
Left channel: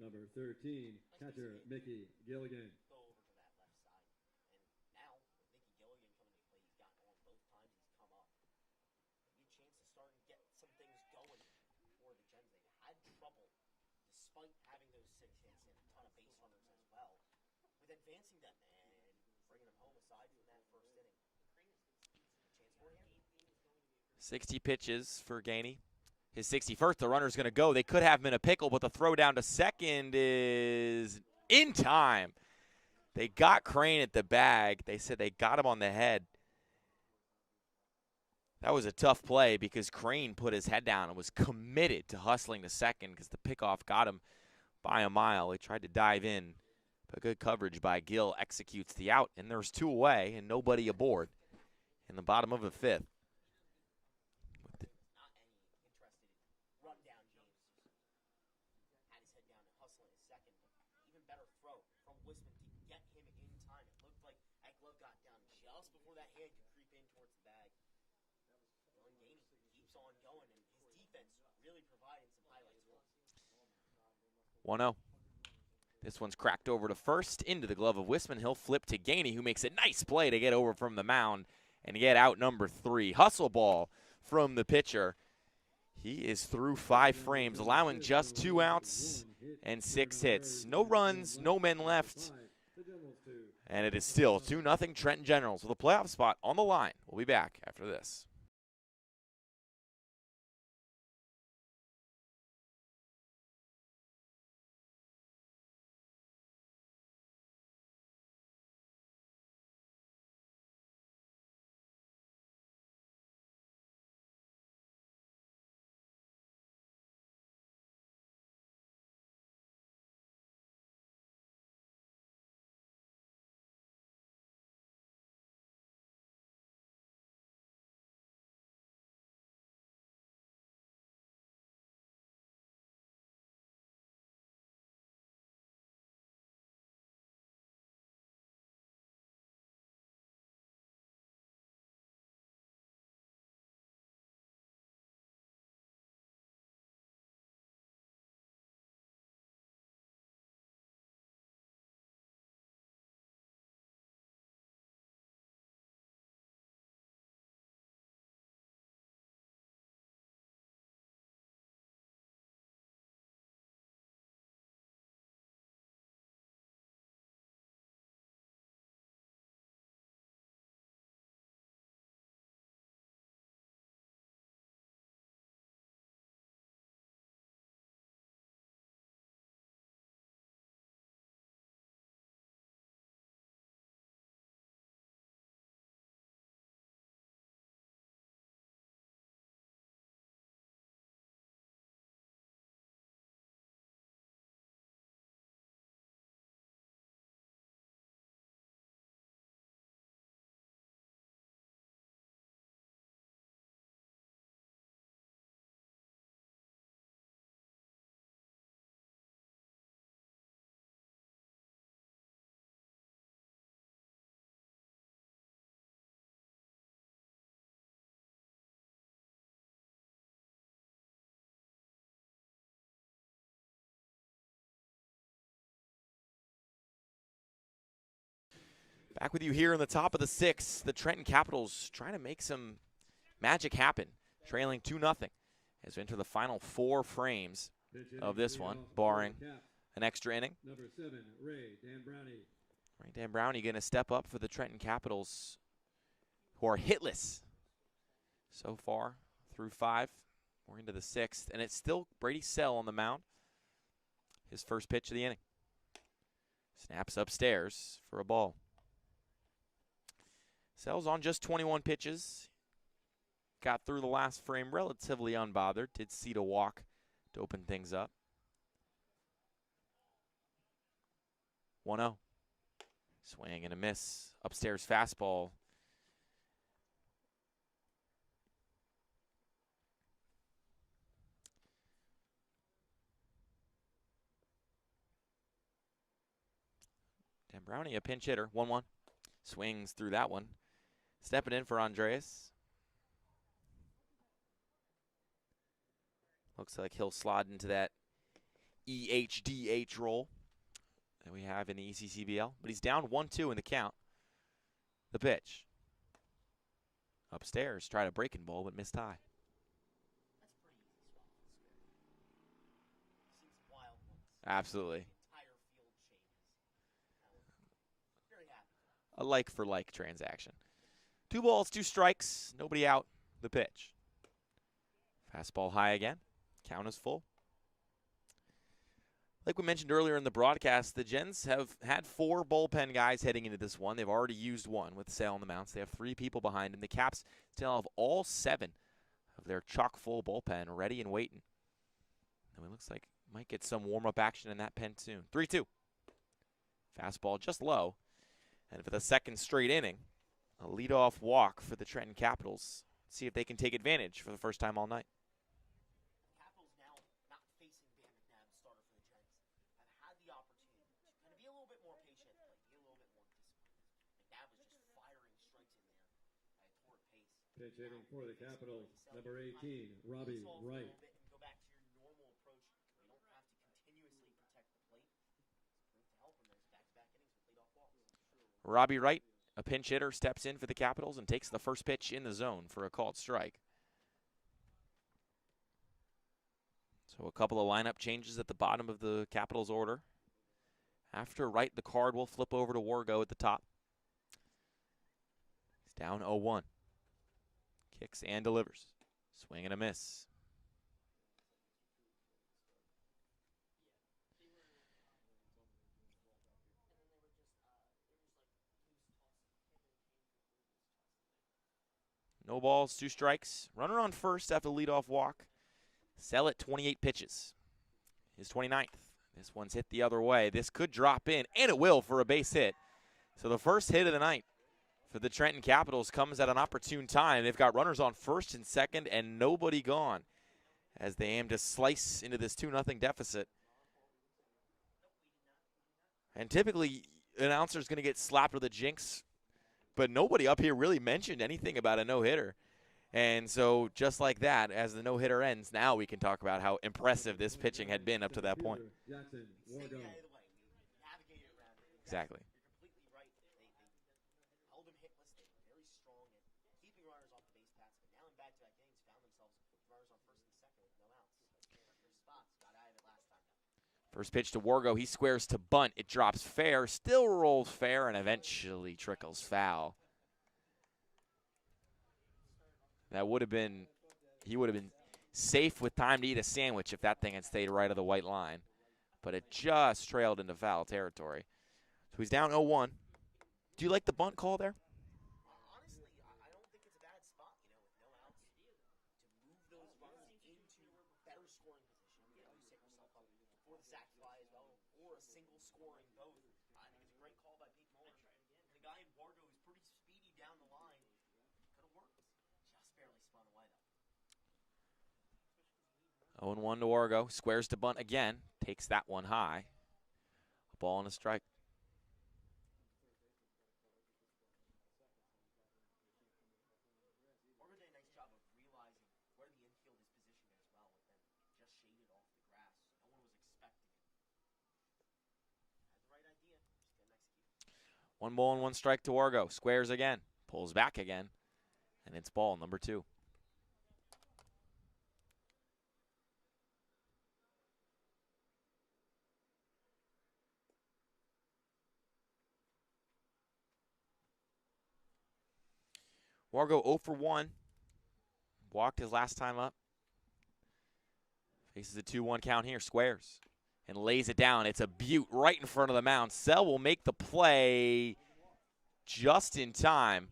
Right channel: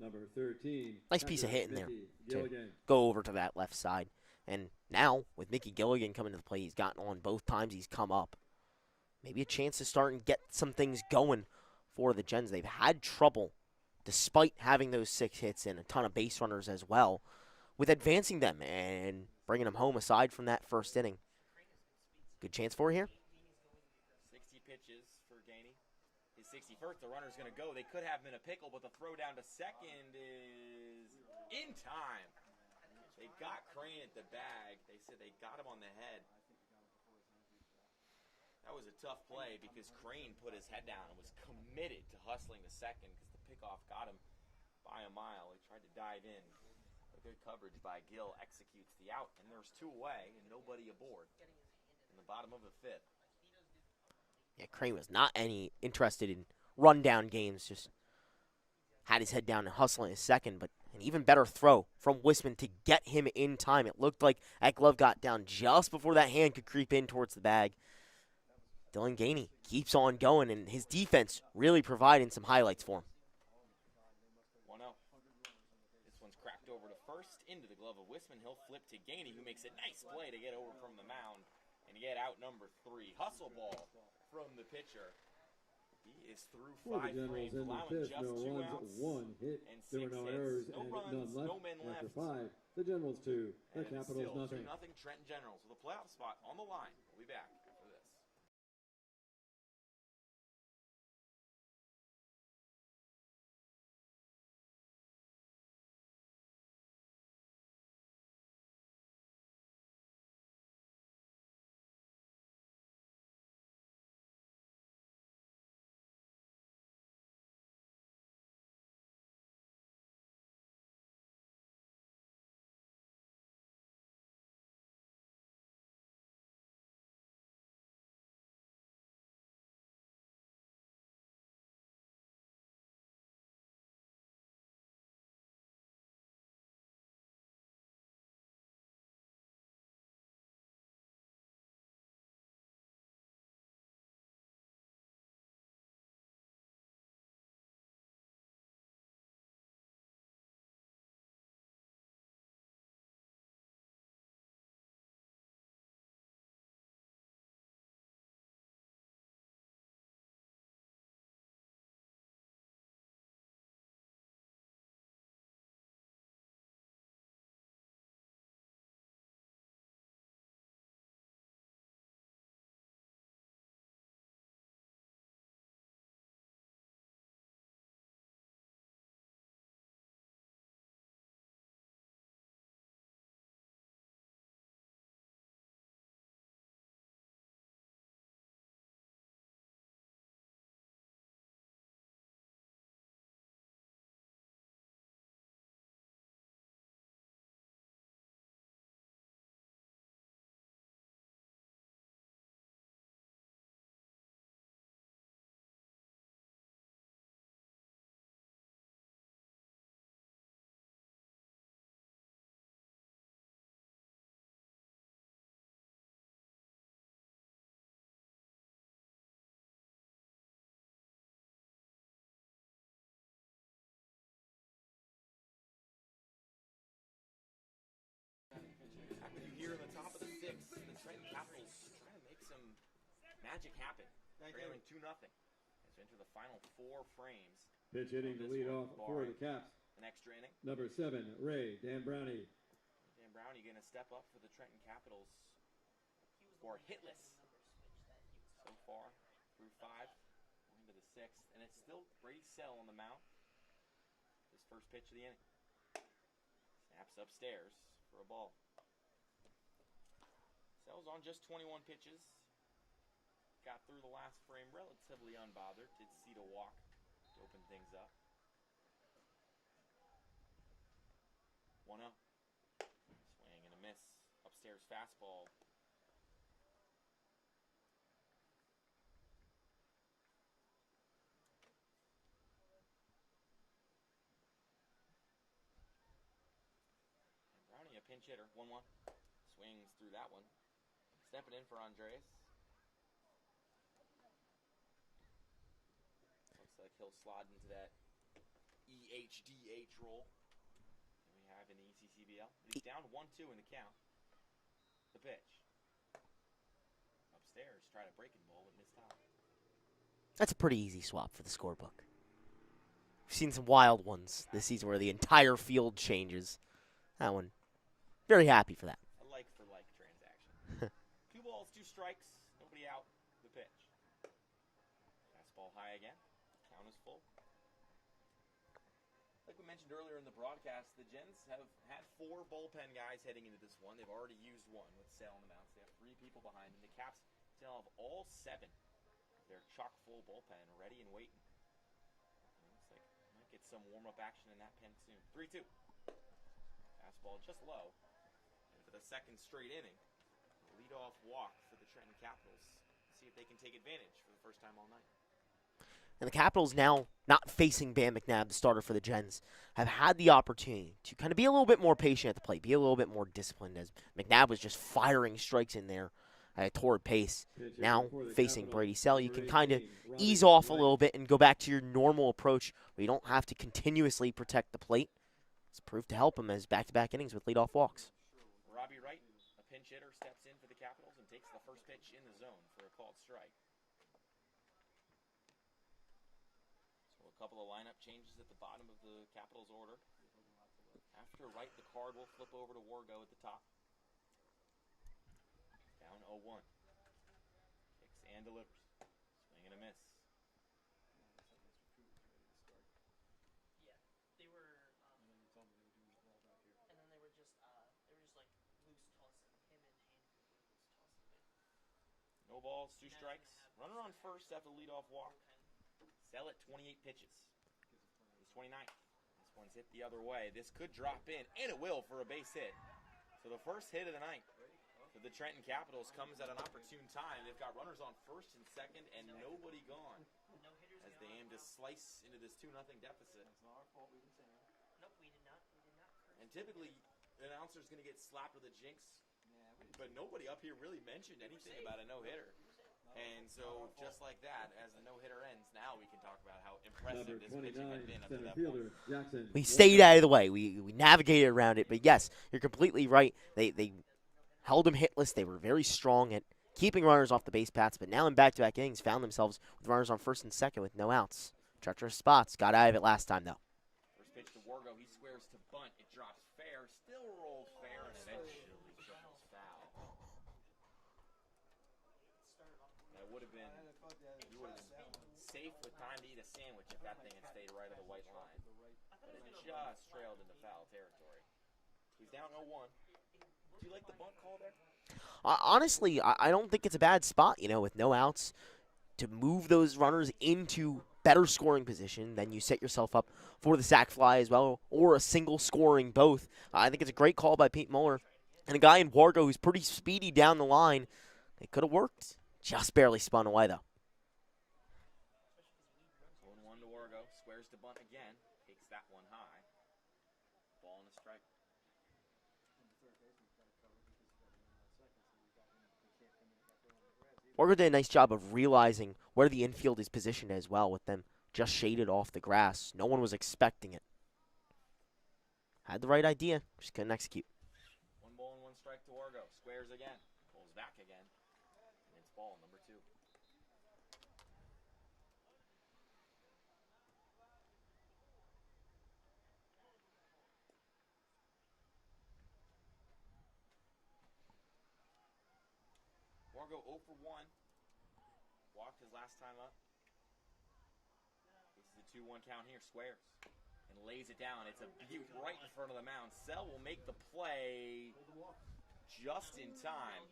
Number 13. Nice piece of hitting there to go over to that left side. And now, with Mickey Gilligan coming to the plate, he's gotten on both times he's come up. Maybe a chance to start and get some things going for the Gens. They've had trouble, despite having those 6 hits and a ton of base runners as well, with advancing them and bringing them home aside from that first inning. Good chance for here. 60 pitches for Gainey. His 61st, the runner's going to go. They could have him in a pickle, but the throw down to second is in time. They got Crane at the bag. They said they got him on the head. That was a tough play because Crane put his head down and was committed to hustling to second because the pickoff got him by a mile. He tried to dive in, but good coverage by Gill executes the out, and there's 2 away and nobody aboard in the bottom of the 5th. Yeah, Crane was not any interested in rundown games, just had his head down and hustling his second, but an even better throw from Wisman to get him in time. It looked like that glove got down just before that hand could creep in towards the bag. Dylan Gainey keeps on going, and his defense really providing some highlights for him. 1-0. This one's cracked over to first, into the glove of Wisman. He'll flip to Gainey, who makes a nice play to get over from the mound and get out number 3. Hustle ball from the pitcher. He is through 5 frames, allowing just 2 outs and 6 hits. No runs, no men left. And it is still 2-0 Trenton Generals with a playoff spot on the line. We'll be back after this. Back with you here in the top of the 6th. The Trenton Capitals trying to make some magic happen, trailing 2-0 as we enter the final 4 frames of this one, barring an extra inning. Number 7, Ray Dambrownie. Ray Dambrownie going to step up for the Trenton Capitals, who are hitless so far through 5. We're into the 6th, and it's still Brady Sell on the mound. His first pitch of the inning. Snaps upstairs for a ball. Sell's on just 21 pitches. Got through the last frame relatively unbothered. Did see a walk to open things up. 1-0. Swing and a miss. Upstairs fastball. Dambrownie, a pinch hitter. 1-1. Swings through that one. Stepping in for Andreas. Looks like he'll slide into that EHDH role that we have in the ECCBL. But he's down 1-2 in the count. The pitch. Upstairs, tried a breaking ball, but missed high. That's a pretty easy swap for the scorebook. We've seen some wild ones this season where the entire field changes. That one, very happy for that. A like-for-like transaction. 2 balls, 2 strikes, nobody out. The pitch. Fastball high again. Count is full. like we mentioned earlier in the broadcast, the Gens have had 4 bullpen guys heading into this one. They've already used 1 with Sale on the mounts. They have 3 people behind him. The Caps still have all 7 of their chock-full bullpen ready and waiting. And it looks like might get some warm-up action in that pen soon. 3-2. Fastball just low. And for the second straight inning, a leadoff walk for the Trenton Capitals. See if they can take advantage for the first time all night. And the Capitals now, not facing Bam McNabb, the starter for the Gens, have had the opportunity to kind of be a little bit more patient at the plate, be a little bit more disciplined, as McNabb was just firing strikes in there at a torrid pace. Now, facing Brady Sell, you can kind of ease off a little bit and go back to your normal approach where you don't have to continuously protect the plate. It's proved to help him as back-to-back innings with leadoff walks. Robbie Wright, a pinch hitter, steps in for the Capitals and takes the first pitch in the zone for a called strike. So a couple of lineup changes at the bottom of the Capitals order. After Wright, the card will flip over to Wargo at the top. He's down 0-1. Kicks and delivers. Swing and a miss. No balls, 2 strikes. Runner on first after the leadoff walk. Sell at 28 pitches. His 29th. This one's hit the other way. This could drop in, and it will for a base hit. So the first hit of the night for the Trenton Capitals comes at an opportune time. They've got runners on first and second and nobody gone as they aim to slice into this 2-0 deficit. And typically, an announcer is going to get slapped with a jinx, but nobody up here really mentioned anything about a no-hitter. And so just like that, as the no-hitter ends, now we can talk about how impressive this pitching had been up to that point. We stayed out of the way. We navigated around it. But, yes, Exactly. You're completely right. They held him hitless. They were very strong at keeping runners off the base paths. But now in back-to-back innings, found themselves with runners on first and second with no outs. Treacherous spots. Got out of it last time, though. First pitch to Wargo. He squares to bunt. It drops fair, still rolls fair, and eventually trickles foul. That would have been, he would have been safe with time to eat a sandwich if that thing had stayed right of the white line. But it just trailed into foul territory. So he's down 0-1. Do you like the bunt call there? Honestly, I don't think it's a bad spot, with no outs, to move those runners into better scoring position. Then you set yourself up for the sac fly as well, or a single scoring both. I think it's a great call by Pete Muller. And a guy in Wargo who's pretty speedy down the line. It could have worked. Just barely spun away, though. 0-1 to Wargo. Squares to bunt again. Takes that one high. Ball and a strike. Wargo did a nice job of realizing where the infield is positioned as well, with them just shaded off the grass. No one was expecting it. Had the right idea, just couldn't execute. 1 ball and 1 strike to Wargo. Squares again. Pulls back again. And it's ball number 2. Wargo 0 for 1. Walked his last time up. Faces a 2-1 count here. Squares. And lays it down. It's a beaut right in front of the mound. Sell will make the play just in time.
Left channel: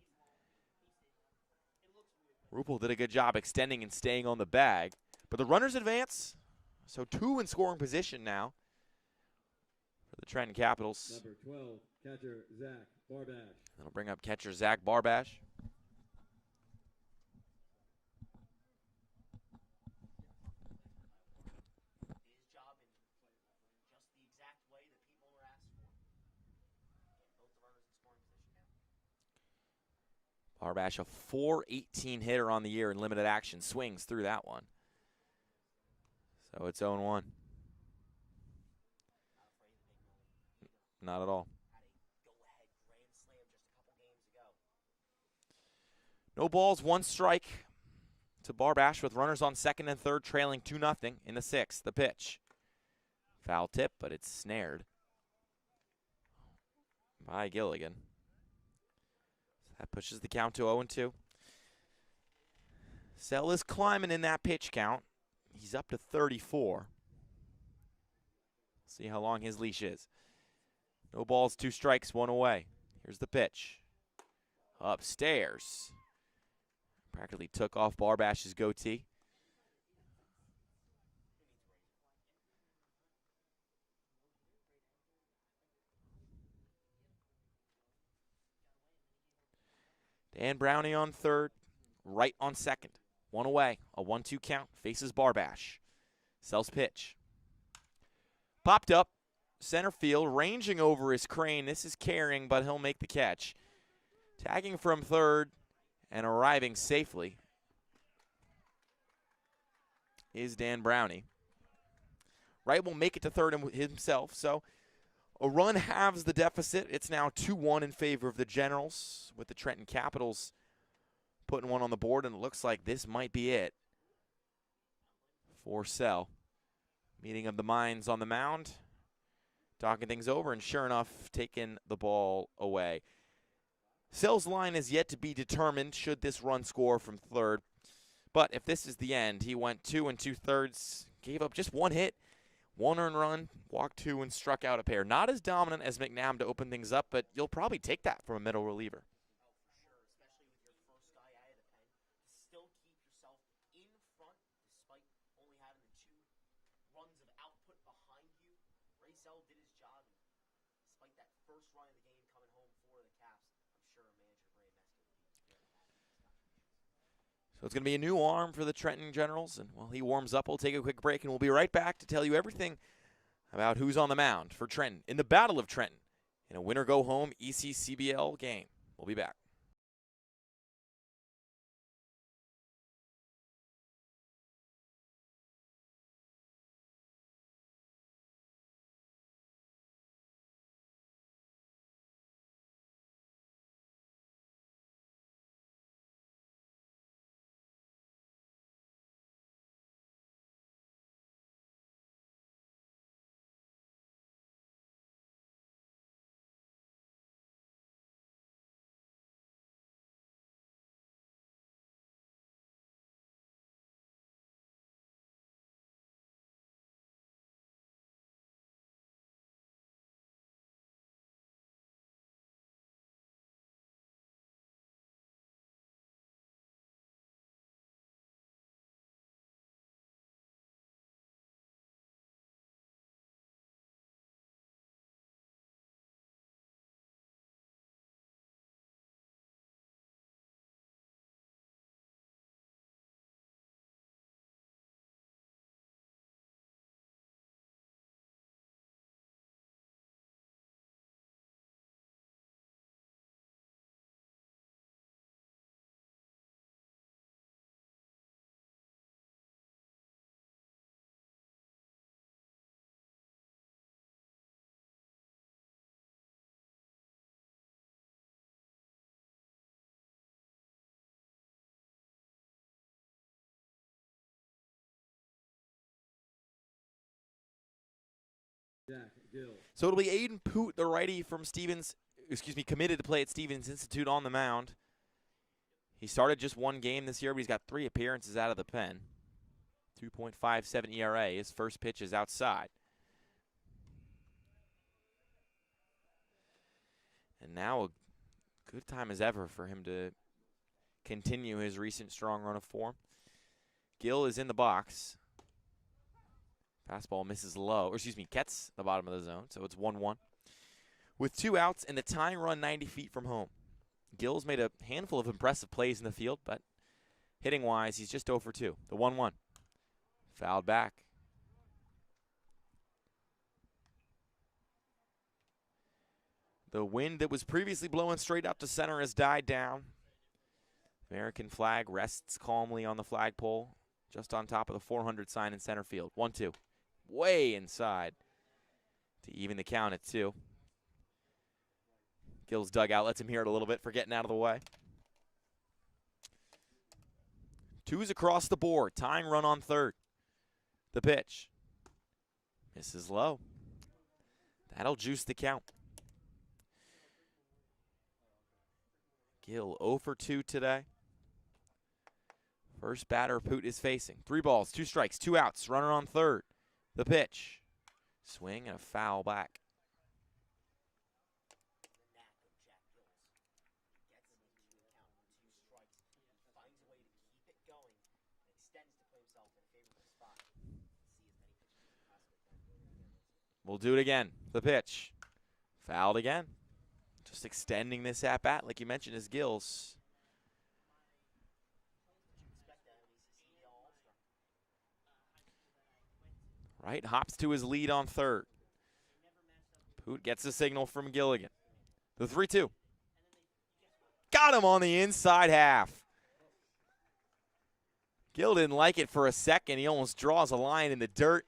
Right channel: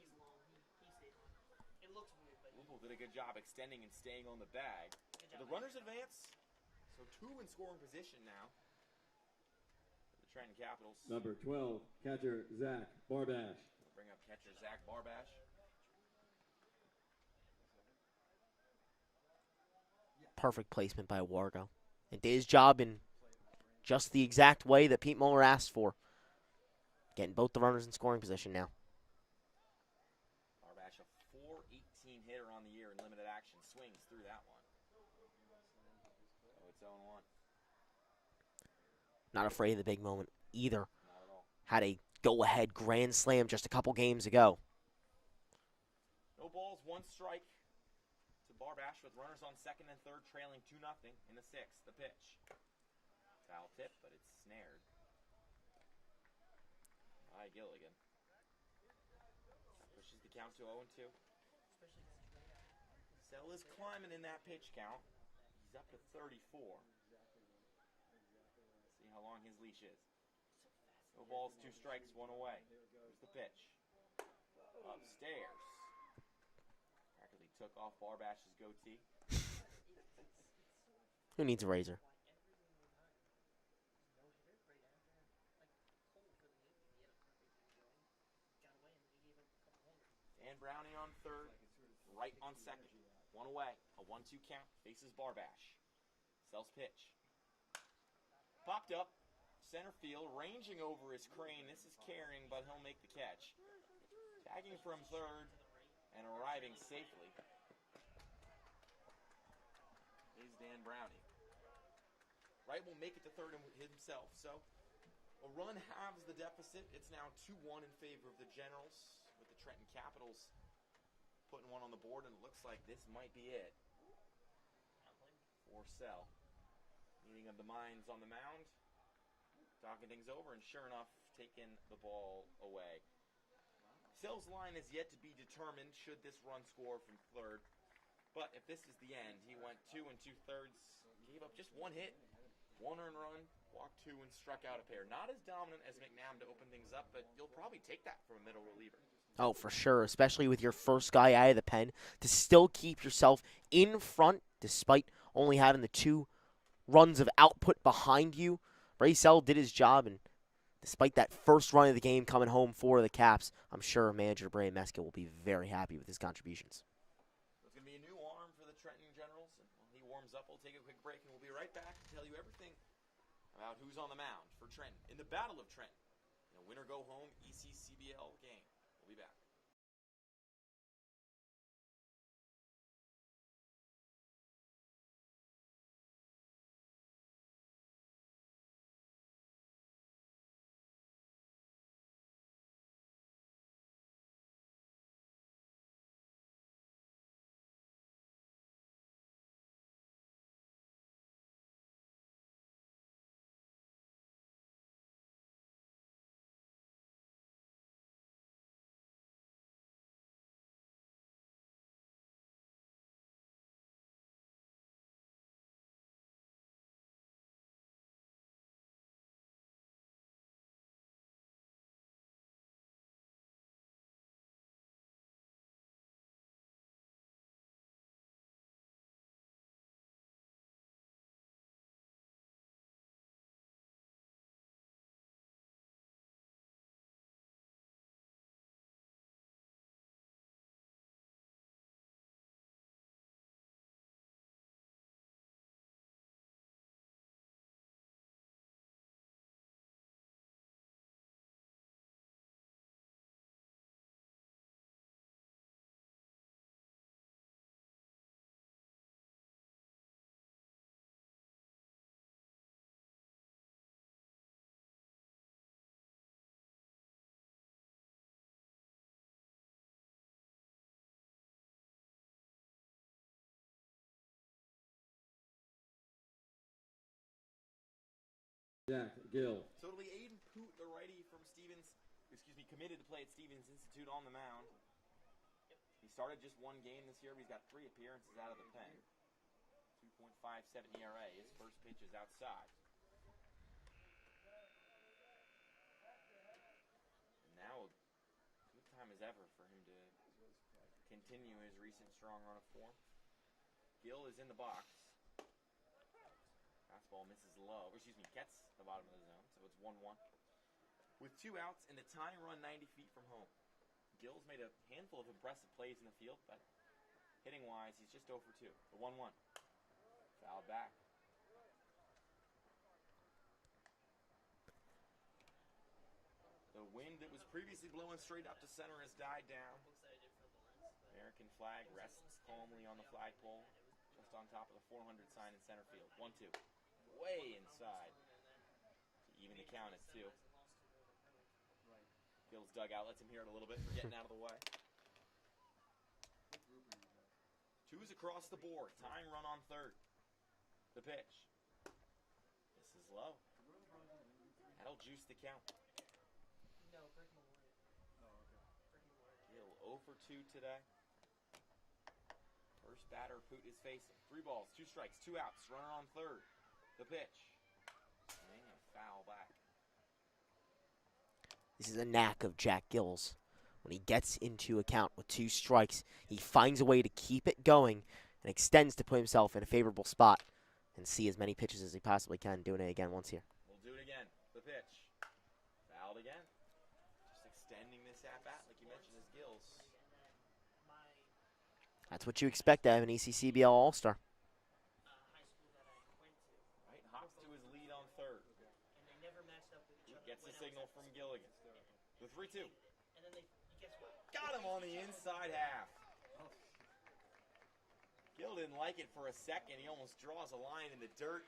Rupel did a good job extending and staying on the bag. But the runners advance. So 2 in scoring position now for the Trenton Capitals. Number 12, catcher Zach Barbash. That'll bring up catcher Zach Barbash. Perfect placement by Wargo. And did his job in just the exact way that Pete Muller asked for. Getting both the runners in scoring position now. Barbash, a .418 hitter on the year in limited action. Swings through that one. So it's 0-1. Not afraid of the big moment either. Not at all. Had a go-ahead grand slam just a couple games ago. No balls, 1 strike to Barbash with runners on second and third, trailing 2-0 in the 6th. The pitch. Foul tip, but it's snared by Gilligan. That pushes the count to 0-2. Sell is climbing in that pitch count. He's up to 34. See how long his leash is. No balls, 2 strikes, 1 away. Here's the pitch. Upstairs. Practically took off Barbash's goatee. Who needs a razor? Dan Brownie on third, Wright on second. 1 away, a 1-2 count, faces Barbash. Sells pitch. Popped up, center field, ranging over his crane. This is carrying, but he'll make the catch. Tagging from third and arriving safely is Dan Brownie. Wright will make it to third himself, so a run halves the deficit. It's now 2-1 in favor of the Generals, with the Trenton Capitals putting one on the board, and it looks like this might be it for Sell. Meeting of the minds on the mound, talking things over, and sure enough, taking the ball away. Sell's line is yet to be determined should this run score from third, but if this is the end, he went 2 2/3, gave up just 1 hit, 1 earned run, walked 2, and struck out a pair. Not as dominant as McNabb to open things up, but you'll probably take that from a middle reliever. Oh, for sure, especially with your first guy out of the pen, to still keep yourself in front despite only having the 2 runs of output behind you. Ray Sell did his job, and despite that first run of the game coming home for the Caps, I'm sure manager Brian Meska will be very happy with his contributions. So it's going to be a new arm for the Trenton Generals, and while he warms up, we'll take a quick break, and we'll be right back to tell you everything about who's on the mound for Trenton in the Battle of Trenton in a winner-go-home ECCBL game. We'll be back. So it'll be Aiden Poot, the righty from committed to play at Stevens Institute on the mound. He started just 1 game this year, but he's got 3 appearances out of the pen. 2.57 ERA. His first pitch is outside. And now a good time as ever for him to continue his recent strong run of form. Gill is in the box. Fastball misses low, gets the bottom of the zone, so it's 1-1. With 2 outs and the tying run 90 feet from home. Gill's made a handful of impressive plays in the field, but hitting-wise, he's just 0 for 2. The 1-1. Fouled back. The wind that was previously blowing straight up to center has died down. American flag rests calmly on the flagpole, just on top of the 400 sign in center field. 1-2. Way inside to even the count at 2. Gill's dugout lets him hear it a little bit for getting out of the way. 2's across the board. Tying run on third. The pitch. Misses low. That'll juice the count. Gill 0 for 2 today. First batter Poot is facing. 3 balls, 2 strikes, 2 outs. Runner on third. The pitch. Swing and a foul back. This is a knack of Jack Gill's. When he gets into account with 2 strikes, he finds a way to keep it going and extends to put himself in a favorable spot and see as many pitches as he possibly can. Doing it again once here. We'll do it again. The pitch. Fouled again. Just extending this at-bat, like you mentioned, is Gills. That's what you expect out of an ECCBL All-Star. Right, hops to his lead on third. Poot gets the signal from Gilligan. The 3-2. Got him on the inside half. Gill didn't like it for a second. He almost draws a line in the dirt.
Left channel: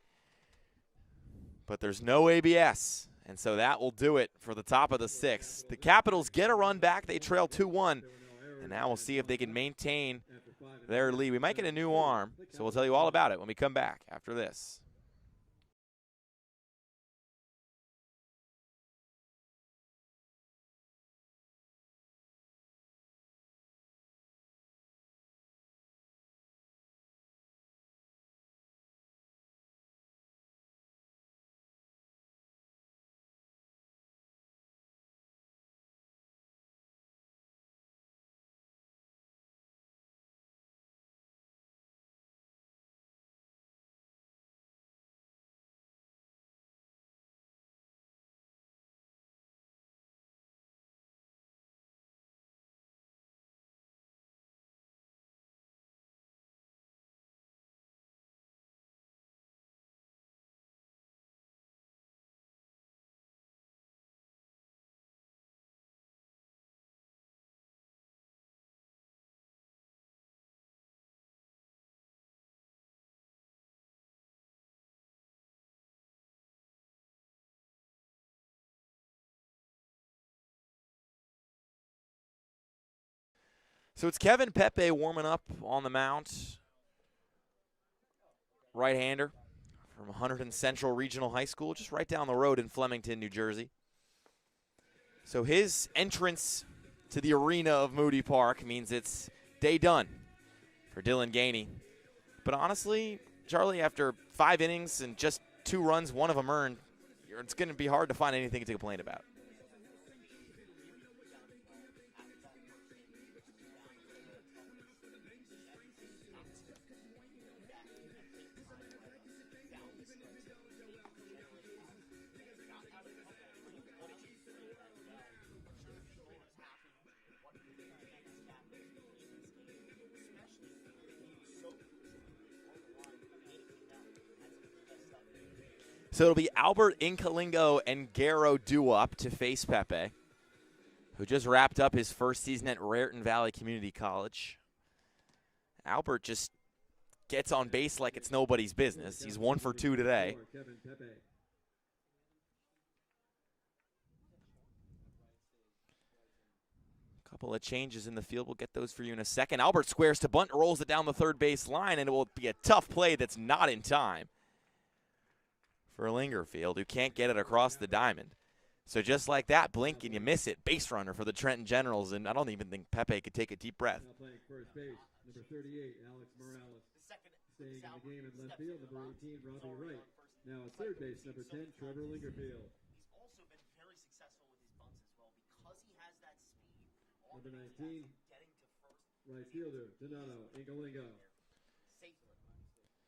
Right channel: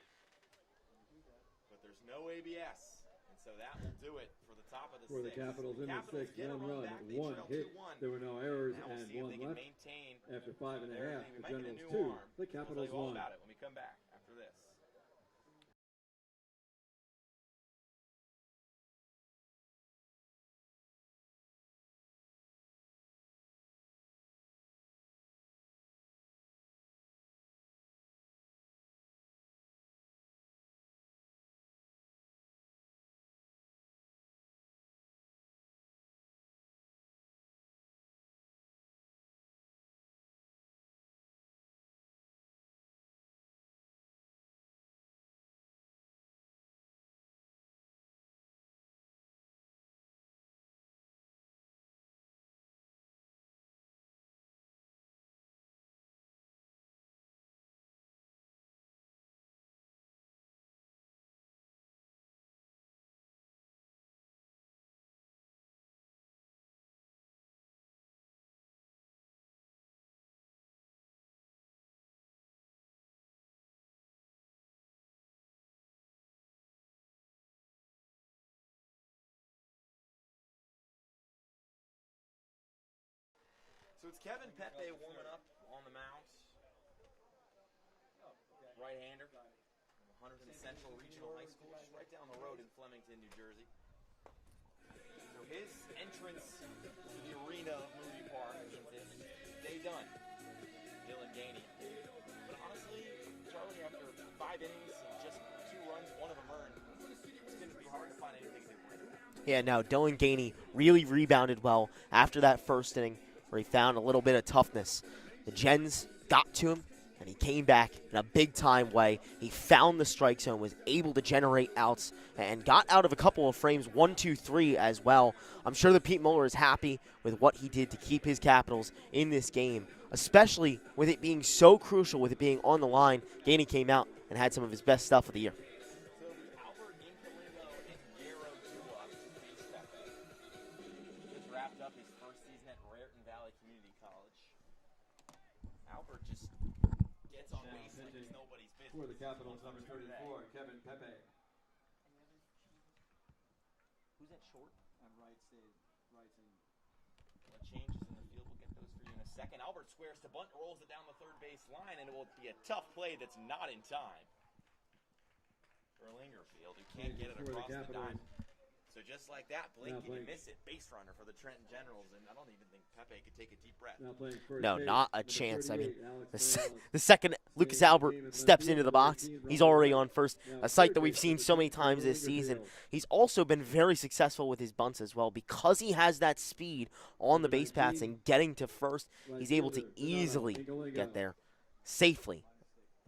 But there's no ABS. And so that will do it for the top of the 6th. The Capitals get a run back. They trail 2-1. And now we'll see if they can maintain their lead. We might get a new arm, so we'll tell you all about it when we come back after this. So it's Kevin Pepe warming up on the mound. Right-hander from Hunterdon Central Regional High School, just right down the road in Flemington, New Jersey. So his entrance to the arena of Moody Park means it's day done for Dylan Gainey. But honestly, Charlie, after 5 innings and just 2 runs, 1 of them earned, it's going to be hard to find anything to complain about. Yeah, no, Dylan Gainey really rebounded well after that first inning, where he found a little bit of toughness. The Gens got to him, and he came back in a big-time way. He found the strike zone, was able to generate outs, and got out of a couple of frames, 1, 2, 3 as well. I'm sure that Pete Muller is happy with what he did to keep his Capitals in this game, especially with it being so crucial, with it being on the line. Gainey came out and had some of his best stuff of the year. So it'll be Albert Incalingo and Garrow Duop to face Pepe, who just wrapped up his first season at Raritan Valley Community College. Albert just gets on base like it's nobody's business. He's 1 for 2 today. Couple of changes in the field. We'll get those for you in a second. Albert squares to bunt, rolls it down the third base line, and it will be a tough play that's not in time for Lingerfield, who can't get it across the diamond. So just like that, blink and you miss it. Base runner for the Trenton Generals, and I don't even think Pepe could take a deep breath. No, not a chance. I mean, the second Lucas Albert steps into the box, he's already on first, a sight that we've seen so many times this season. He's also been very successful with his bunts as well. Because he has that speed on the base paths and getting to first, he's able to easily get there safely.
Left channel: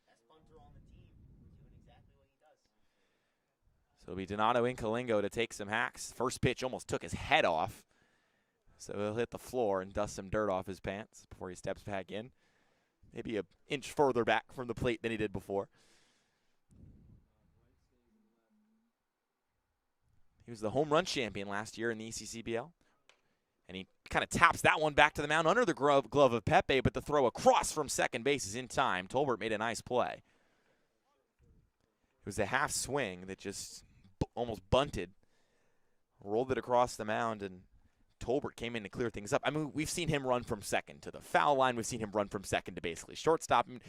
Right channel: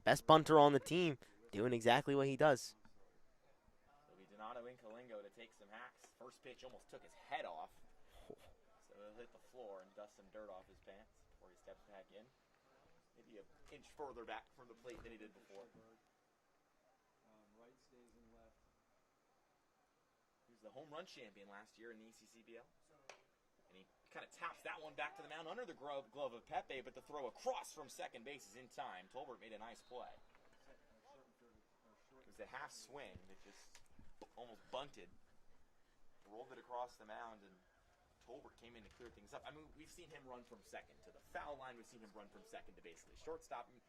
Best bunter on the team, doing exactly what he does. So it'll be Donato Incalingo to take some hacks. First pitch almost took his head off. So he'll hit the floor and dust some dirt off his pants before he steps back in. Maybe an inch further back from the plate than he did before. He was the home run champion last year in the ECCBL. And he kind of taps that one back to the mound under the glove of Pepe, but the throw across from second base is in time. Tolbert made a nice play. It was a half swing that just almost bunted, rolled it across the mound, and Tolbert came in to clear things up. I mean, we've seen him run from second to the foul line. We've seen him run from second to basically shortstop. I mean,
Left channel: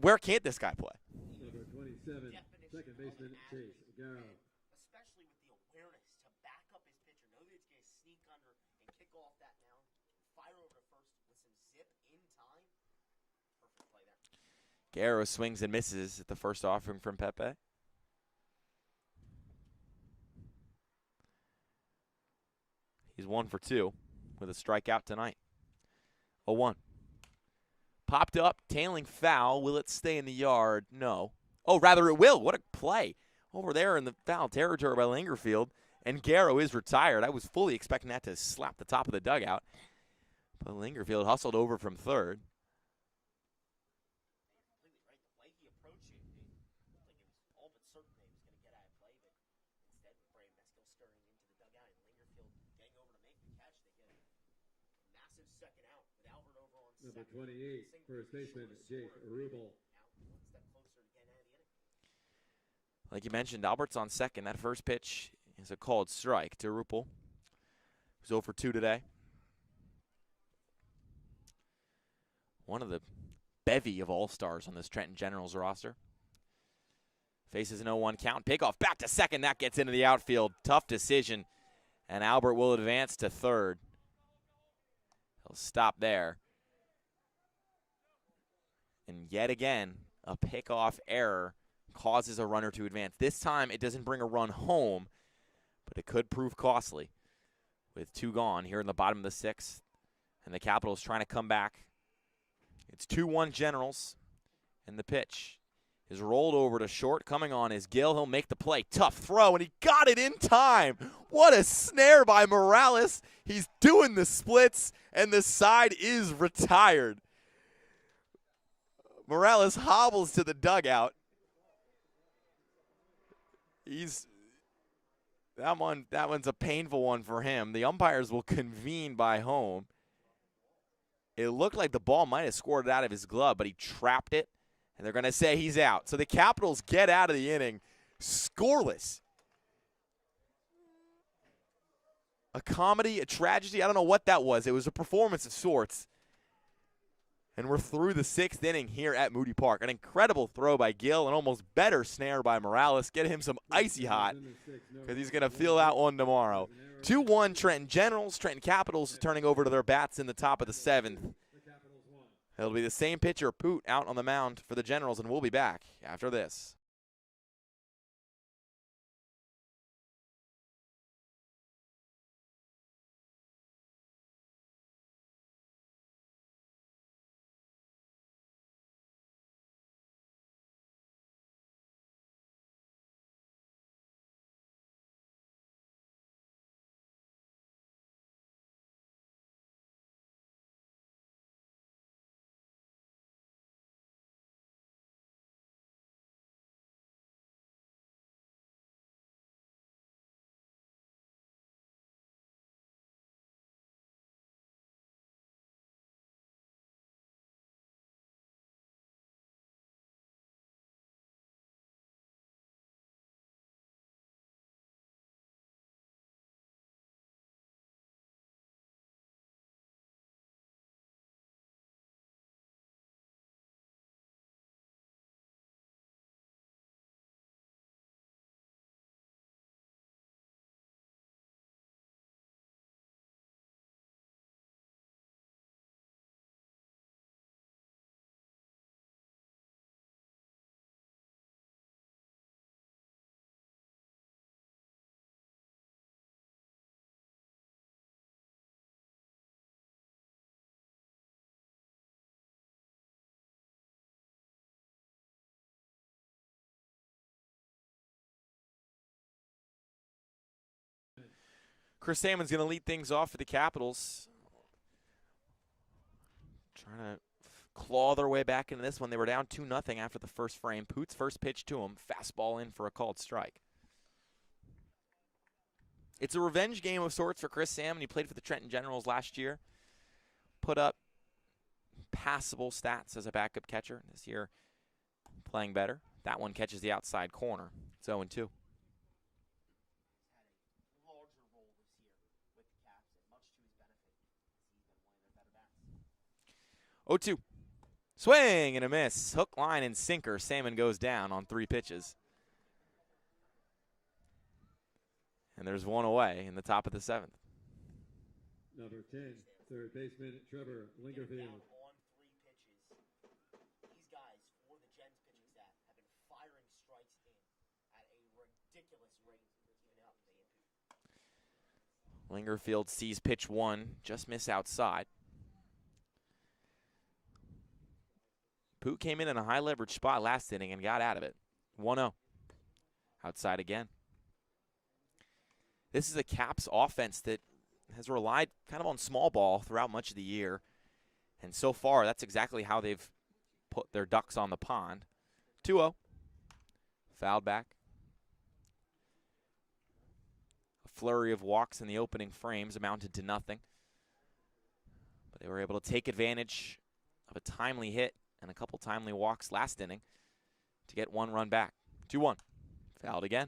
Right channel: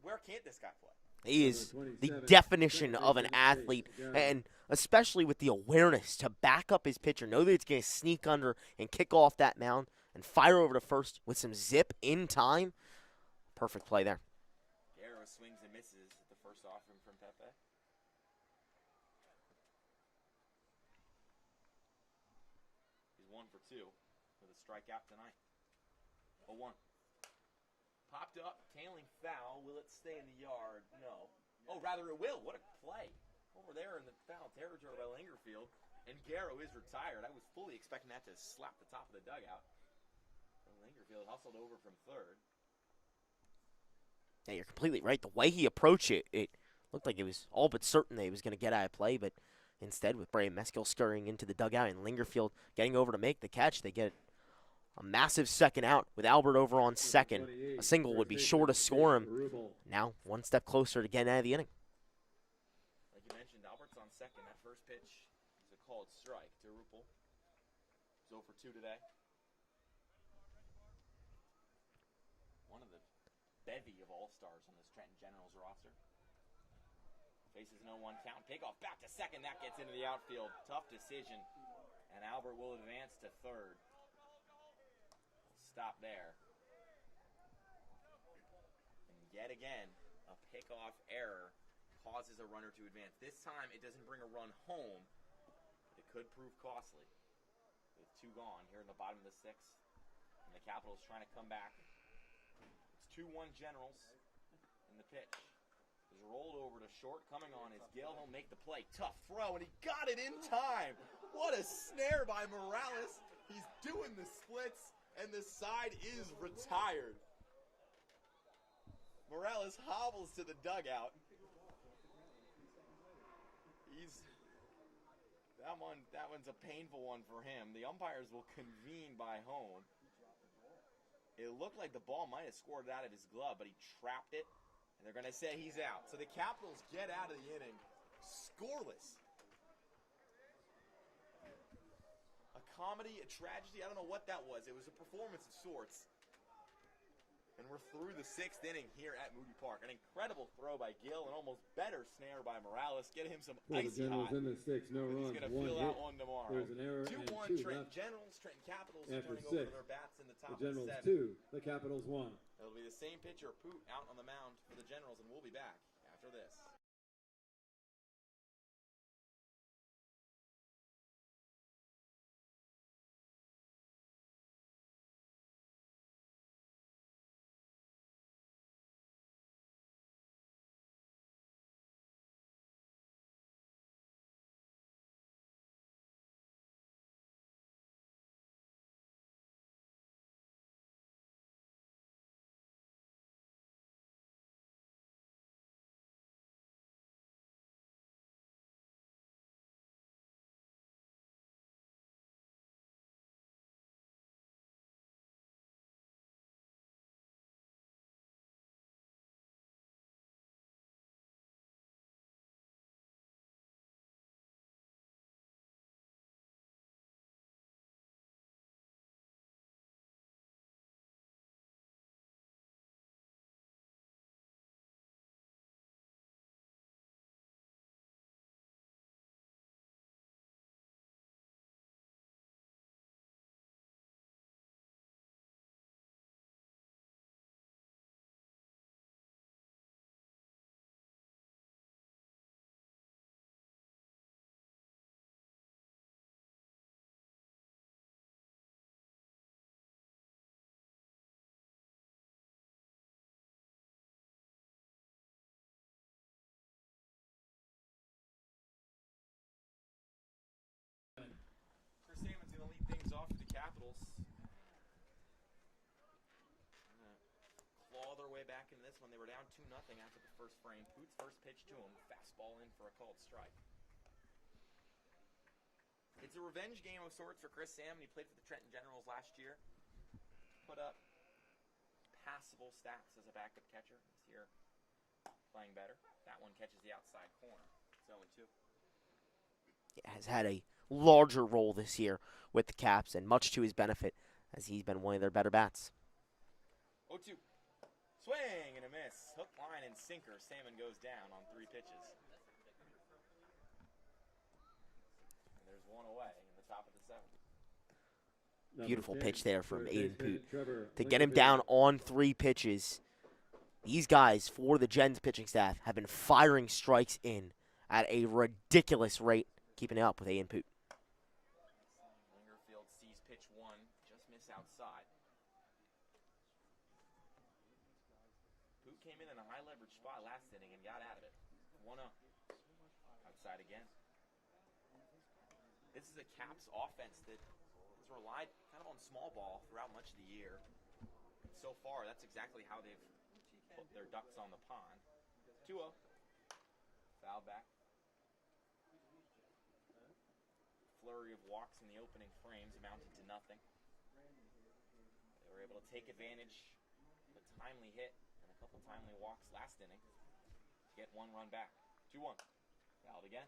where can't this guy play? He is the definition of an athlete, and especially with the awareness to back up his pitcher, know that it's going to sneak under and kick off that mound and fire over to first with some zip in time. Perfect play there. Garrow swings and misses at the first offering from Pepe. He's 1 for 2 with a strikeout tonight. 0-1. Popped up, tailing foul. Will it stay in the yard? No. Oh, rather it will. What a play. Over there in the foul territory by Lingerfield. And Garrow is retired. I was fully expecting that to slap the top of the dugout. But Lingerfield hustled over from third. Yeah, you're completely right. The way he approached it, it looked like it was all but certain that he was going to get out of play, but instead, with Bray Meskill scurrying into the dugout and Lingerfield getting over to make the catch, they get a massive second out with Albert over on second. A single would be sure to score him. Now, one step closer to getting out of the inning. Like you mentioned, Albert's on second. That first pitch is a called strike to Rupel, who's 0 for 2 today. One of the bevy of all-stars on this Trenton Generals roster. Faces an 0-1 count. Pickoff back to second. That gets into the outfield. Tough decision. And Albert will advance to third. He'll stop there. And yet again, a pickoff error causes a runner to advance. This time, it doesn't bring a run home, but it could prove costly. With 2 gone here in the bottom of the 6th. And the Capitals trying to come back. It's 2-1 Generals. And the pitch is rolled over to short. Coming on is Gill. He'll make the play. Tough throw, and he got it in time. What a snare by Morales. He's doing the splits, and the side is retired. Morales hobbles to the dugout. That one's a painful one for him. The umpires will convene by home. It looked like the ball might have scored it out of his glove, but he trapped it, and they're going to say he's out. So the Capitals get out of the inning scoreless. A comedy, a tragedy, I don't know what that was. It was a performance of sorts. And we're through the 6th inning here at Moody Park. An incredible throw by Gill, an almost better snare by Morales. Get him some icy hot because he's going to feel that one tomorrow. 2-1 Trenton Generals. Trenton Capitals turning over to their bats in the top of the 7th. It'll be the same pitcher, Poot, out on the mound for the Generals, and we'll be back after this. Chris Salmon's going to lead things off for the Capitals. Trying to claw their way back into this one. They were down 2-0 after the first frame. Poot's first pitch to him. Fastball in for a called strike. It's a revenge game of sorts for Chris Salmon. He played for the Trenton Generals last year. Put up passable stats as a backup catcher. This year, playing better. That one catches the outside corner. It's 0-2. Has had a larger role this year with the Caps, and much to his benefit, as he's been one of their better bats. 0-2. Swing and a miss. Hook, line, and sinker. Salmon goes down on 3 pitches. And there's one away in the top of the 7th. Beautiful pitch there from Aiden Poot to get him down on 3 pitches. These guys, for the Gens pitching staff, have been firing strikes in at a ridiculous rate, keeping it up with Aiden Poot. Lingerfield sees pitch one, just miss outside. Poot came in a high leverage spot last inning and got out of it. 1-0. Outside again. This is a Caps offense that has relied kind of on small ball throughout much of the year. And so far, that's exactly how they've put their ducks on the pond. 2-0. Fouled back. A flurry of walks in the opening frames amounted to nothing. But they were able to take advantage of a timely hit and a couple timely walks last inning to get one run back. 2-1. Fouled again.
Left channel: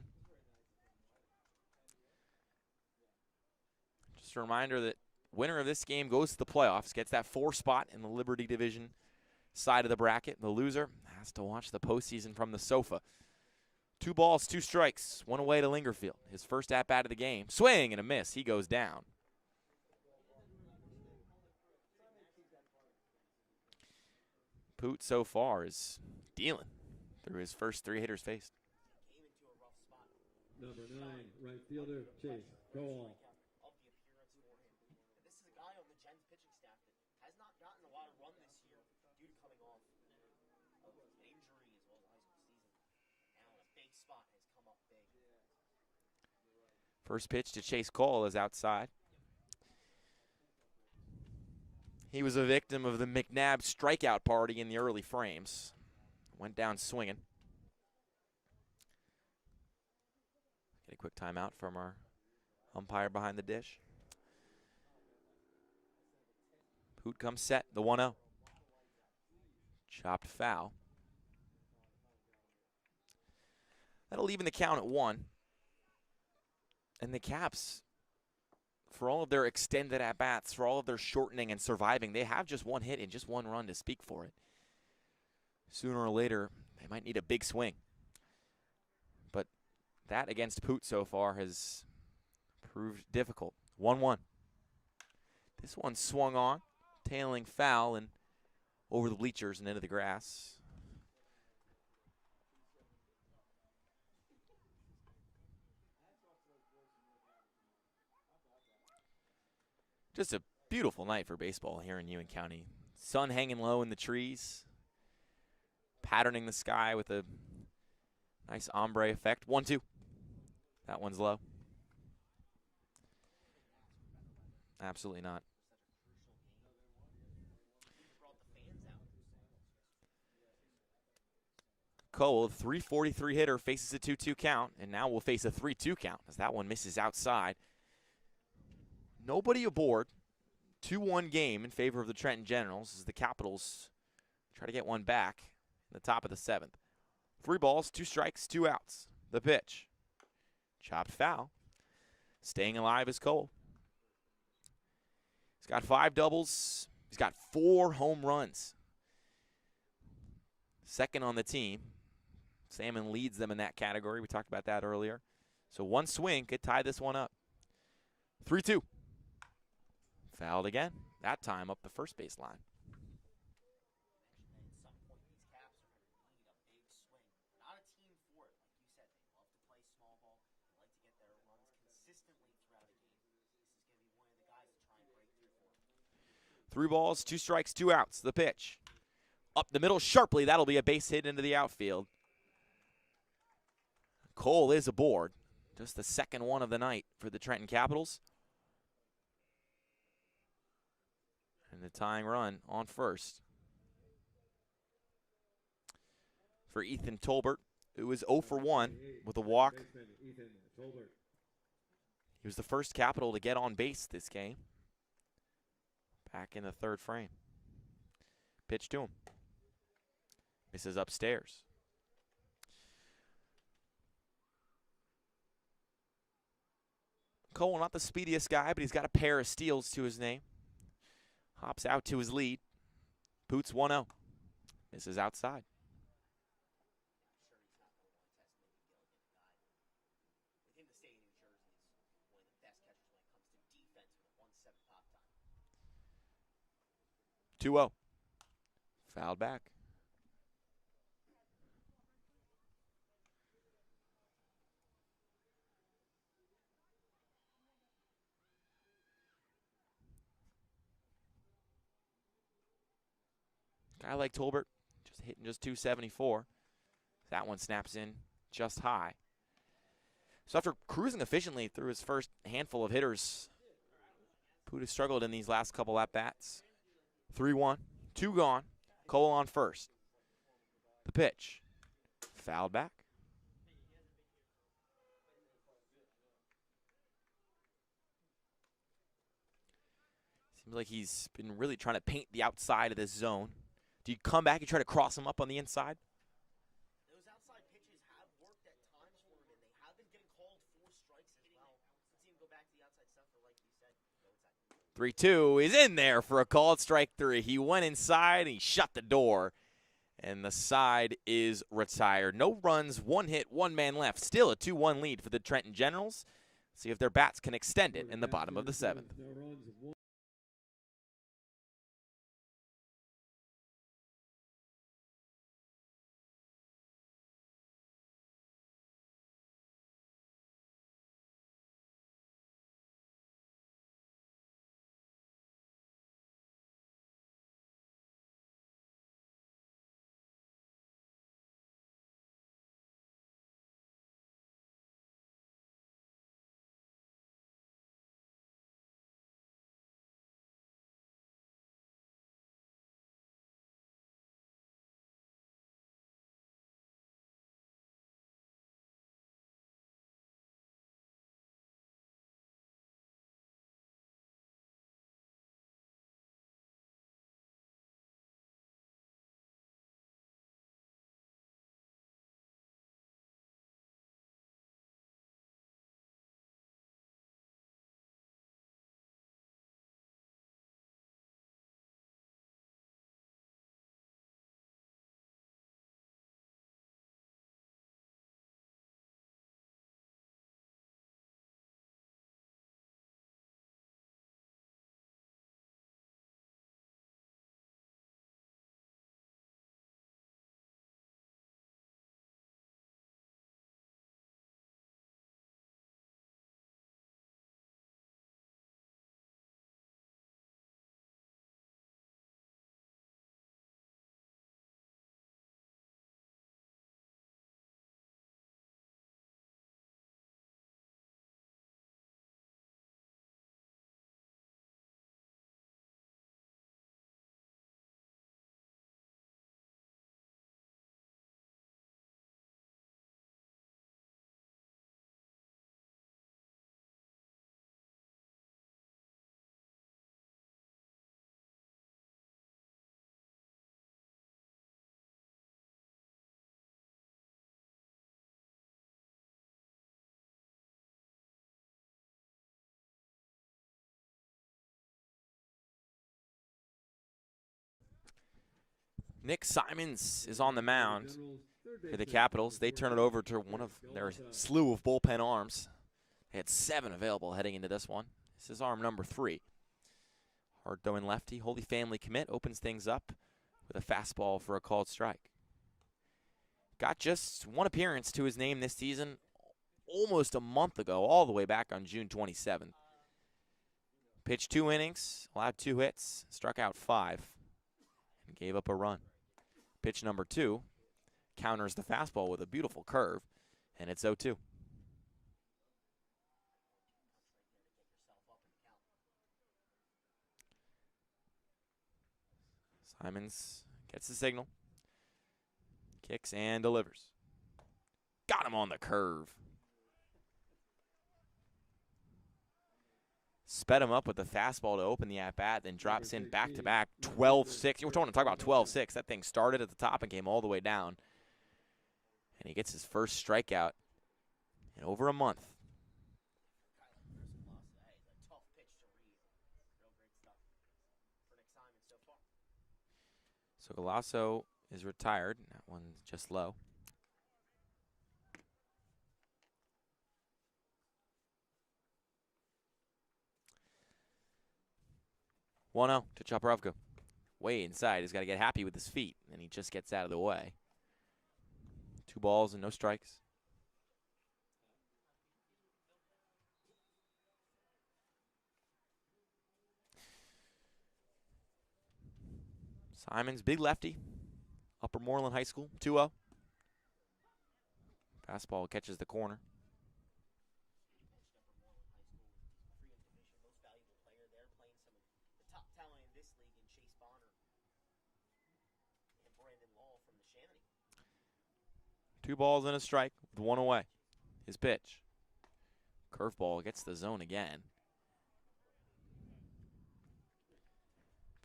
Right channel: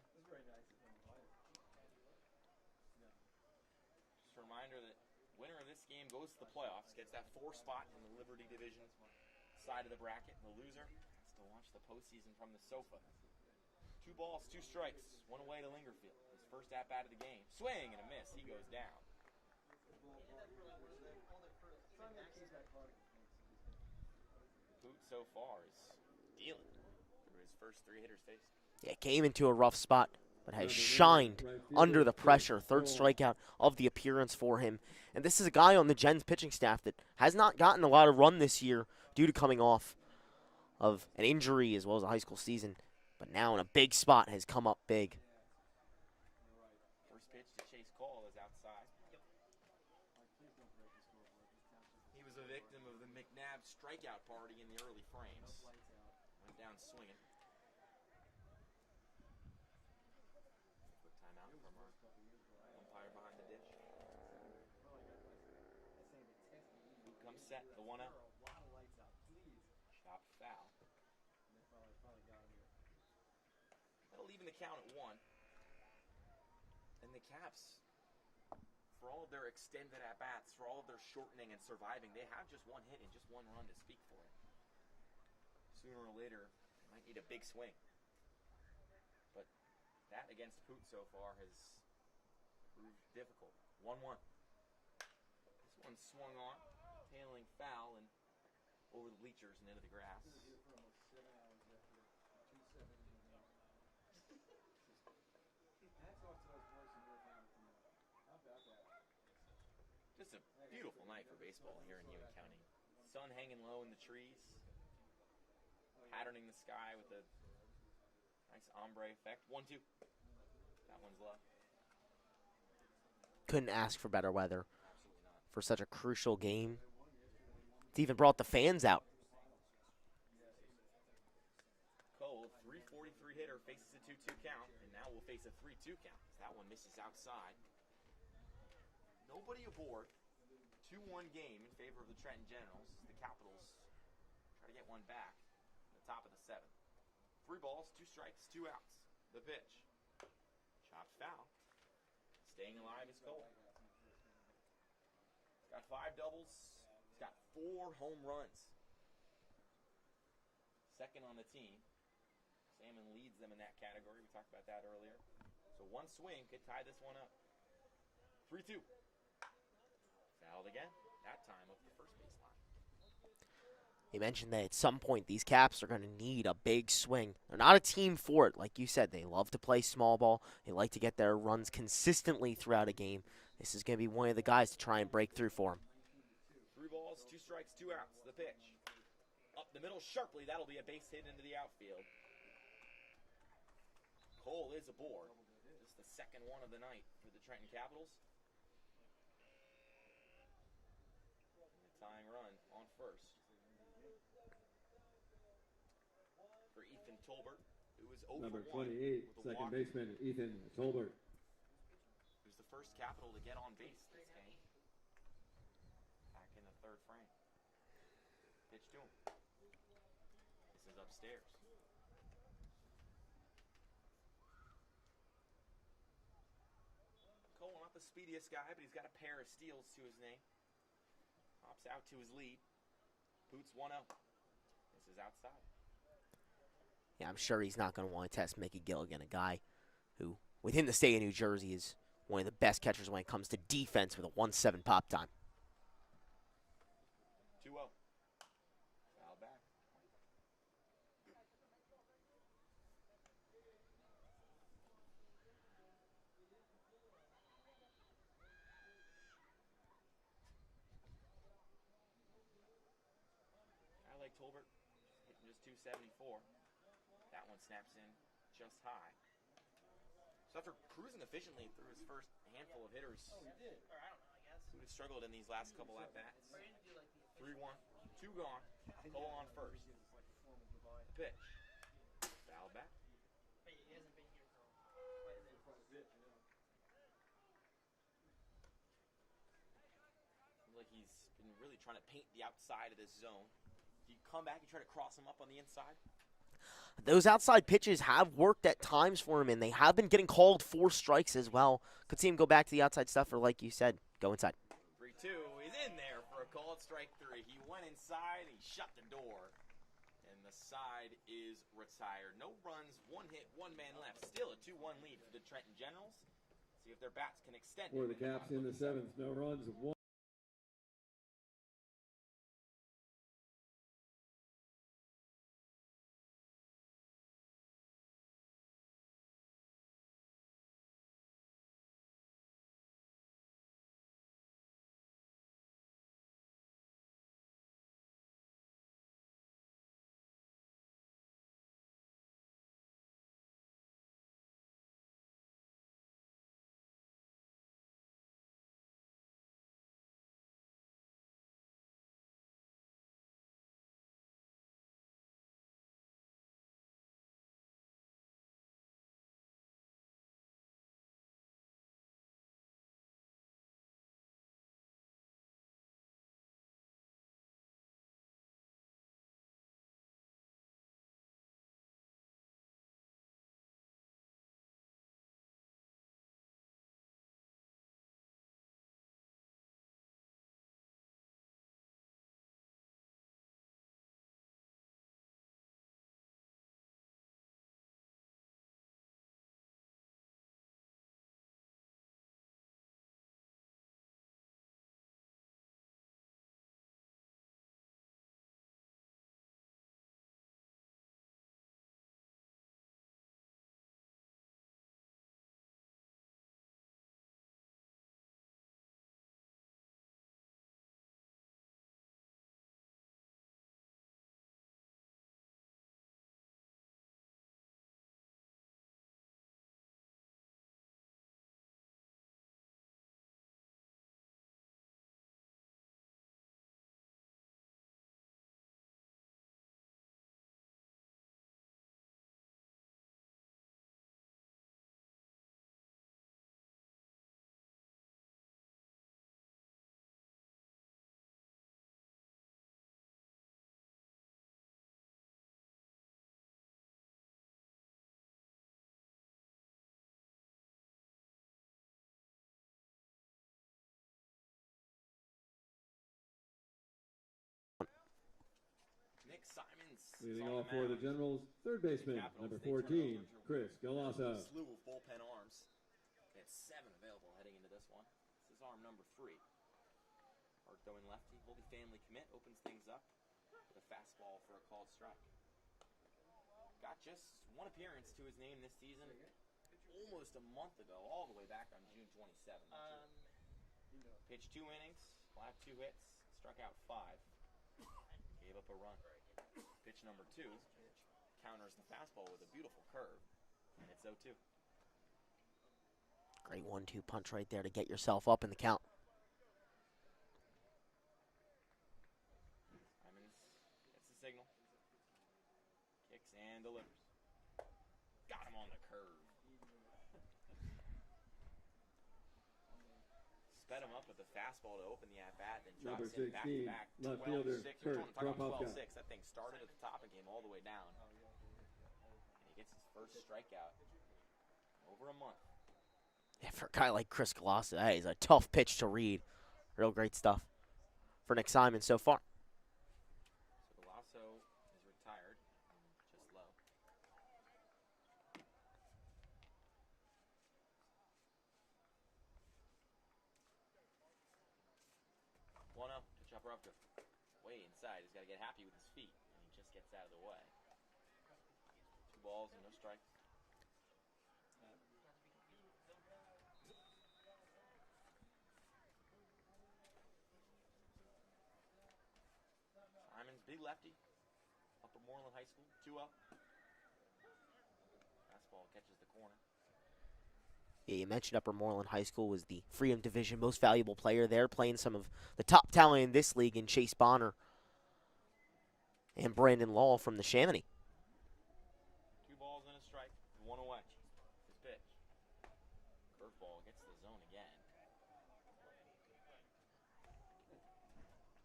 Just a reminder that winner of this game goes to the playoffs, gets that 4 spot in the Liberty Division side of the bracket. The loser has to watch the postseason from the sofa. 2 balls, 2 strikes, 1 away to Lingerfield. His first at-bat of the game. Swing and a miss. He goes down. Poot so far is dealing through his first 3 hitters faced. Yeah, came into a rough spot, but has shined under the pressure. 3rd strikeout of the appearance for him. And this is a guy on the Gens pitching staff that has not gotten a lot of run this year due to coming off of an injury as well as a high school season. But now in a big spot has come up big. First pitch to Chase Cole is outside. He was a victim of the McNabb strikeout party in the early frames. Went down swinging. Get a quick timeout from our umpire behind the dish. Poot comes set, the 1-0. Chopped foul. That'll even the count at 1. And the Caps, for all of their extended at-bats, for all of their shortening and surviving, they have just 1 hit and just 1 run to speak for it. Sooner or later, they might need a big swing. But that against Poot so far has proved difficult. 1-1. This one swung on, tailing foul and over the bleachers and into the grass. Just a beautiful night for baseball here in Ewing County. Sun hanging low in the trees, patterning the sky with a nice ombre effect. 1-2. That one's low. Couldn't ask for better weather. Absolutely not. For such a crucial game. It's even brought the fans out. Cole, a .343 hitter, faces a 2-2 count, and now will face a 3-2 count as that one misses outside. Nobody aboard. 2-1 game in favor of the Trenton Generals as the Capitals try to get one back in the top of the 7th. 3 balls, 2 strikes, 2 outs. The pitch. Chopped foul. Staying alive is Cole. He's got 5 doubles. He's got 4 home runs. Second on the team. Salmon leads them in that category. We talked about that earlier. So 1 swing could tie this one up. 3-2. Fouled again, that time up the first base line. You mentioned that at some point these Caps are going to need a big swing. They're not a team for it. Like you said, they love to play small ball. They like to get their runs consistently throughout a game. This is going to be one of the guys to try and break through for them. 3 balls, 2 strikes, 2 outs. The pitch. Up the middle sharply. That'll be a base hit into the outfield. Cole is aboard. Just the second one of the night for the Trenton Capitals. And the tying run on first. For Ethan Tolbert, who was 0 for 1 with a walk. He was the first Capital to get on base this game. Back in the 3rd frame. Pitch to him. Misses upstairs. Cole, not the speediest guy, but he's got a pair of steals to his name. Hops out to his lead. Poot's 1-0. Misses outside. Yeah, I'm sure he's not going to want to test Mickey Gilligan, a guy who, within the state of New Jersey, is one of the best catchers when it comes to defense with a 1-7 pop time. 2-0. Fouled back. guy like Tolbert just hitting just 274. That one snaps in just high. So after cruising efficiently through his first handful of hitters, Puda struggled in these last couple at-bats. 3-1, 2 gone, Cole on first. The pitch, fouled back. Seems like he's been really trying to paint the outside of this zone. Do you come back and try to cross him up on the inside? Those outside pitches have worked at times for him, and they have been getting called for strikes as well. Could see him go back to the outside stuff, or like you said, go inside. 3-2 is in there for a called strike 3. He went inside and he shut the door, and the side is retired. No runs, 1 hit, 1 man left. Still a 2-1 lead for the Trenton Generals. See if their bats can extend it in the bottom of the 7th. Nick Simons is on the mound for the Capitals. They turn it over to one of their slew of bullpen arms. They had 7 available heading into this one. This is arm number 3. Hard throwing lefty, Holy Family commit, opens things up with a fastball for a called strike. Got just 1 appearance to his name this season almost a month ago, all the way back on June 27th. Pitched 2 innings, allowed 2 hits, struck out 5, and gave up a run. Pitch number 2 counters the fastball with a beautiful curve, and it's 0-2. Great 1-2 punch right there to get yourself up in the count. Simons gets the signal, kicks and delivers. Got him on the curve. Sped him up with the fastball to open the at-bat, then drops in back-to-back, 12-6. We're talking about 12-6. That thing started at the top and came all the way down. And he gets his first strikeout in over a month. Yeah, for a guy like Chris Colosso, that is a tough pitch to read. Real great stuff for Nick Simon so far. So Colosso is retired. That one's just low. One-0 to Chaparovka. Way inside. He's got to get happy with his feet, and he just gets out of the way. 2 balls and no strikes. Simons, big lefty. Upper Moreland High School, 2-0. Fastball catches the corner. Yeah, you mentioned Upper Moreland High School was the Freedom Division most valuable player there, playing some of the top talent in this league in Chase Bonner and Brandon Law from the Chamonix. 2 balls and a strike with 1 away. His pitch. Curveball gets the zone again.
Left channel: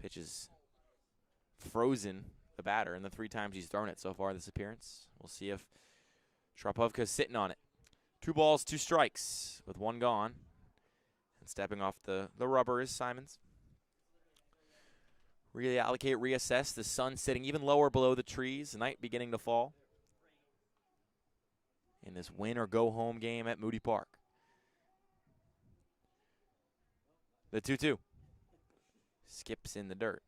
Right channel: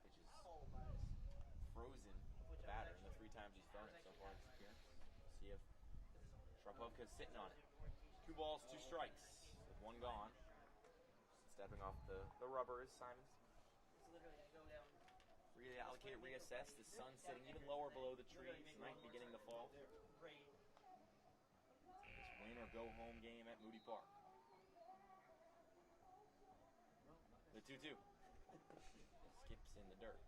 Pitch is frozen the batter in the 3 times he's thrown it so far this appearance. We'll see if Sharpovka's sitting on it. 2 balls, 2 strikes with 1 gone. And stepping off the rubber is Simons. Reallocate, reassess. The sun sitting even lower below the trees. The night beginning to fall. In this win or go home game at Moody Park. The 2-2. Skips in the dirt.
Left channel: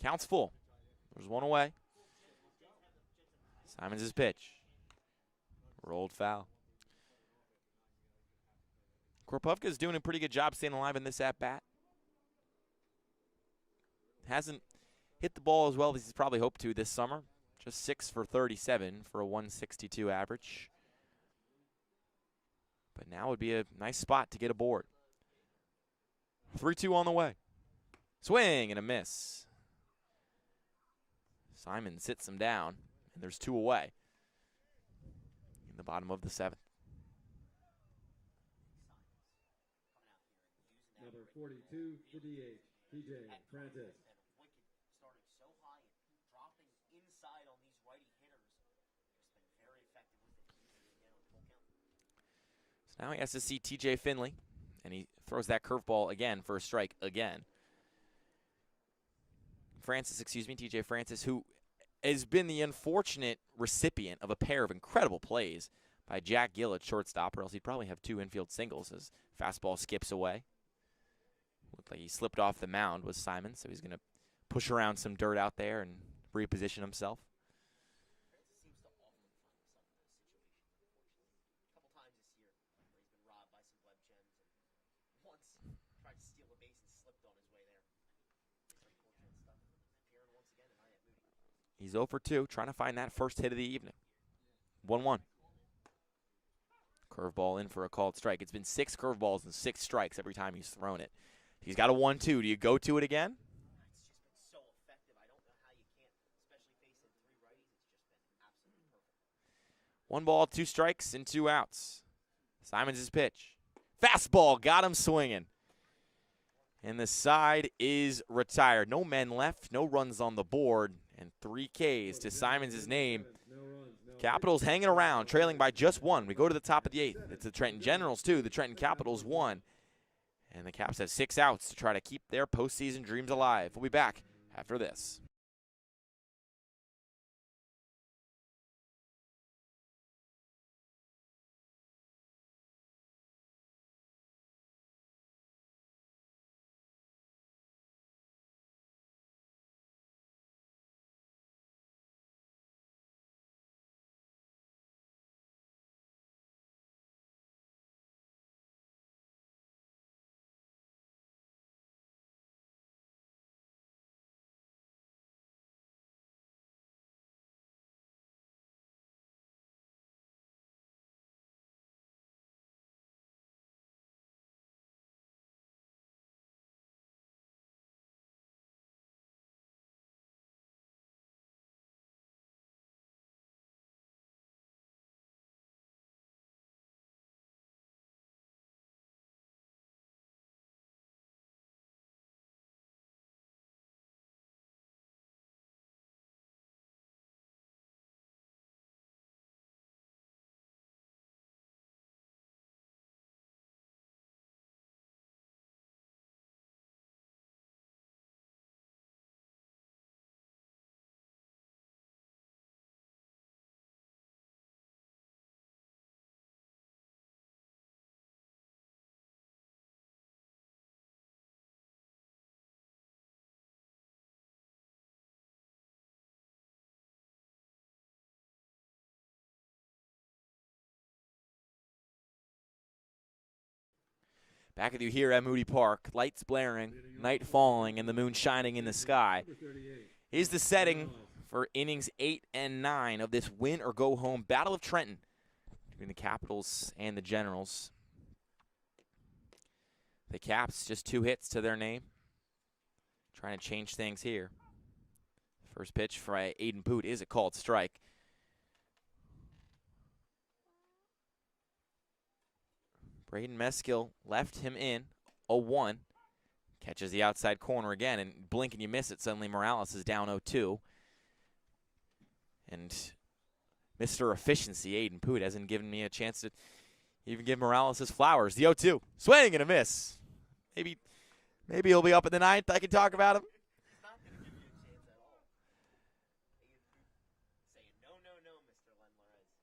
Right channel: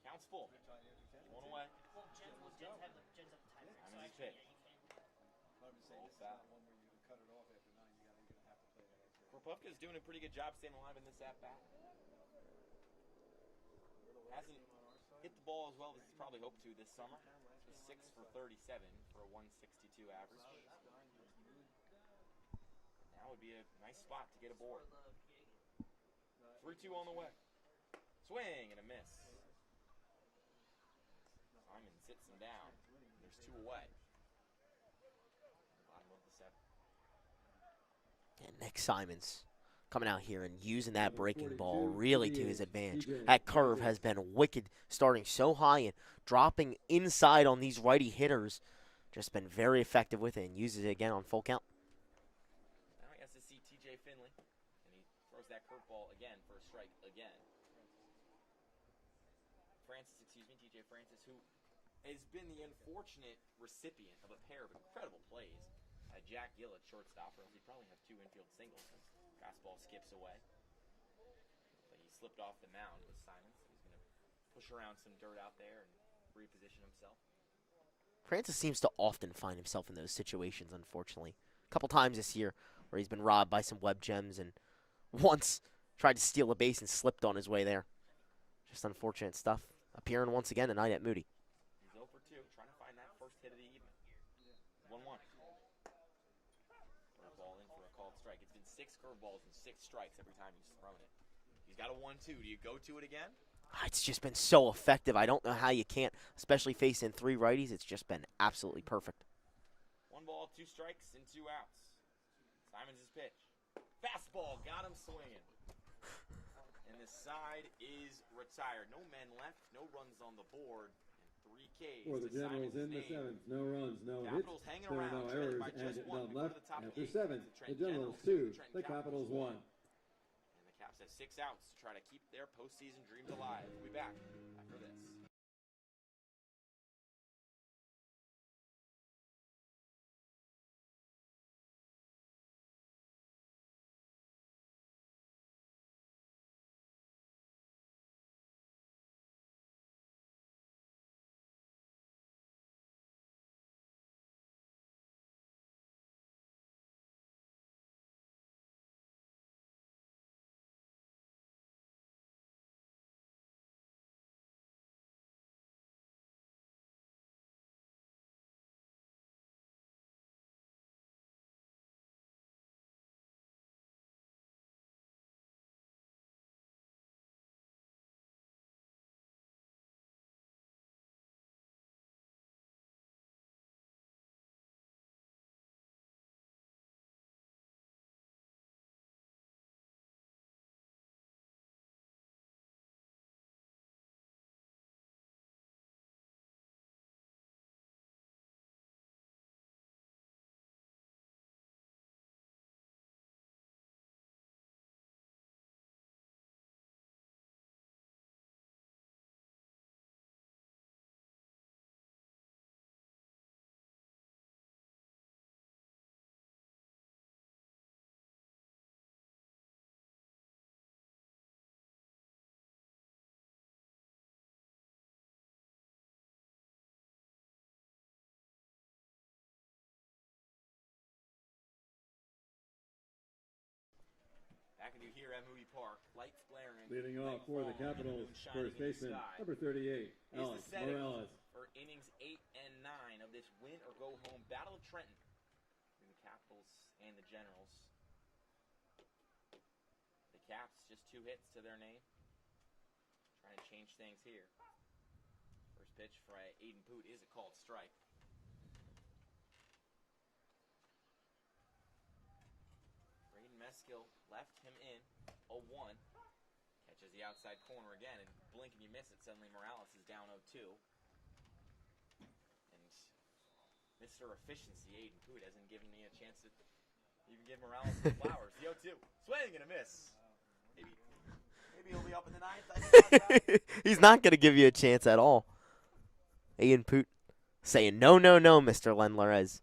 Counts full. There's 1 away. Simons' pitch. Rolled foul. Kropovka's doing a pretty good job staying alive in this at-bat. Hasn't hit the ball as well as he's probably hoped to this summer. Just 6 for 37 for a 162 average. But now would be a nice spot to get aboard. 3-2 on the way. Swing and a miss. Simon sits him down, and there's 2 away in the bottom of the 7th. And Nick Simons coming out here and using that breaking ball really to his advantage. That curve has been wicked, starting so high and dropping inside on these righty hitters. Just been very effective with it and uses it again on full count. So now he has to see TJ Finley, and he throws that curveball again for a strike again. TJ Francis, who has been the unfortunate recipient of a pair of incredible plays by Jack Gill at shortstop, or else he'd probably have 2 infield singles as fastball skips away. Looked like he slipped off the mound with Simon, so he's going to push around some dirt out there and reposition himself. Francis seems to often find himself in those situations, unfortunately. A couple times this year where he's been robbed by some web gems and once tried to steal a base and slipped on his way there. Just unfortunate stuff. Appearing once again tonight at Moody. He's 0 for 2, trying to find that first hit of the evening. 1-1. Curveball in for a called strike. It's been 6 curveballs and 6 strikes every time he's thrown it. He's got a 1-2. Do you go to it again? It's just been so effective. I don't know how you can't, especially facing 3 righties. It's just been absolutely perfect. 1 ball, 2 strikes, and 2 outs. Simons' pitch. Fastball got him swinging. And the side is retired. No men left, no runs on the board, and 3 Ks to Simons' name. Capitals hanging around, trailing by just 1. We go to the top of the 8th. It's the Trenton Generals 2, the Trenton Capitals 1. And the Caps have 6 outs to try to keep their postseason dreams alive. We'll be back after this. Back with you here at Moody Park. Lights blaring, night falling, and the moon shining in the sky. Here's the setting for innings 8 and 9 of this win or go home Battle of Trenton between the Capitals and the Generals. The Caps just 2 hits to their name. Trying to change things here. First pitch for Aiden Poot is a called strike. Braden Meskill left him in 0-1. Catches the outside corner again, and blink and you miss it. Suddenly Morales is down 0-2. And Mr. Efficiency, Aiden Poot, hasn't given me a chance to even give Morales his flowers. The 0-2. Swing and a miss. Maybe he'll be up at the 9th. I can talk about him. He's not going to give you a chance at all. Aiden Poot saying, no, no, no, Mr. Lendler. As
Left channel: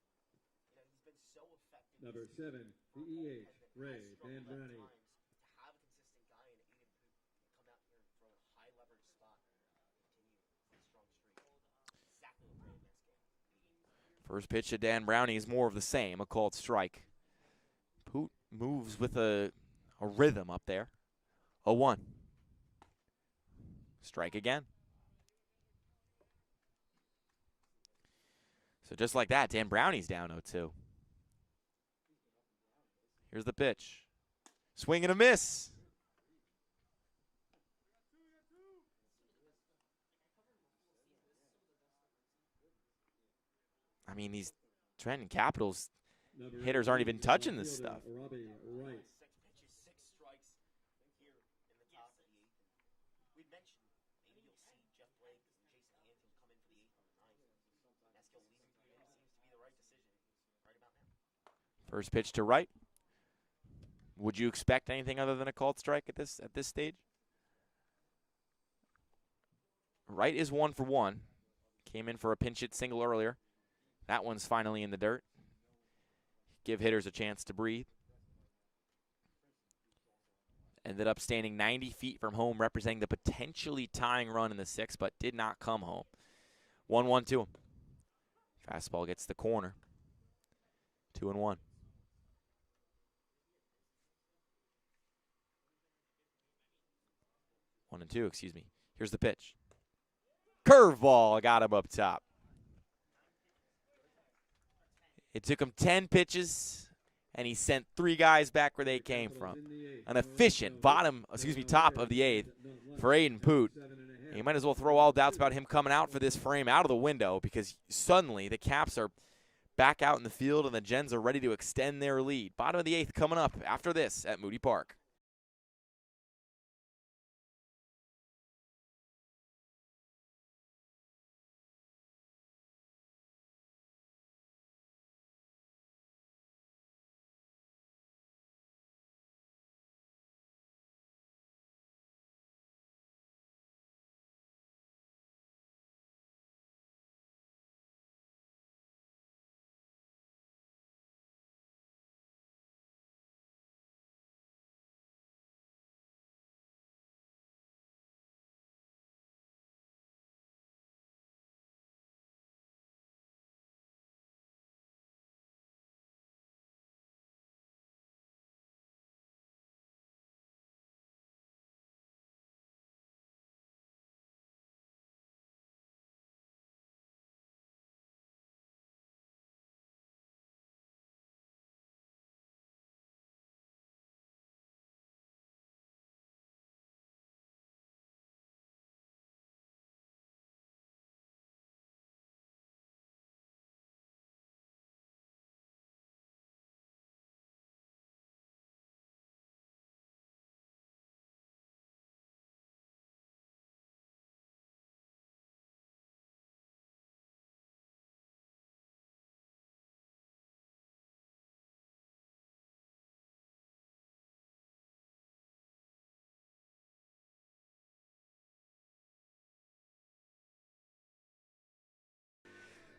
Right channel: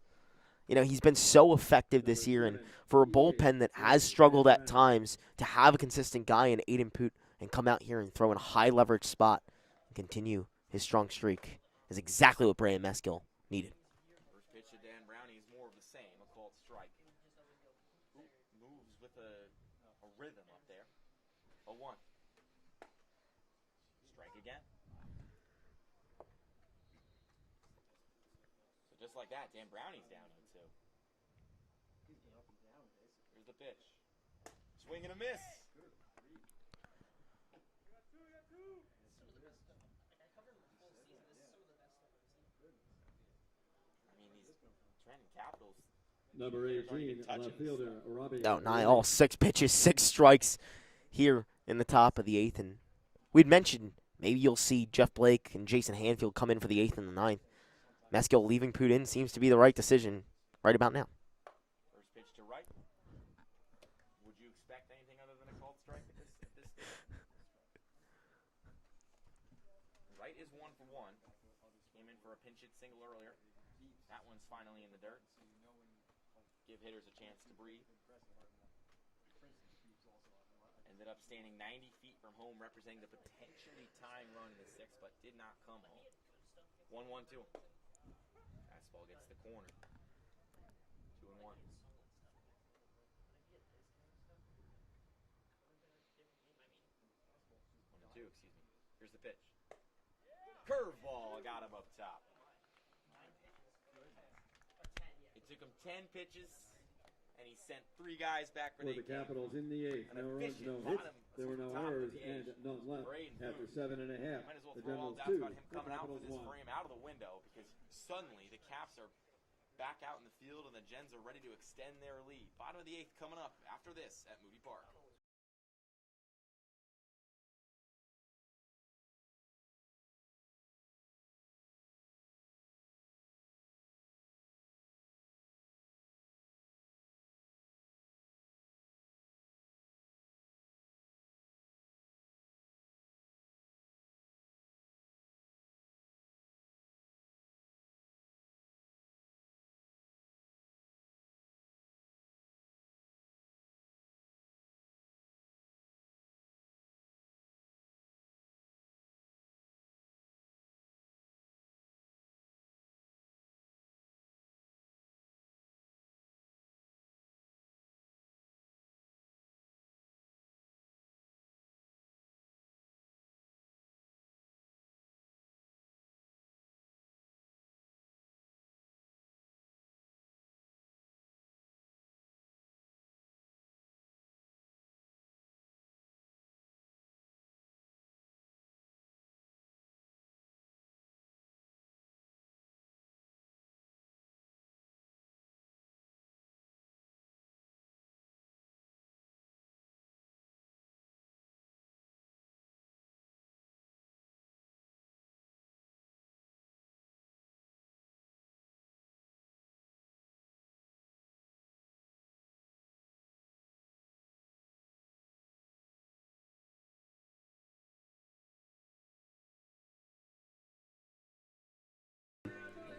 you know, he's been so effective this year, and for a bullpen that has struggled at times, to have a consistent guy in Aiden Poot and come out here and throw in a high-leverage spot and continue his strong streak is exactly what Braden Meskill needed. First pitch to Dan Brownie is more of the same, a called strike. Poot moves with a rhythm up there. 0-1. Strike again. So just like that, Dan Brownie's down 0-2. Here's the pitch. Swing and a miss. I mean, these Trenton Capitals hitters aren't even touching this stuff. No, not at all. 6 pitches, 6 strikes here in the top of the 8th. And we'd mentioned maybe you'll see Jeff Blake and Jason Hanfield come in for the 8th and the 9th. Meskill leaving Poot in seems to be the right decision right about now. First pitch to right. Would you expect anything other than a called strike at this stage? Right is 1 for 1. Came in for a pinch hit single earlier. That one's finally in the dirt. Give hitters a chance to breathe. Ended up standing 90 feet from home, representing the potentially tying run in the 6th, but did not come home. 1-1 to him. Fastball gets the corner. 2-1. 1-2, excuse me. Here's the pitch. Curveball got him up top. It took him 10 pitches, and he sent 3 guys back where they came from. An efficient top of the 8th for Aiden Poot. You might as well throw all doubts about him coming out for this frame out of the window, because suddenly the Caps are back out in the field and the Gens are ready to extend their lead. Bottom of the 8th coming up after this at Moody Park.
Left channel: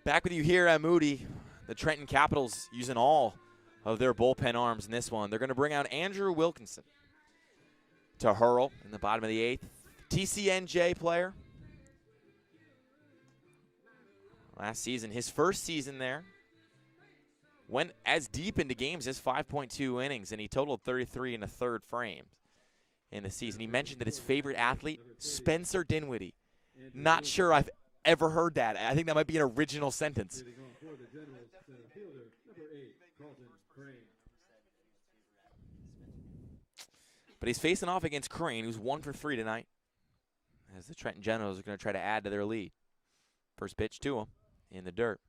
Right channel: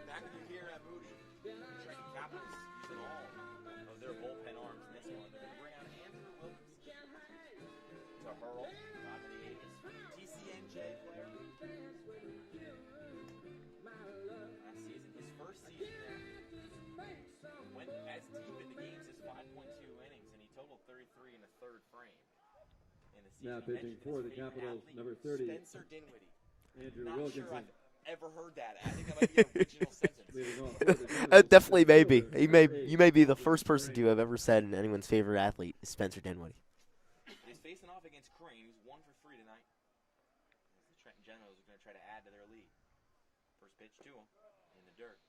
Back with you here at Moody. The Trenton Capitals using all of their bullpen arms in this one. They're going to bring out Andrew Wilkinson to hurl in the bottom of the 8th. TCNJ player. Last season, his first season there. went as deep into games as 5.2 innings, and he totaled 33 and a third frames in the season. He mentioned that his favorite athlete, Spencer Dinwiddie. Not sure I've ever heard that. I think that might be an original sentence. Definitely may be. You may be the first person to have ever said anyone's favorite athlete is Spencer Dinwiddie. But he's facing off against Crane, who's 1 for 3 tonight, as the Trenton Generals are going to try to add to their lead. First pitch to him in the dirt.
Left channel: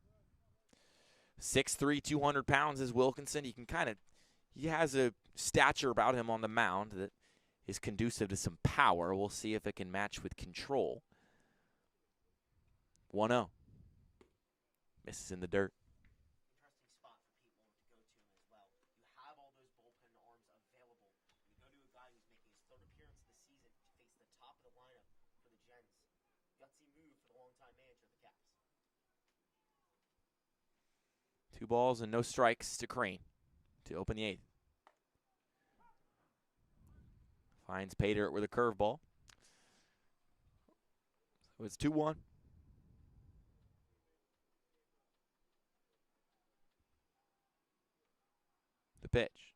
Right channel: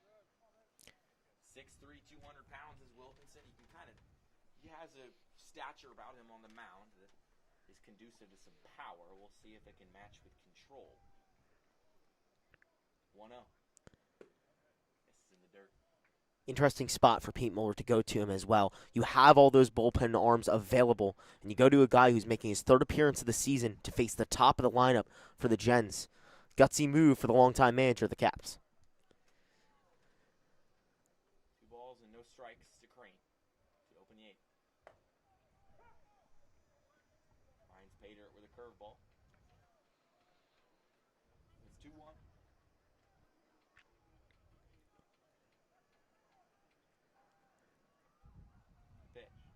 6'3", 200 pounds is Wilkinson. He has a stature about him on the mound that is conducive to some power. We'll see if it can match with control. 1-0. Misses in the dirt. Interesting spot for Pete Muller to go to him as well. You have all those bullpen arms available, and you go to a guy who's making his 3rd appearance of the season to face the top of the lineup for the Gens. Gutsy move for the longtime manager of the Caps. 2 balls and no strikes to Crane to open the 8th. Finds Pater with a curveball. So it's 2-1. The pitch.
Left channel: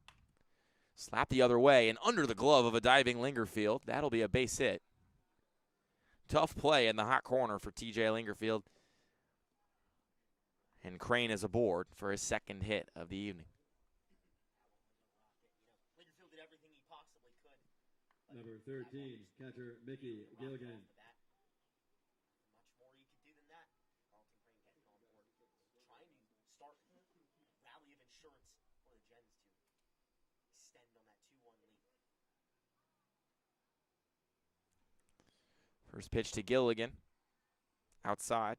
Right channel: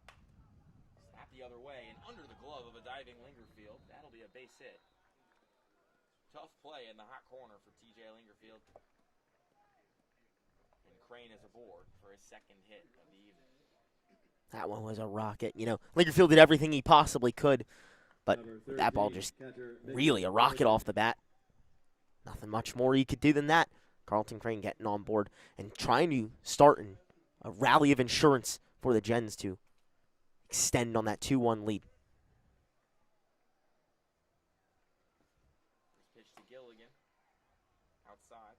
Slap the other way and under the glove of a diving Lingerfield. That'll be a base hit. Tough play in the hot corner for TJ Lingerfield. And Crane is aboard for his 2nd hit of the evening. That one was a rocket. You know, Lingerfield did everything he possibly could, but that ball just really a rocket off the bat. Nothing much more you could do than that. Carlton Crane getting on board and trying to start a rally of insurance for the Gens to extend on that 2-1 lead. First pitch to Gilligan. Outside.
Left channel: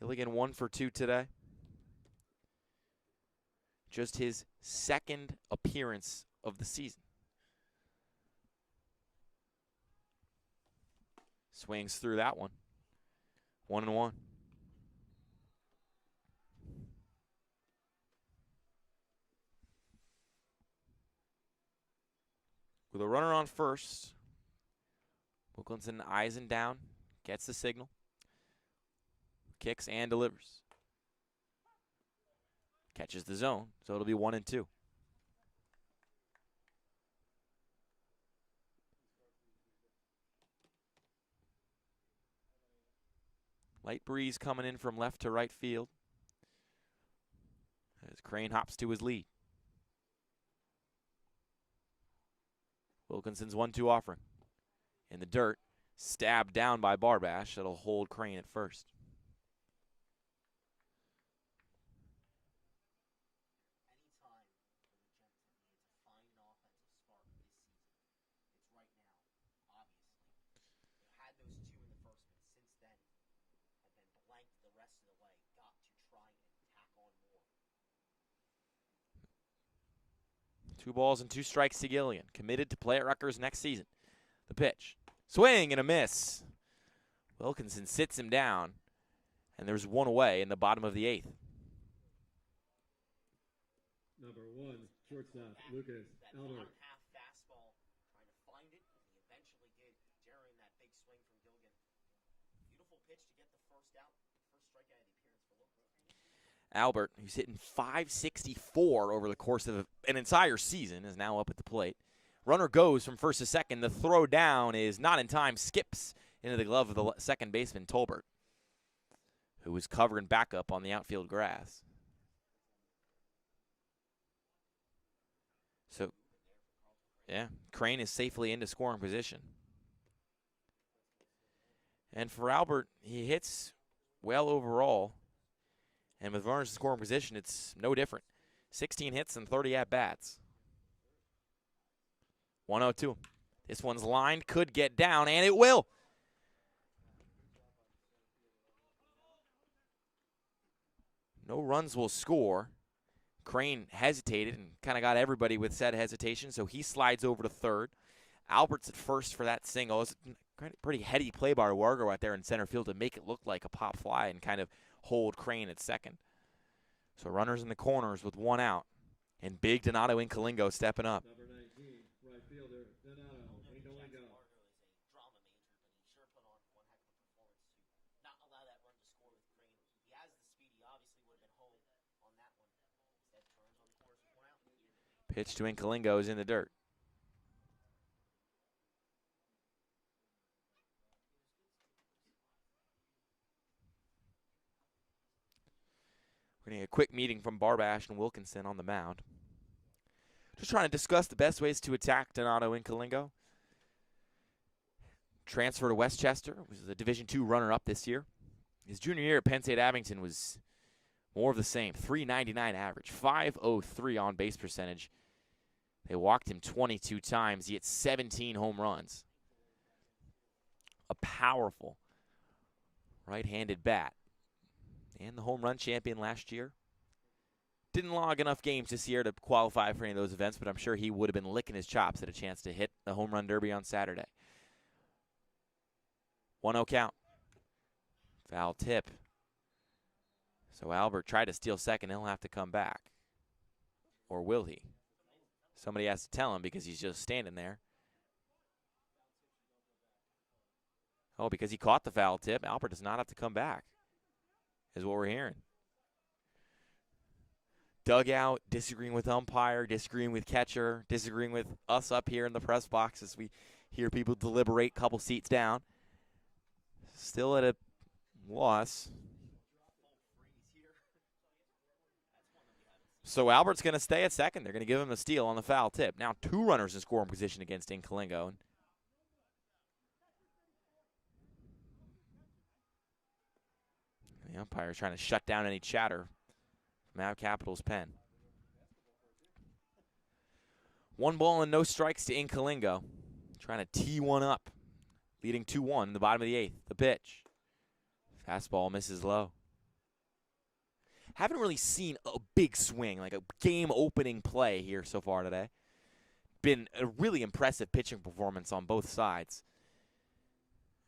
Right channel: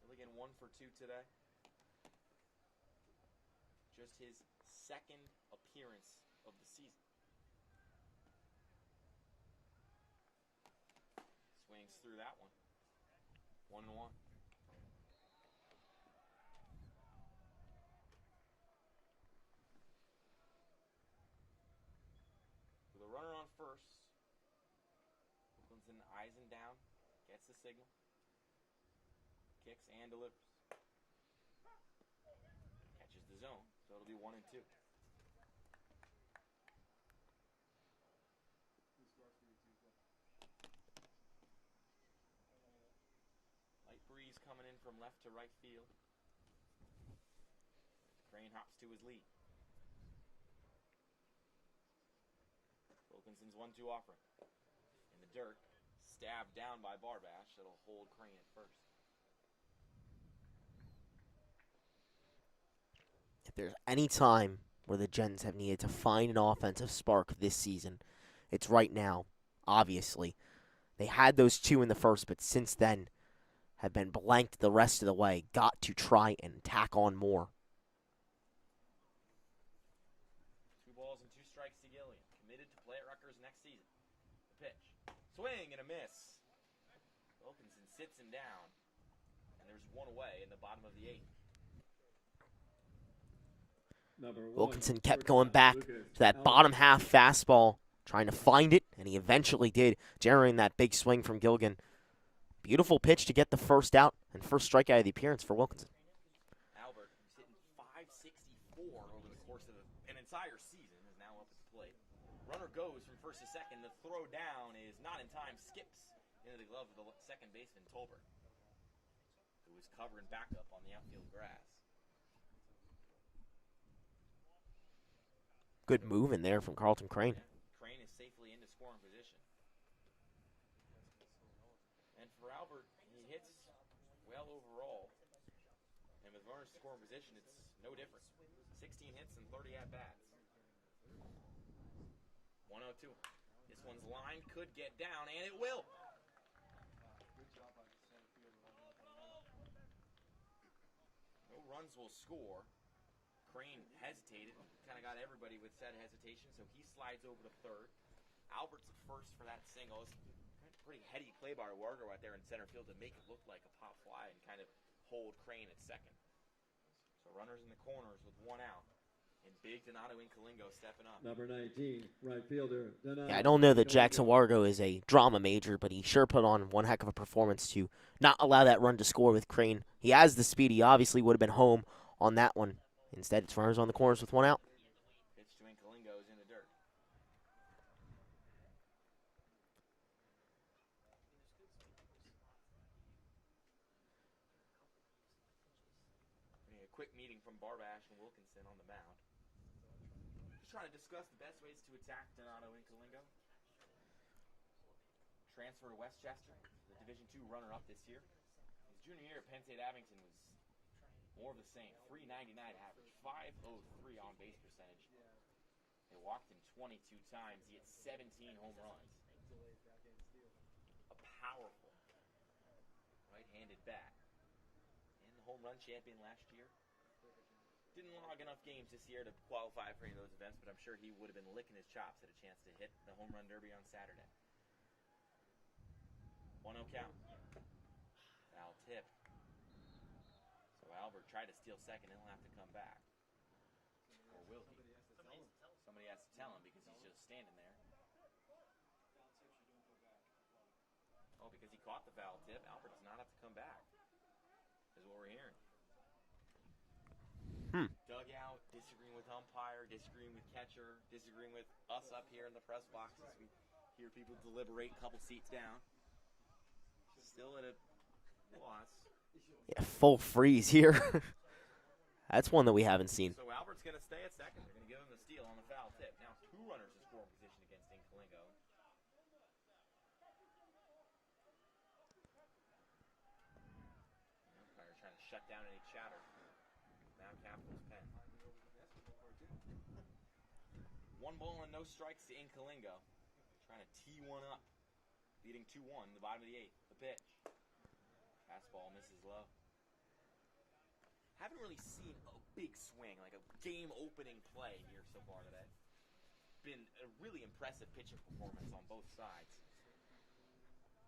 Gilligan 1 for 2 today. Just his 2nd appearance of the season. Swings through that one. 1-1. With a runner on first, Wilkinson eyes him down, gets the signal, kicks and delivers. Catches the zone, so it'll be 1-2. Light breeze coming in from left to right field as Crane hops to his lead. Wilkinson's 1-2 offering. In the dirt, stabbed down by Barbash. That'll hold Crane at first. If there's any time where the Gens have needed to find an offensive spark this season, it's right now, obviously. They had those 2 in the first, but since then have been blanked the rest of the way. Got to try and tack on more. 2 balls and 2 strikes to Gilligan. Committed to play at Rutgers next season. The pitch. Swing and a miss. Wilkinson sits him down, and there's 1 away in the bottom of the 8th. Wilkinson kept going back to that bottom half fastball, trying to find it, and he eventually did, generating that big swing from Gilligan. Beautiful pitch to get the first out and first strikeout of the appearance for Wilkinson. Albert, who's hitting .564 over the course of an entire season, is now up at the plate. Runner goes from first to second. The throw down is not in time, skips into the glove of the second baseman, Tolbert, who was covering backup on the outfield grass. Good move in there from Carlton Crane. Yeah, Crane is safely into scoring position. And for Albert, he hits well overall. And with runners in scoring position, it's no different. 16 hits and 30 at-bats. 1-0. This one's lined, could get down, and it will. No runs will score. Crane hesitated and kind of got everybody with said hesitation, so he slides over to third. Albert's at first for that single. It's a pretty heady play by Wargo out there in center field to make it look like a pop fly and kind of hold Crane at second. So runners in the corners with 1 out. And big Donato Incalingo stepping up. Number 19, right fielder. Donato Yeah, I don't know that Incalingo. Jackson Wargo is a drama major, but he sure put on one heck of a performance to not allow that run to score with Crane. He has the speed. He obviously would have been home on that one. Instead, it's runners on the corners with one out. Pitch to Incalingo is in the dirt. We're going to get a quick meeting from Barbash and Wilkinson on the mound. Just trying to discuss the best ways to attack Donato Incalingo. Transfer to Westchester, was the Division II runner-up this year. His junior year at Penn State Abington was more of the same. .399 average, .503 on-base percentage. They walked him 22 times. He hit 17 home runs. A powerful right-handed bat. And the home run champion last year. Didn't log enough games this year to qualify for any of those events, but I'm sure he would have been licking his chops at a chance to hit the home run derby on Saturday. 1-0 count. Foul tip. So Albert tried to steal second. He'll have to come back. Or will he? Somebody has to tell him because he's just standing there. Oh, because he caught the foul tip, Albert does not have to come back, is what we're hearing. Dugout, disagreeing with umpire, disagreeing with catcher, disagreeing with us up here in the press box as we hear people deliberate, couple seats down. Still at a loss. Yeah, full freeze here. That's one that we haven't seen. So Albert's going to stay at second. They're going to give him a steal on the foul tip. Now 2 runners in scoring position against Incalingo. The umpire is trying to shut down any chatter. Mav Capitals pen. 1 ball and no strikes to Incalingo. Trying to tee one up. Leading 2-1 in the bottom of the 8th. The pitch. Fastball misses low. Haven't really seen a big swing, like a game-opening play here so far today. Been a really impressive pitching performance on both sides.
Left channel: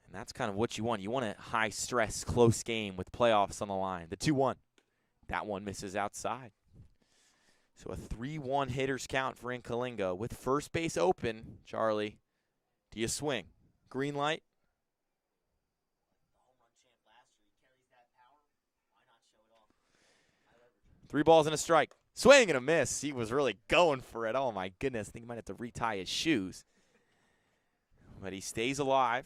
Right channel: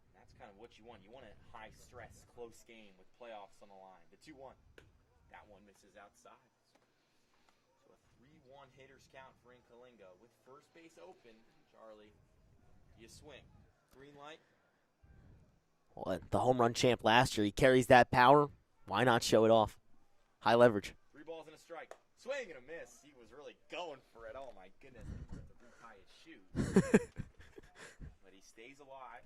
And that's kind of what you want. You want a high-stress, close game with playoffs on the line. The 2-1. That one misses outside. So a 3-1 hitters count for Incalingo. With first base open, Charlie, do you swing? Green light? Well, the home run champ last year, he carries that power. Why not show it off? High leverage. 3 balls and a strike. Swing and a miss. He was really going for it. Oh, my goodness. I think he might have to retie his shoes. But he stays alive.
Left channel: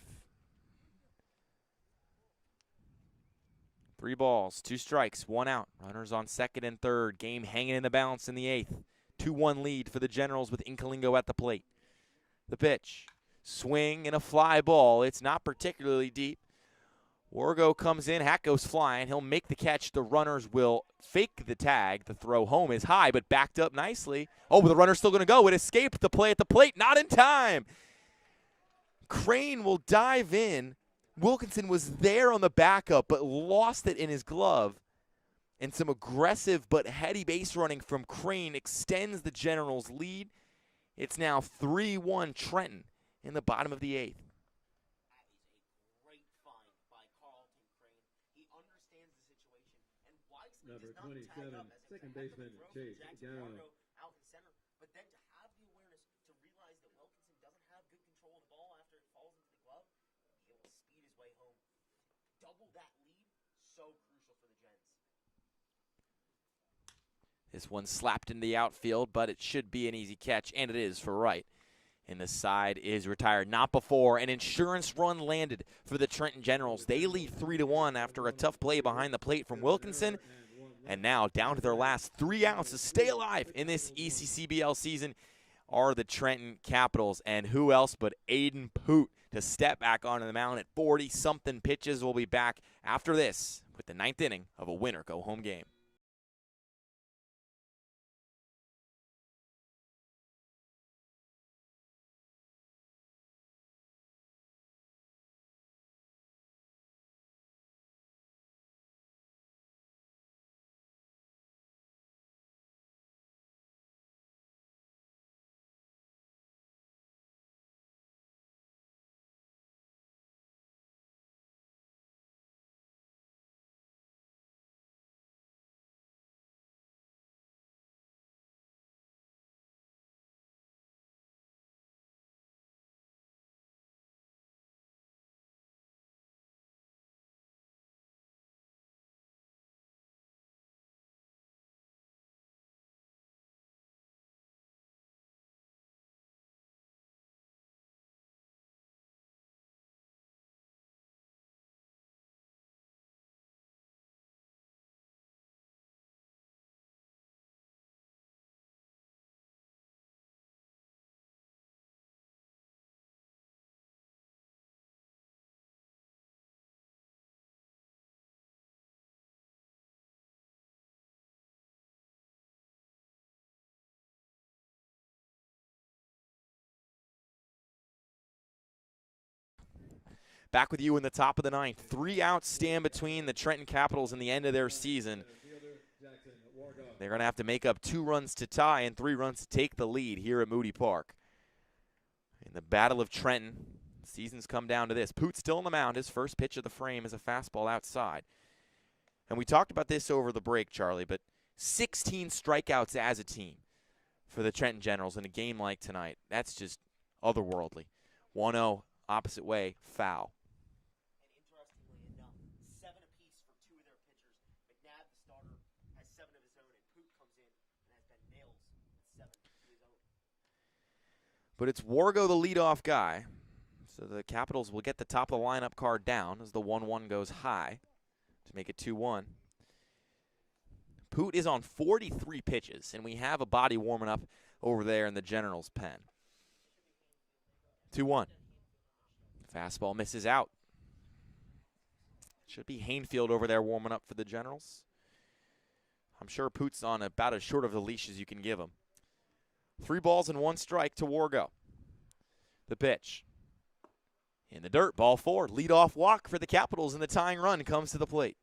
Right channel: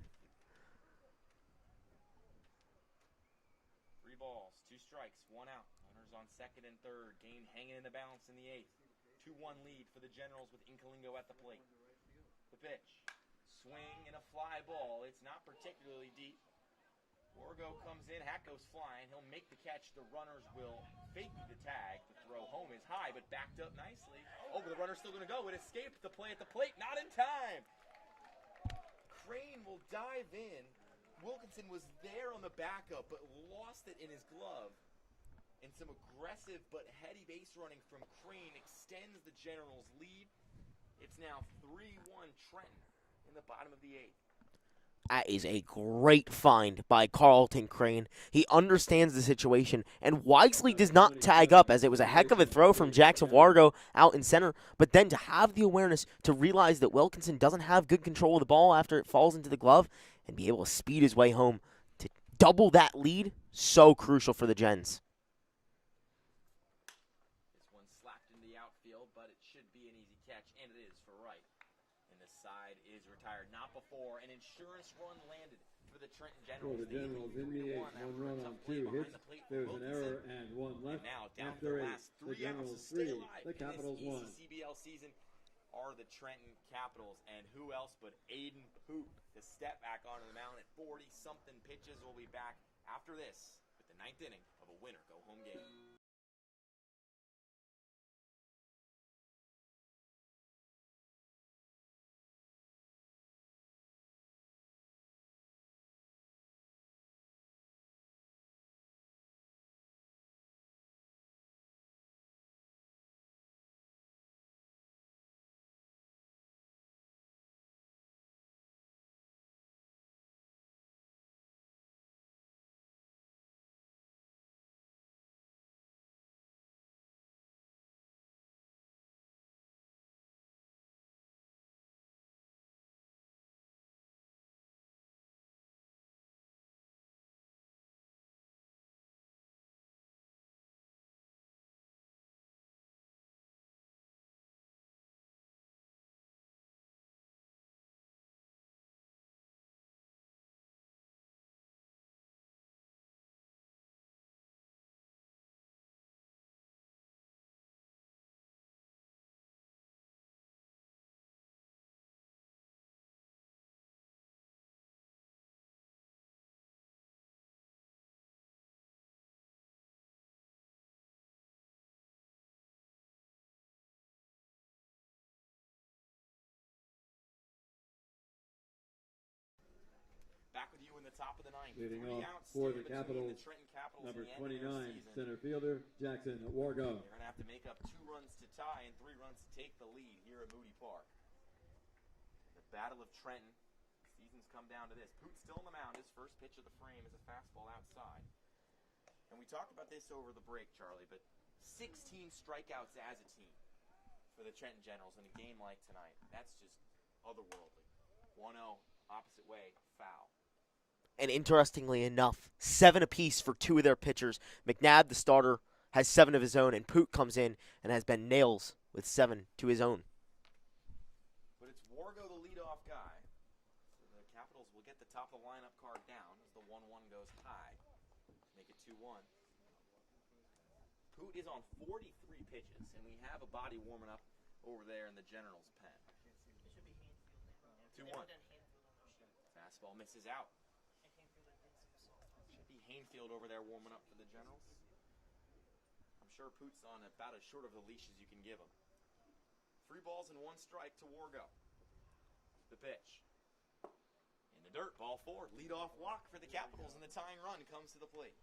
3 balls, 2 strikes, 1 out. Runners on second and third. Game hanging in the balance in the 8th. 2-1 lead for the Generals with Incalingo at the plate. The pitch. Swing and a fly ball. It's not particularly deep. Wargo comes in. Hat goes flying. He'll make the catch. The runners will fake the tag. The throw home is high, but backed up nicely. Oh, but the runner's still going to go. It escaped the play at the plate. Not in time. Crane will dive in. Wilkinson was there on the backup, but lost it in his glove. And some aggressive but heady base running from Crane extends the Generals' lead. It's now 3-1 Trenton in the bottom of the 8th. That is a great find by Carlton Crane. He understands the situation and wisely does not tag up, as it was a heck of a throw from Jackson Wargo out in center. But then to have the awareness to realize that Wilkinson doesn't have good control of the ball after it falls into the glove and be able to speed his way home to double that lead, so crucial for the Gens. This one slapped into the outfield, but it should be an easy catch, and it is for right. And the side is retired. Not before an insurance run landed for the Trenton Generals. They lead 3-1 after a tough play behind the plate from Wilkinson. And now down to their last 3 outs to stay alive in this ECCBL season are the Trenton Capitals. And who else but Aiden Poot to step back onto the mound at 40-something pitches. We'll be back after this with the 9th inning of a winner-go-home game. Back with you in the top of the ninth. 3 outs stand between the Trenton Capitals and the end of their season. They're going to have to make up 2 runs to tie and 3 runs to take the lead here at Moody Park. In the Battle of Trenton, the season's come down to this. Poot still on the mound. His first pitch of the frame is a fastball outside. And we talked about this over the break, Charlie, but 16 strikeouts as a team for the Trenton Generals in a game like tonight. That's just otherworldly. 1-0, opposite way, foul. And interestingly enough, 7 apiece for 2 of their pitchers. McNabb, the starter, has 7 of his own, and Poot comes in and has been nails with 7 to his own. But it's Wargo, the leadoff guy. So the Capitals will get the top of the lineup card down as the 1-1 goes high to make it 2-1. Poot is on 43 pitches, and we have a body warming up over there in the Generals' pen. 2-1. Fastball misses out. Should be Hainfield over there warming up for the Generals. I'm sure Poot's on about as short of a leash as you can give him. 3 balls and 1 strike to Wargo. The pitch. In the dirt, ball 4. Leadoff walk for the Capitals, and the tying run comes to the plate.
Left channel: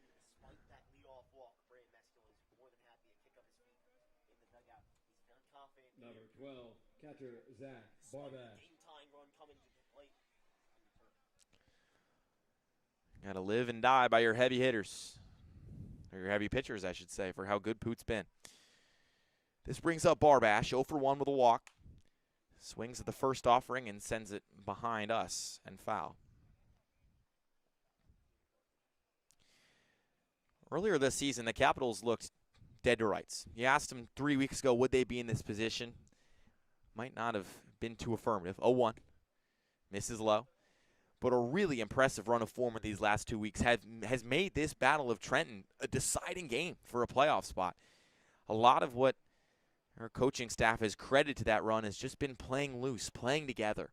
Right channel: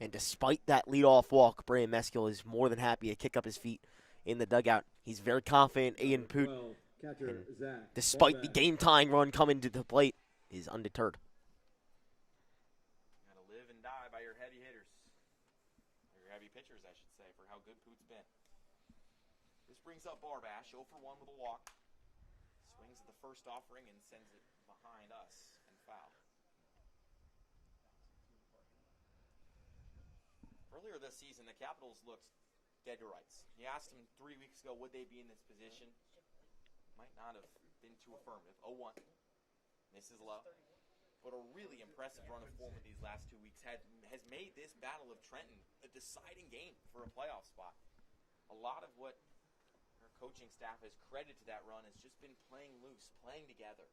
And despite that leadoff walk, Brandon Meskill is more than happy to kick up his feet in the dugout. He's very confident in Poot. Despite the game-tying run coming to the plate, is undeterred. Got to live and die by your heavy hitters. Or your heavy pitchers, I should say, for how good Poot's been. This brings up Barbash, 0 for 1 with a walk. Swings at the first offering and sends it behind us and foul. Earlier this season, the Capitals looked dead to rights. You asked them 3 weeks ago, would they be in this position? Might not have been too affirmative. 0-1. Misses low. But a really impressive run of form in these last 2 weeks has made this Battle of Trenton a deciding game for a playoff spot. A lot of what our coaching staff has credited to that run has just been playing loose, playing together.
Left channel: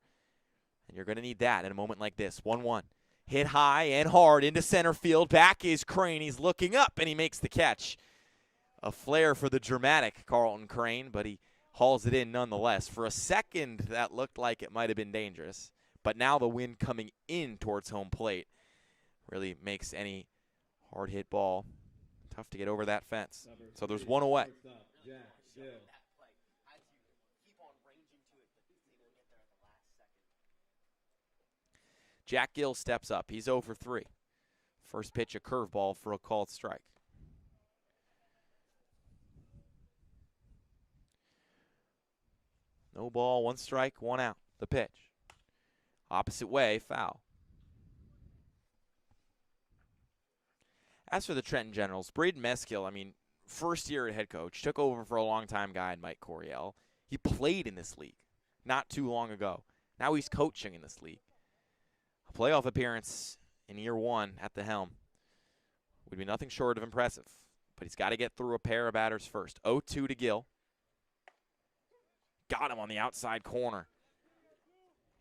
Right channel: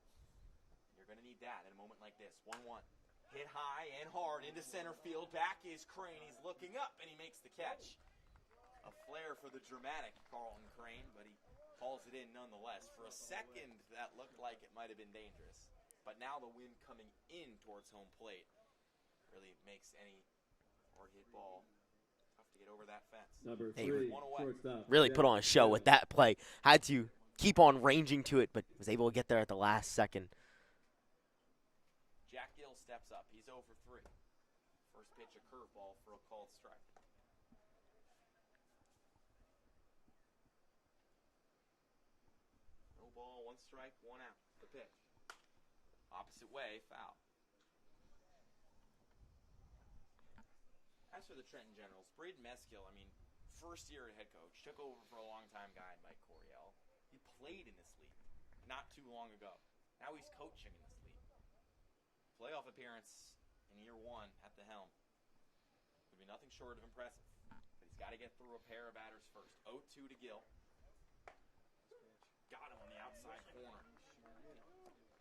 And you're going to need that in a moment like this. 1-1. Hit high and hard into center field. Back is Crane. He's looking up, and he makes the catch. A flare for the dramatic Carlton Crane, but he hauls it in nonetheless. For a second, that looked like it might have been dangerous. But now the wind coming in towards home plate really makes any hard hit ball tough to get over that fence. So there's 1 away. Really put on a show with that play. Had to keep on ranging to it, but was able to get there at the last second. Jack Gill steps up. He's 0 for 3. First pitch, a curveball for a called strike. No ball, 1 strike, 1 out. The pitch. Opposite way, foul. As for the Trenton Generals, Braden Meskill, first year at head coach, took over for a long-time guy in Mike Coryell. He played in this league not too long ago. Now he's coaching in this league. A playoff appearance in year 1 at the helm would be nothing short of impressive. But he's got to get through a pair of batters first. 0-2 to Gill. Got him on the outside corner.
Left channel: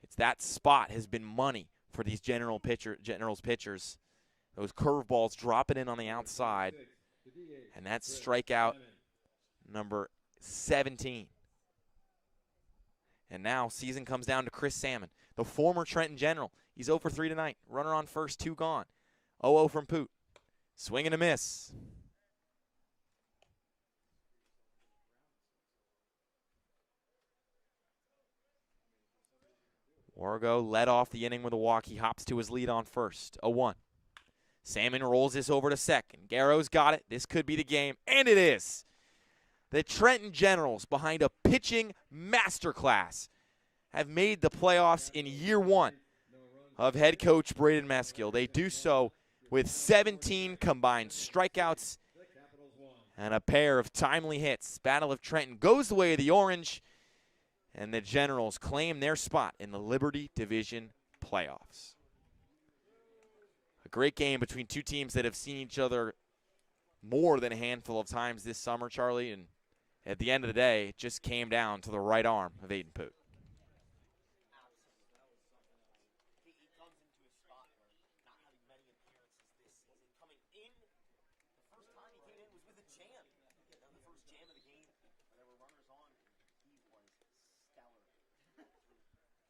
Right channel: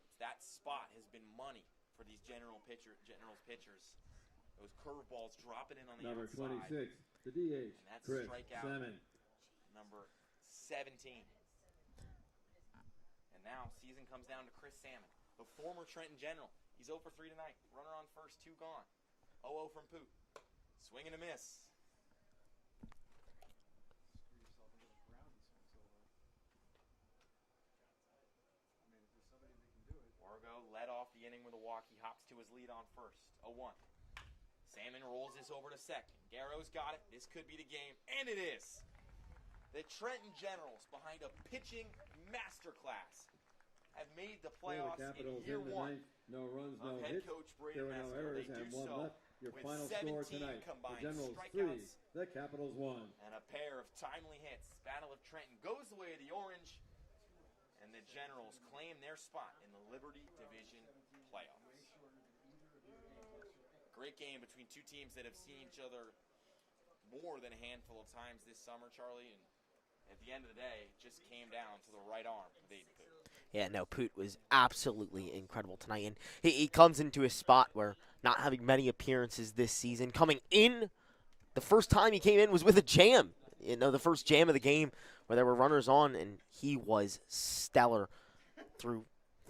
It's that spot has been money for these Generals pitchers. Those curveballs dropping in on the outside. And that's strikeout number 17. And now season comes down to Chris Salmon, the former Trenton General. He's 0 for 3 tonight. Runner on first, 2 gone. 0-0 from Poot. Swing and a miss. Wargo led off the inning with a walk. He hops to his lead on first. 0-1. Salmon rolls this over to second. Garrow's got it. This could be the game, and it is. The Trenton Generals, behind a pitching masterclass, have made the playoffs in year 1 of head coach Braden Meskill. They do so with 17 combined strikeouts and a pair of timely hits. Battle of Trenton goes the way of the Orange, and the Generals claim their spot in the Liberty Division playoffs. A great game between two teams that have seen each other more than a handful of times this summer, Charlie, and at the end of the day, it just came down to the right arm of Aiden Poot. Yeah, no, Poot was absolutely incredible tonight, and he comes into a spot where not having many appearances this season, coming in, the first time he came in was with a jam. The first jam of the game where there were runners on, and he was stellar through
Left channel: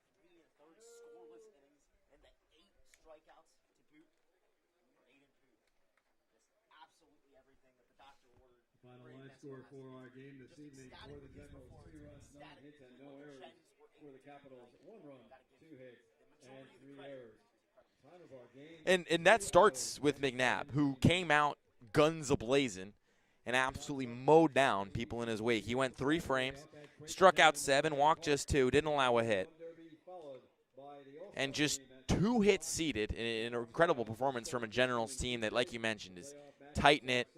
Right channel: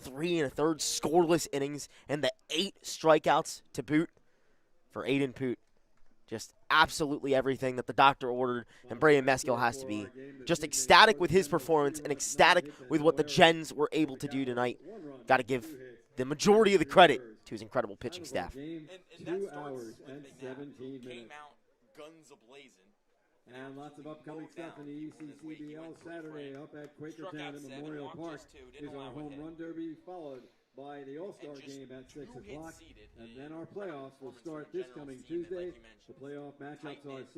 3 1/3 scoreless innings, and the 8 strikeouts to boot for Aiden Poot. Just absolutely everything that the doctor ordered, and Braden Meskill has to be just ecstatic with his performance and ecstatic with what the Gens were able to do tonight. Got to give the majority of the credit to his incredible pitching staff. And that starts with McNabb, who came out guns a-blazing and absolutely mowed down people in his wake. He went 3 frames, struck out 7, walked just 2, didn't allow a hit, and just 2 hits seeded in an incredible performance from a Generals team that, like you mentioned, is tight-knit,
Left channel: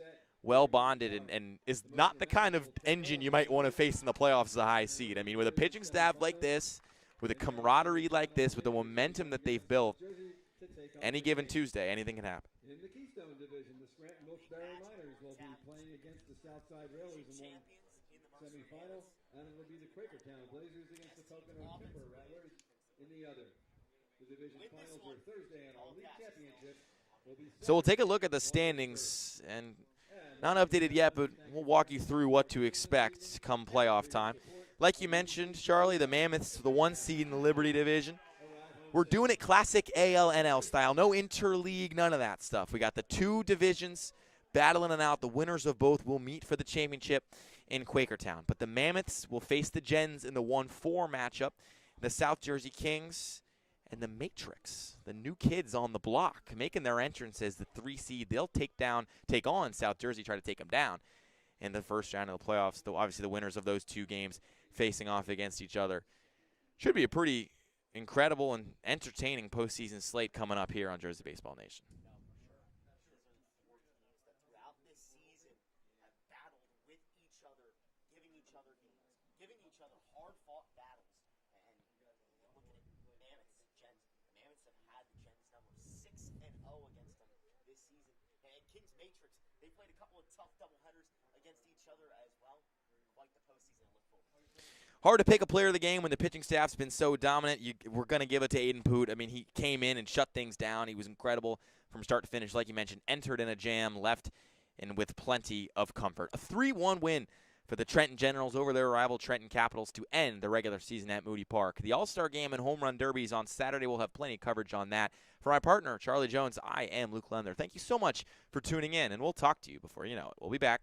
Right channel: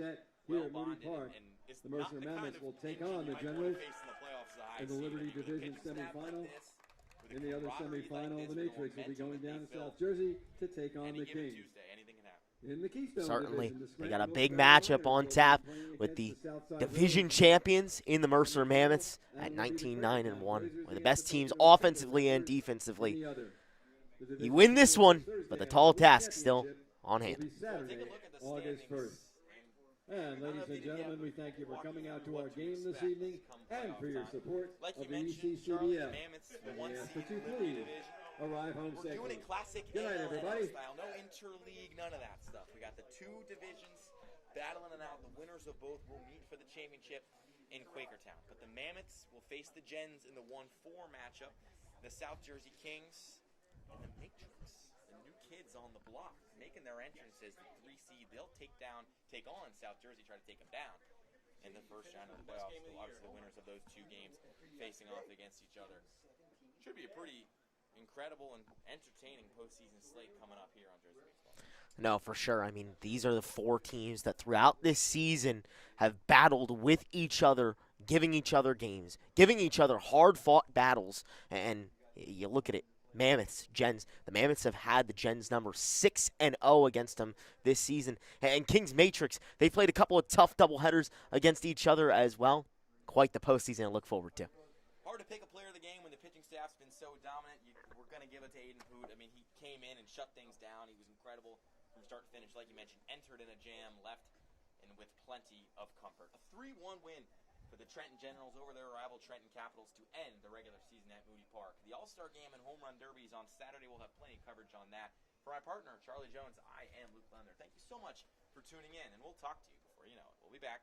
well-bonded, and is not the kind of engine you might want to face in the playoffs as a high seed. I mean, with a pitching staff like this, with a camaraderie like this, with the momentum that they've built, any given Tuesday, anything can happen. Certainly. They got a big matchup on tap with the division champions in the Mercer Mammoths at 19-9-1. One of the best teams offensively and defensively. You win this one, but the tall task still on hand. So we'll take a look at the standings, and not updated yet, but we'll walk you through what to expect come playoff time. Like you mentioned, Charlie, the Mammoths, the 1 seed in the Liberty Division. We're doing it classic ALNL style. No interleague, none of that stuff. We got the 2 divisions battling it out. The winners of both will meet for the championship in Quakertown. But the Mammoths will face the Gens in the 1-4 matchup. The South Jersey Kings and the Matrix, the new kids on the block, making their entrance as the 3 seed. They'll take on South Jersey, try to take them down in the first round of the playoffs. Though obviously the winners of those 2 games facing off against each other. Should be a pretty incredible and entertaining postseason slate coming up here on Jersey Baseball Nation. No, for sure. I mean, these are the 4 teams that throughout this season have battled with each other, giving each other games, giving each other hard-fought battles. And you look at it, Mammoths, Gens. The Mammoths have had the Gens number 6-0 against them this season. And Kings Matrix, they played a couple of tough doubleheaders against each other as well. Quite the postseason to look forward to. Hard to pick a player of the game when the pitching staff's been so dominant. We're going to give it to Aiden Poot. I mean, he came in and shut things down. He was incredible from start to finish. Like you mentioned, entered in a jam, left and with plenty of comfort. A 3-1 win for the Trenton Generals over their rival Trenton Capitals to end the regular season at Moody Park. The All-Star Game and Home Run Derbies on Saturday. We'll have plenty of coverage on that. For my partner, Charlie Jones, I am Luke Lendler. Thank you so much for tuning in, and we'll talk to you before you know it. We'll be back